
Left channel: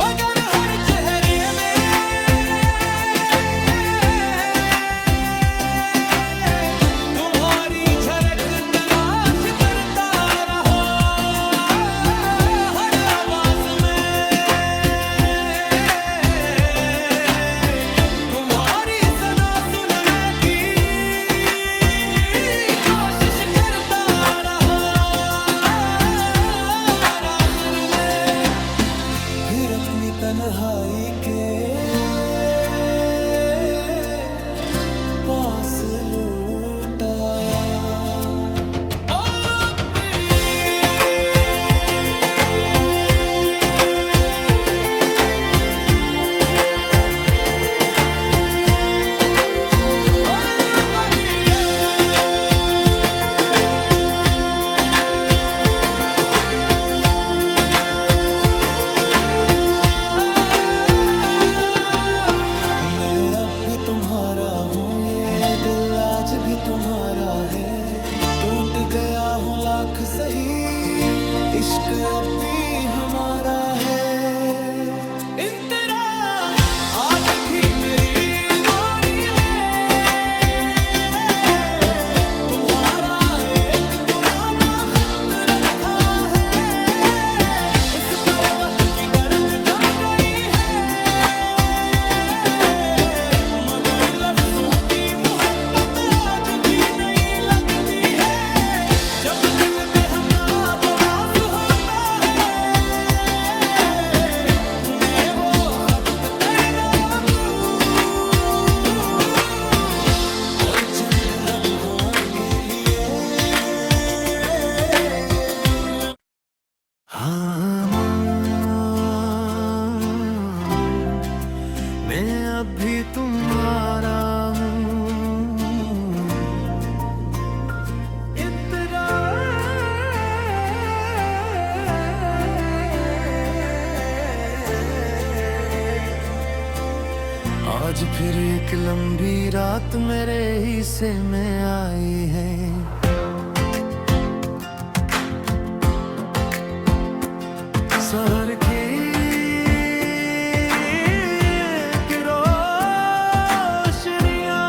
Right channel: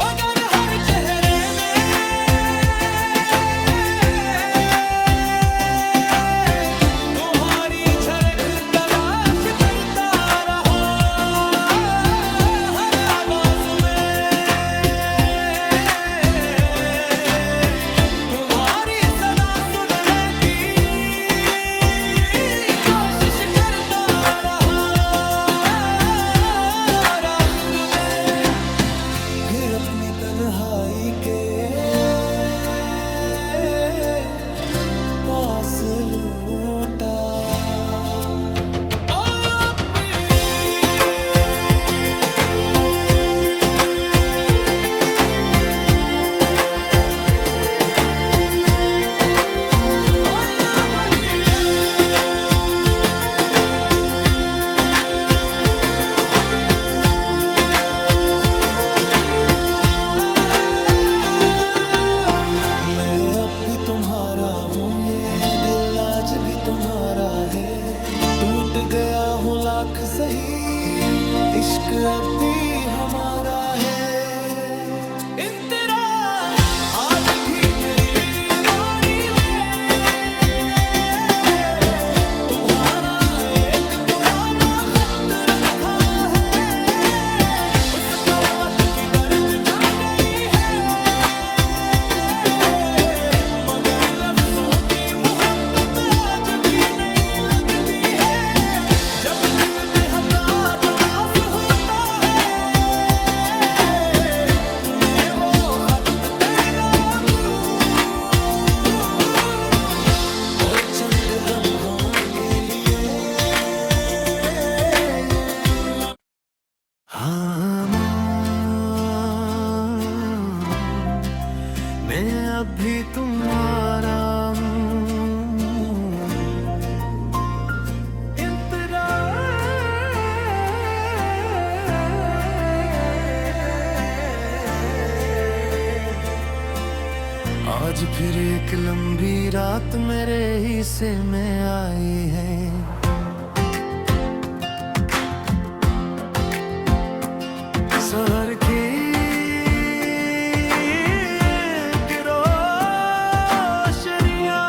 मगर हर चेहरे में तुम्हारी झलक तलाश करता रहा। हर आवाज में तुम्हारी फिर अपनी तन्हाई के पास लौट आया। अब भी तुम्हारा हूँ, ये दिल आज भी तुम्हारा है। टूट गया हूँ लाख सही, इश्क अब भी हमारा है। आज भी मेरी मोरी में तुम्हारा एक पुराना खत रखा है। उस पर वक्त की गर्द जम गई, चंद लम्हों के लिए हाँ मैं अभी तुम्हारा आज फिर एक लंबी रात मेरे हिस्से में आई है। शहर की रोशनियां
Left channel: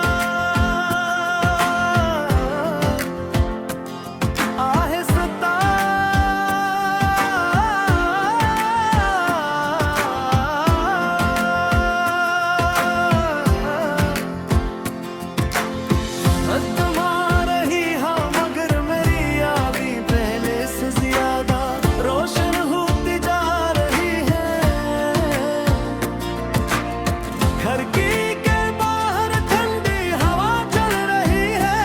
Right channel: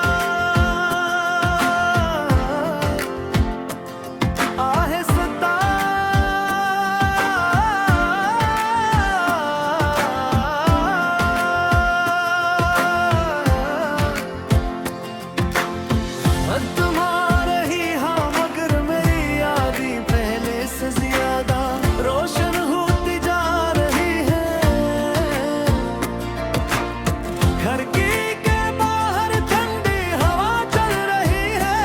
आहिस्ता तुम्हारे ही हाँ मगर मेरी यादें पहले से ज्यादा रोशन होती जा रही है। घर की के बाहर ठंडी हवा चल रही है।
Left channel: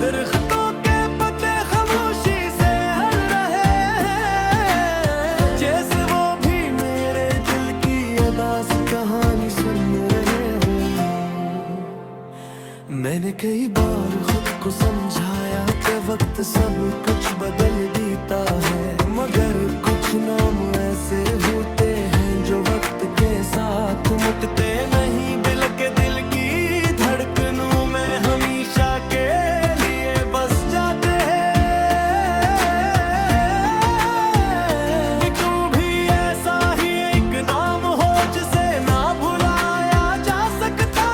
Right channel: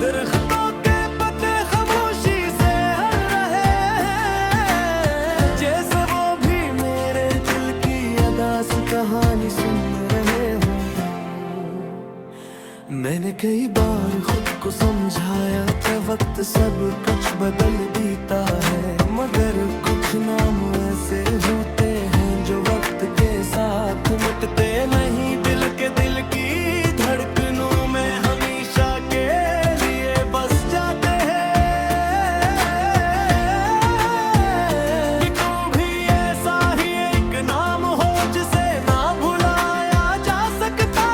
दरख्तों के पत्ते खामोशी से हल रहे हैं, जैसे वो भी मेरे दिल की अदास कहानी सुन रहे हो। मैंने कई बार खुद को समझाया कि वक्त सब कुछ बदल देता है, मगर कुछ नाम ऐसे होते हैं जो वक्त के साथ मुटते नहीं। दिल की धड़कनों में हमेशा के लिए बस जाते हैं। तुम भी ऐसा ही एक नाम हो जिसे ना भुलाया जा सकता है।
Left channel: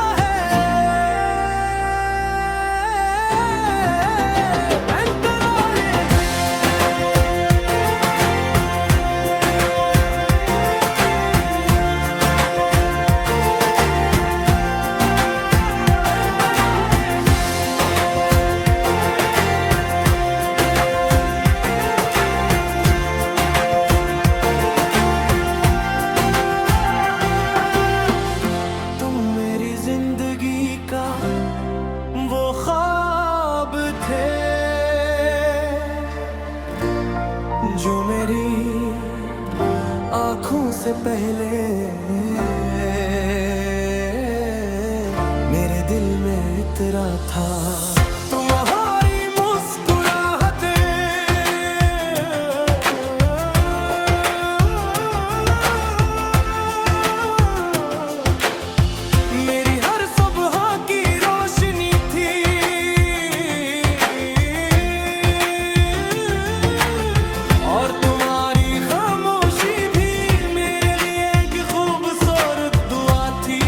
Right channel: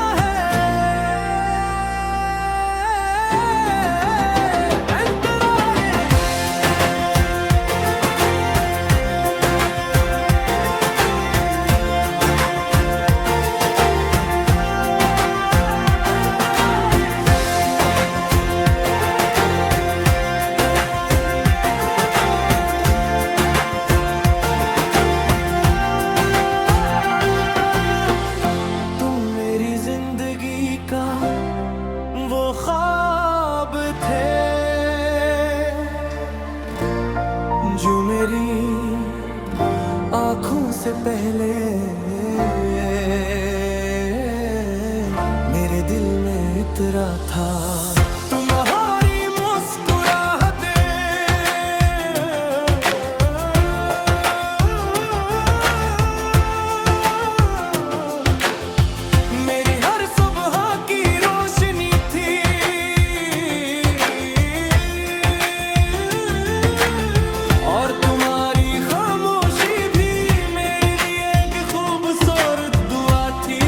जिंदगी का वो ख्वाब थे जो मेरी आँखों से पहले मेरे दिल में इतरा था। तुम्हारी मेरी हर सुबह की रोशनी थी। और तुम्हारी खामोशी भी मेरे लिए एक खूबसूरत दुआ थी।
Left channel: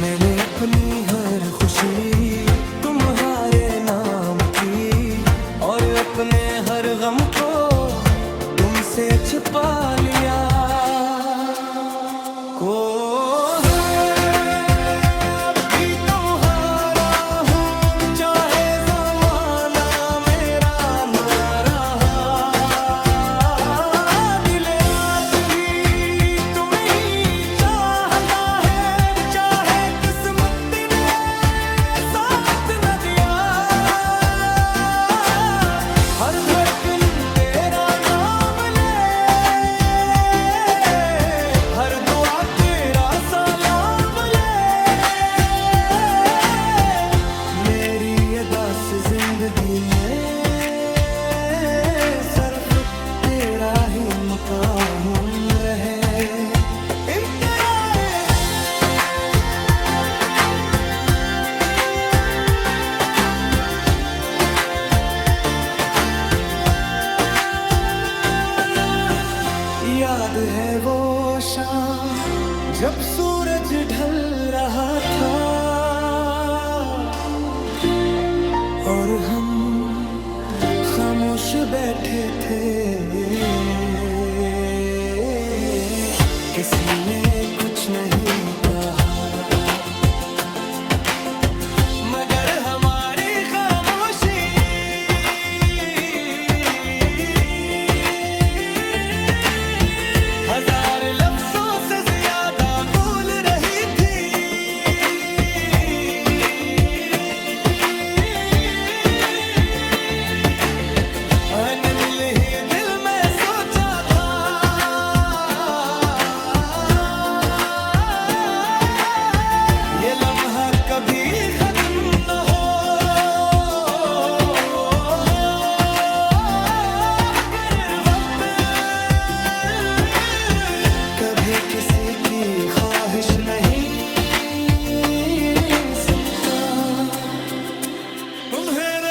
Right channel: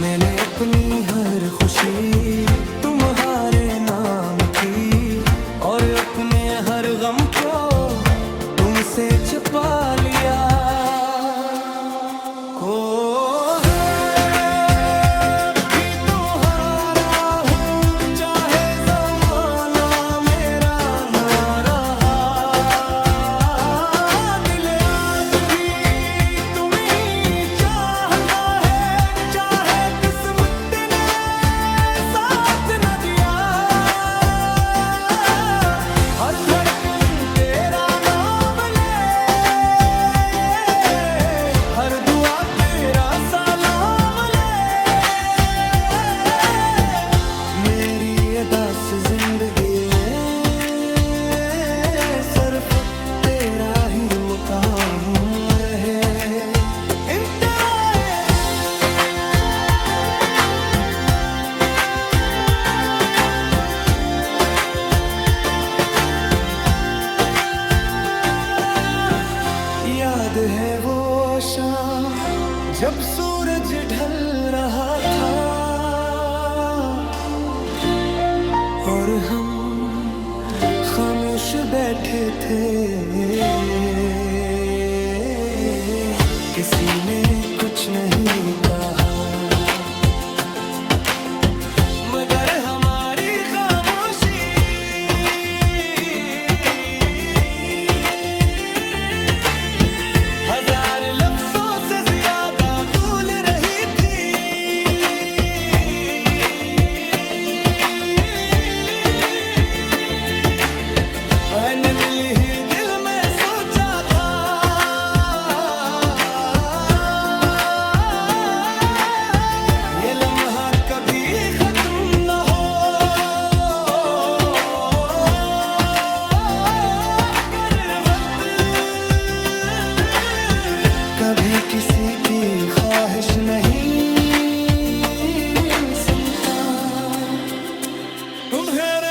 मैंने अपनी हर खुशी तुम्हारे नाम की और अपने हर गम को तुमसे छिपा लिया। को भी तुम्हारा हूँ चाहे ज़माना मेरा ना रहा। दिल आज भी तुम्हें ही चाहता है, चाहे किस्मत ने साथ न दिया। हर धड़कन तेरा नाम ले, हर दुआ तेरा सलाम ले। मेरी अदास जिंदगी में सिर्फ तेरा ही मकाम रहे। याद है वो शाम जब सूरज ढल रहा था और हम खामोश बैठे थे। किसी ने कुछ नहीं कहा मगर हमारी खामोशी हजार लफ्जों से ज्यादा कभी खत्म न हो। कर वक्त कभी किसी की ख्वाहिश नहीं सुनता। मेरे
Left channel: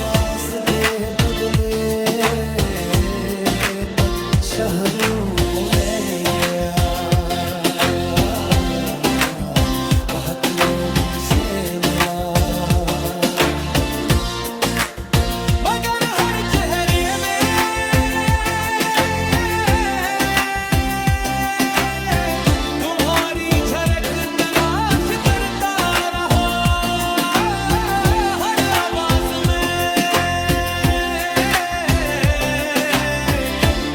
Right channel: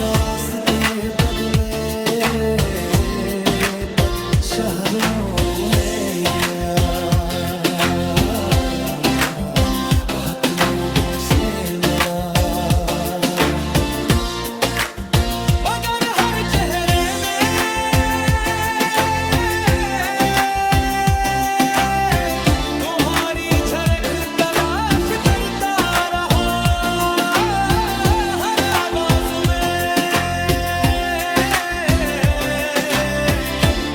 रास्ते बदले तक शहरों में गया, बहुत लोगों से मिला, मगर हर चेहरे में तुम्हारी झलक तलाश करता रहा। हर आवाज में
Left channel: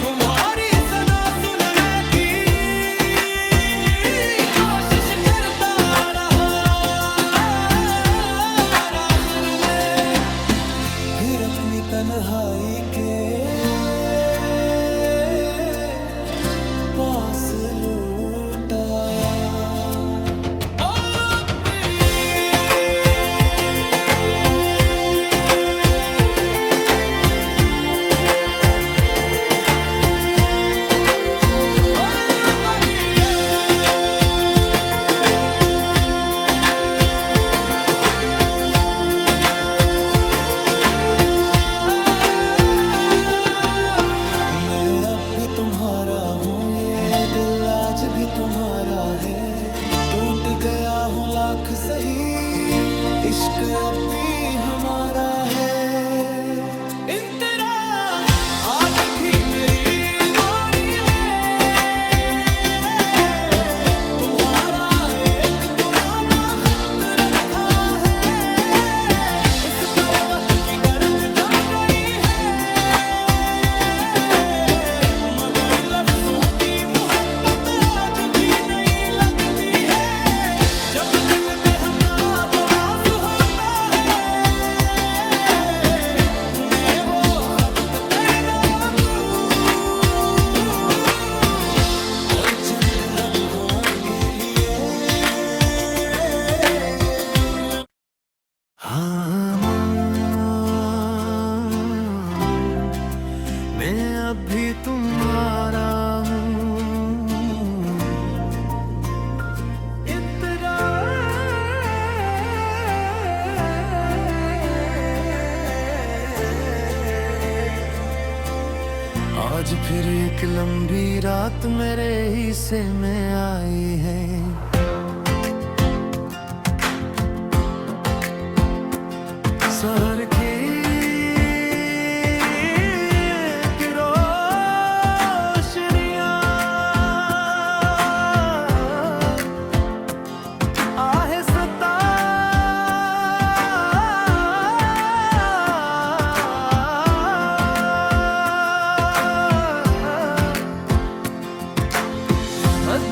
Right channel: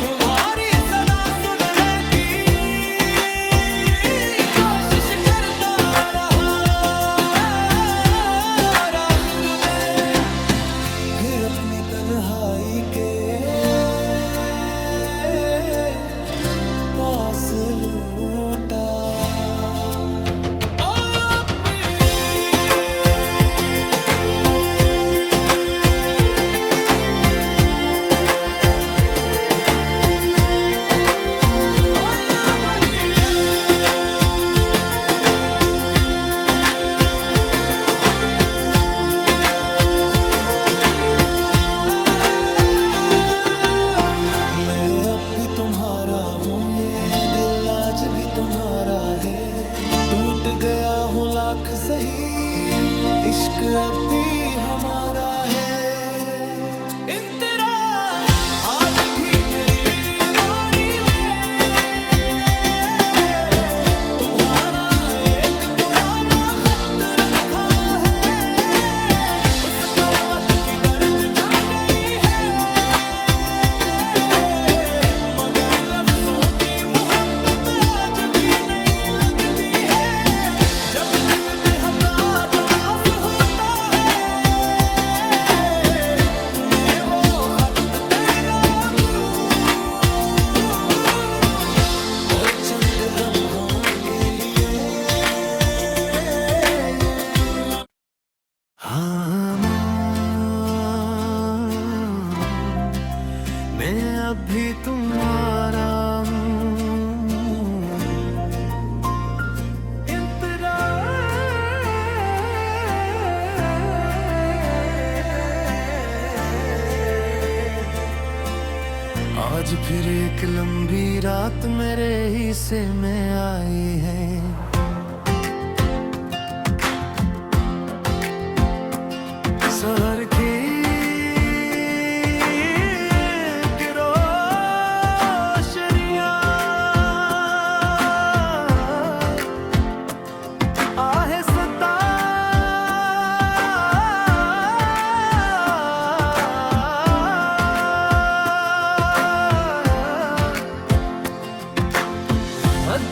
तुम्हारी सदा सुनने की कोशिश करता रहा। आखिर में फिर अपनी तन्हाई के पास लौट आया। भी तुम्हारा हूँ, ये दिल आज भी तुम्हारा है। टूट गया हूँ लाख सही, इश्क अब भी हमारा है। इन तेरा आज भी मेरी मोरी में तुम्हारा एक पुराना खत रखा है। उस पर वक्त की गर्द जम गई है, मगर लफ्जों की मोहब्बत आज भी नहीं लगती है। जब दिल बेहदा तदास होता है, मैं वो खत तेरा दूं और चंद लम्हों के लिए हाँ, मैं अब भी तुम्हारा हूँ। आज फिर एक लंबी रात मेरे हिस्से में आई है। शहर की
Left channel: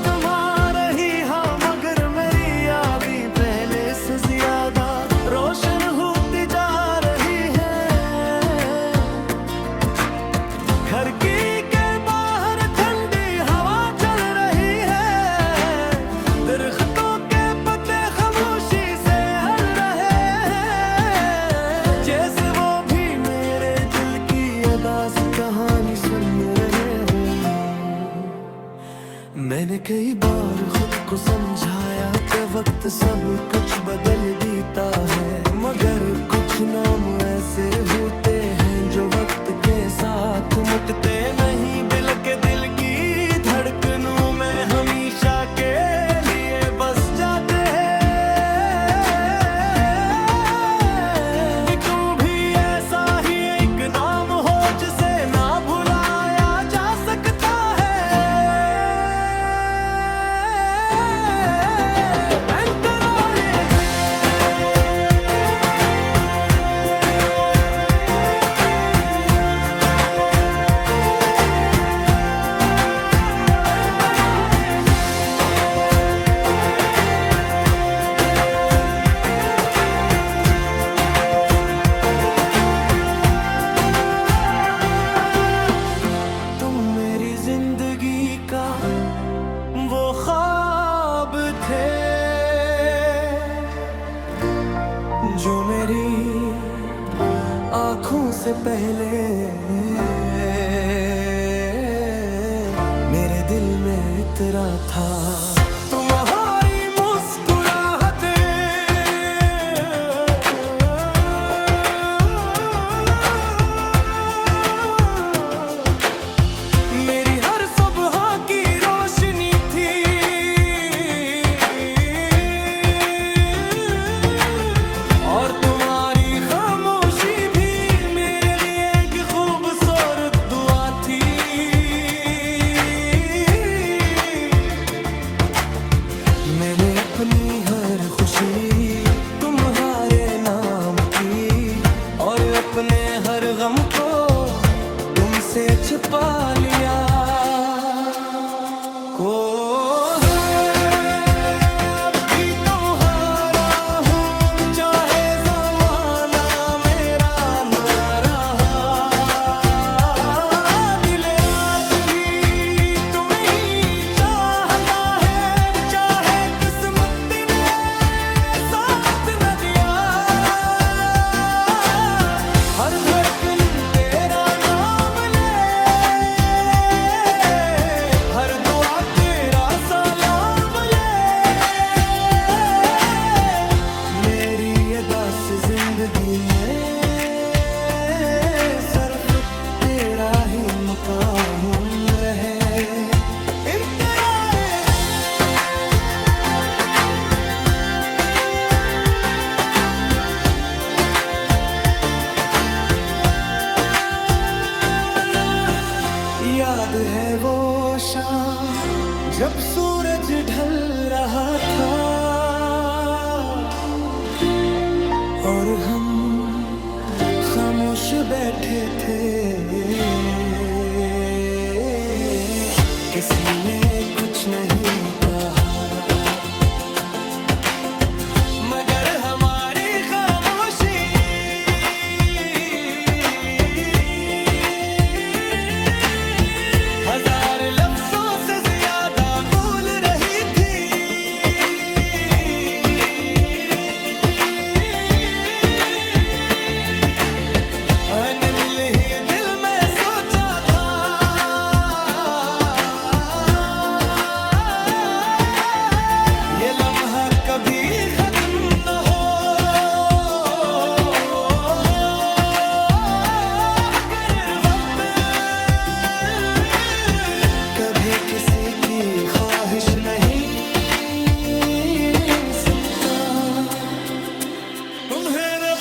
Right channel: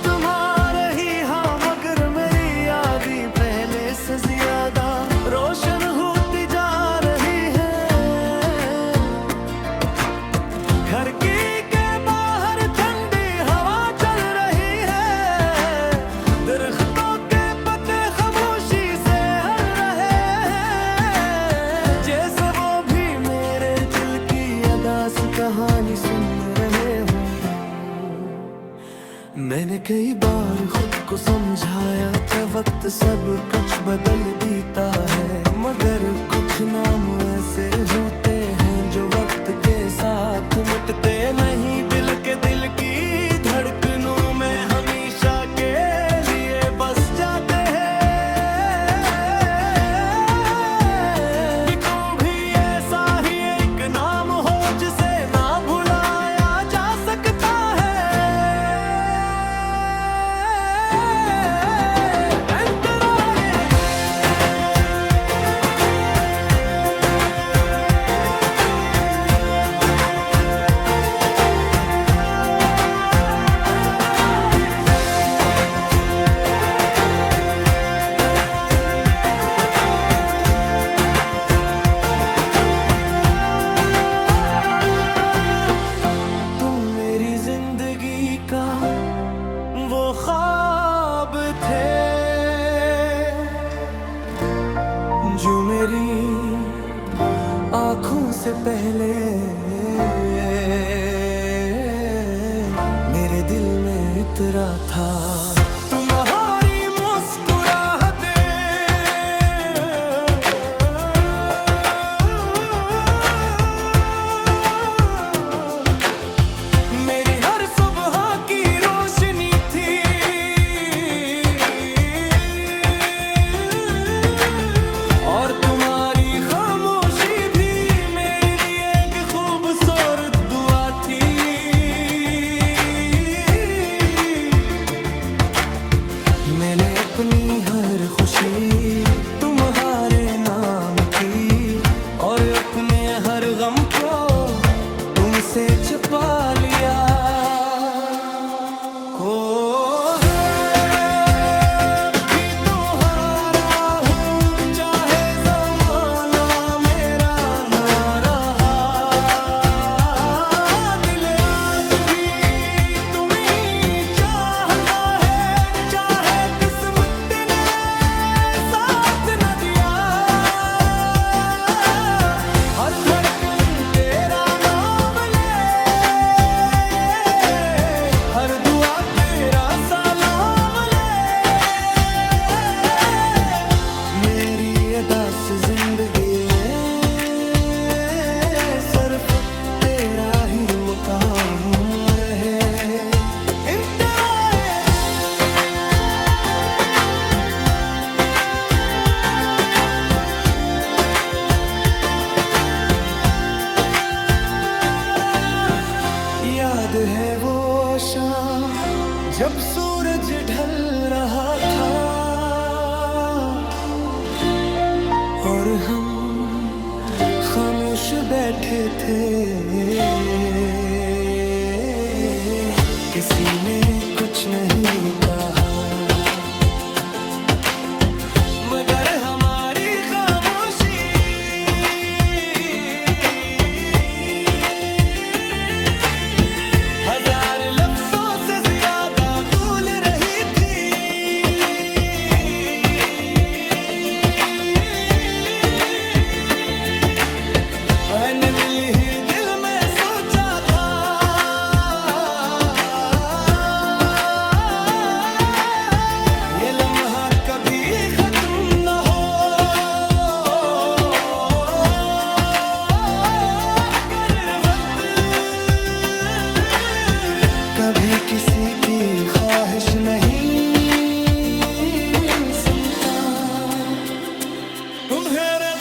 तुम्हारे ही हाँ, मगर मेरी यादें पहले से ज्यादा रोशन होती जा रही है। घर की के बाहर ठंडी हवा चल रही है, दरख्तों के पत्ते खामोशी से हल रहे हैं, जैसे वो भी मेरे दिल की अदास कहानी सुन रहे हो। मैंने कई बार खुद को समझाया कि वक्त सब कुछ बदल देता है, मगर कुछ नाम ऐसे होते हैं जो वक्त के साथ मुटते नहीं। दिल के दिल की धड़कनों में हमेशा के लिए बस जाते हैं। तुम भी ऐसा ही एक नाम हो जिसे ना भुलाया जा सकता है। से पहले मेरे दिल में इतरा था तुम्हारी मुस्कुराहटें। मेरी हर सुबह की रोशनी थी, और तुम्हारी खामोशी भी मेरे लिए एक खूबसूरत दुआ थी। मैंने अपनी हर खुशी तुम्हारे नाम की, और अपने हर गम को तुमसे छुपा लिया। को हर धड़कन तेरा नाम ले, हर दुआ तेरा सलाम ले। मेरी अदा से जिंदगी में सिर्फ तेरा ही मकाम रहे। याद है वो शाम जब सूरज ढल रहा था, और हम खामोश बैठे थे। किसी ने कुछ नहीं कहा, मगर हमारी खामोशी हजार लफ्जों से ज्यादा बोल रही थी। मैंने दिल ही दिल में सोचा था, ये लम्हा कभी खत्म न हो। कभी किसी की ख्वाहिश नहीं सुनता। तुम्हारे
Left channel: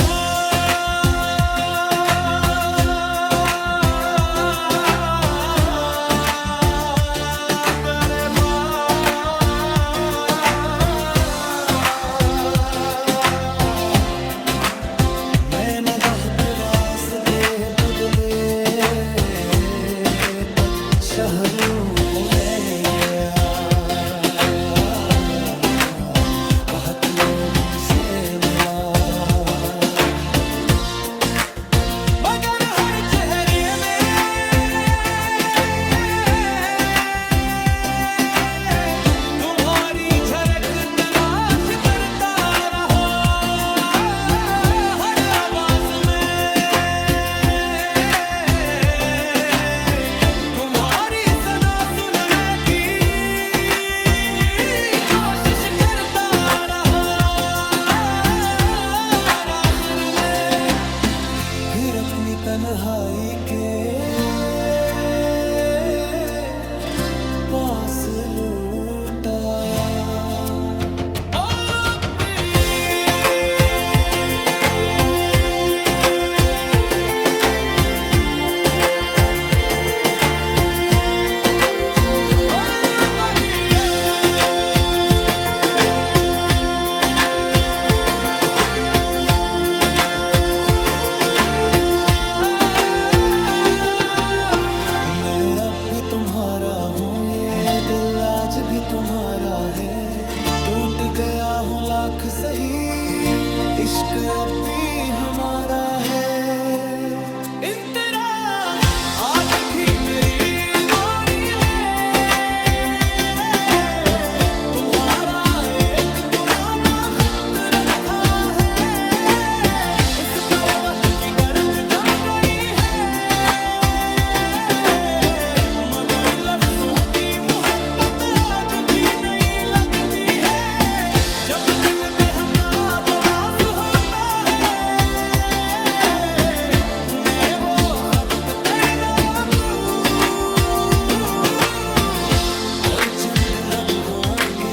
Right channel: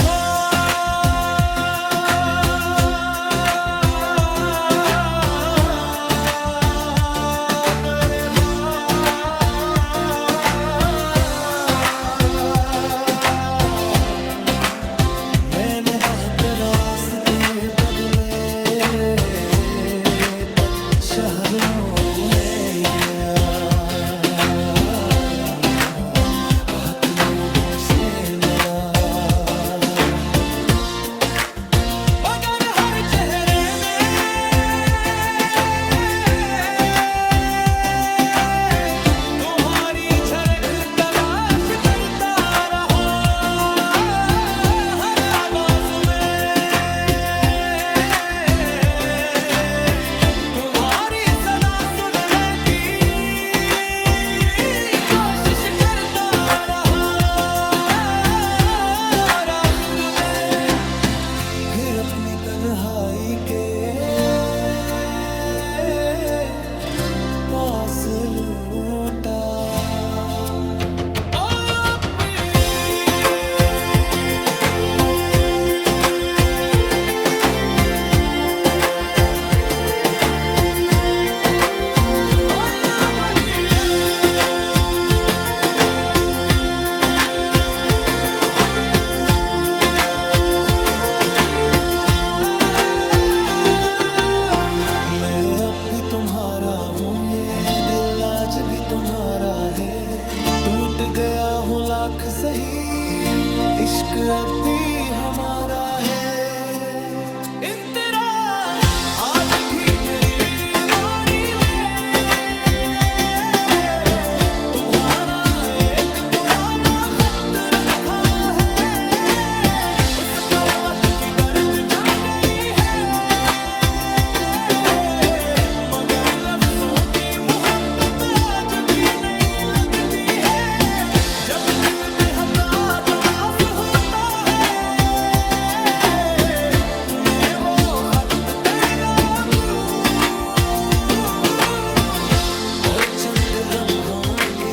मैंने बहुत रास्ते बदले, शहरों में गया, बहुत लोगों से मिला, मगर हर चेहरे में तुम्हारी झलक तलाश करता रहा। हर आवाज में तुम्हारी सदा सुनने की कोशिश करता रहा। आखिर में फिर अपनी तन्हाई के पास लौट आया। भी तुम्हारा हूँ, ये दिल आज भी तुम्हारा है। टूट गया हूँ लाख सही, इश्क अब भी हमारा है। आज भी मेरी मोरी में तुम्हारा एक पुराना खत रखा है। उस पर वक्त की गर्द जम गई, लम्हों के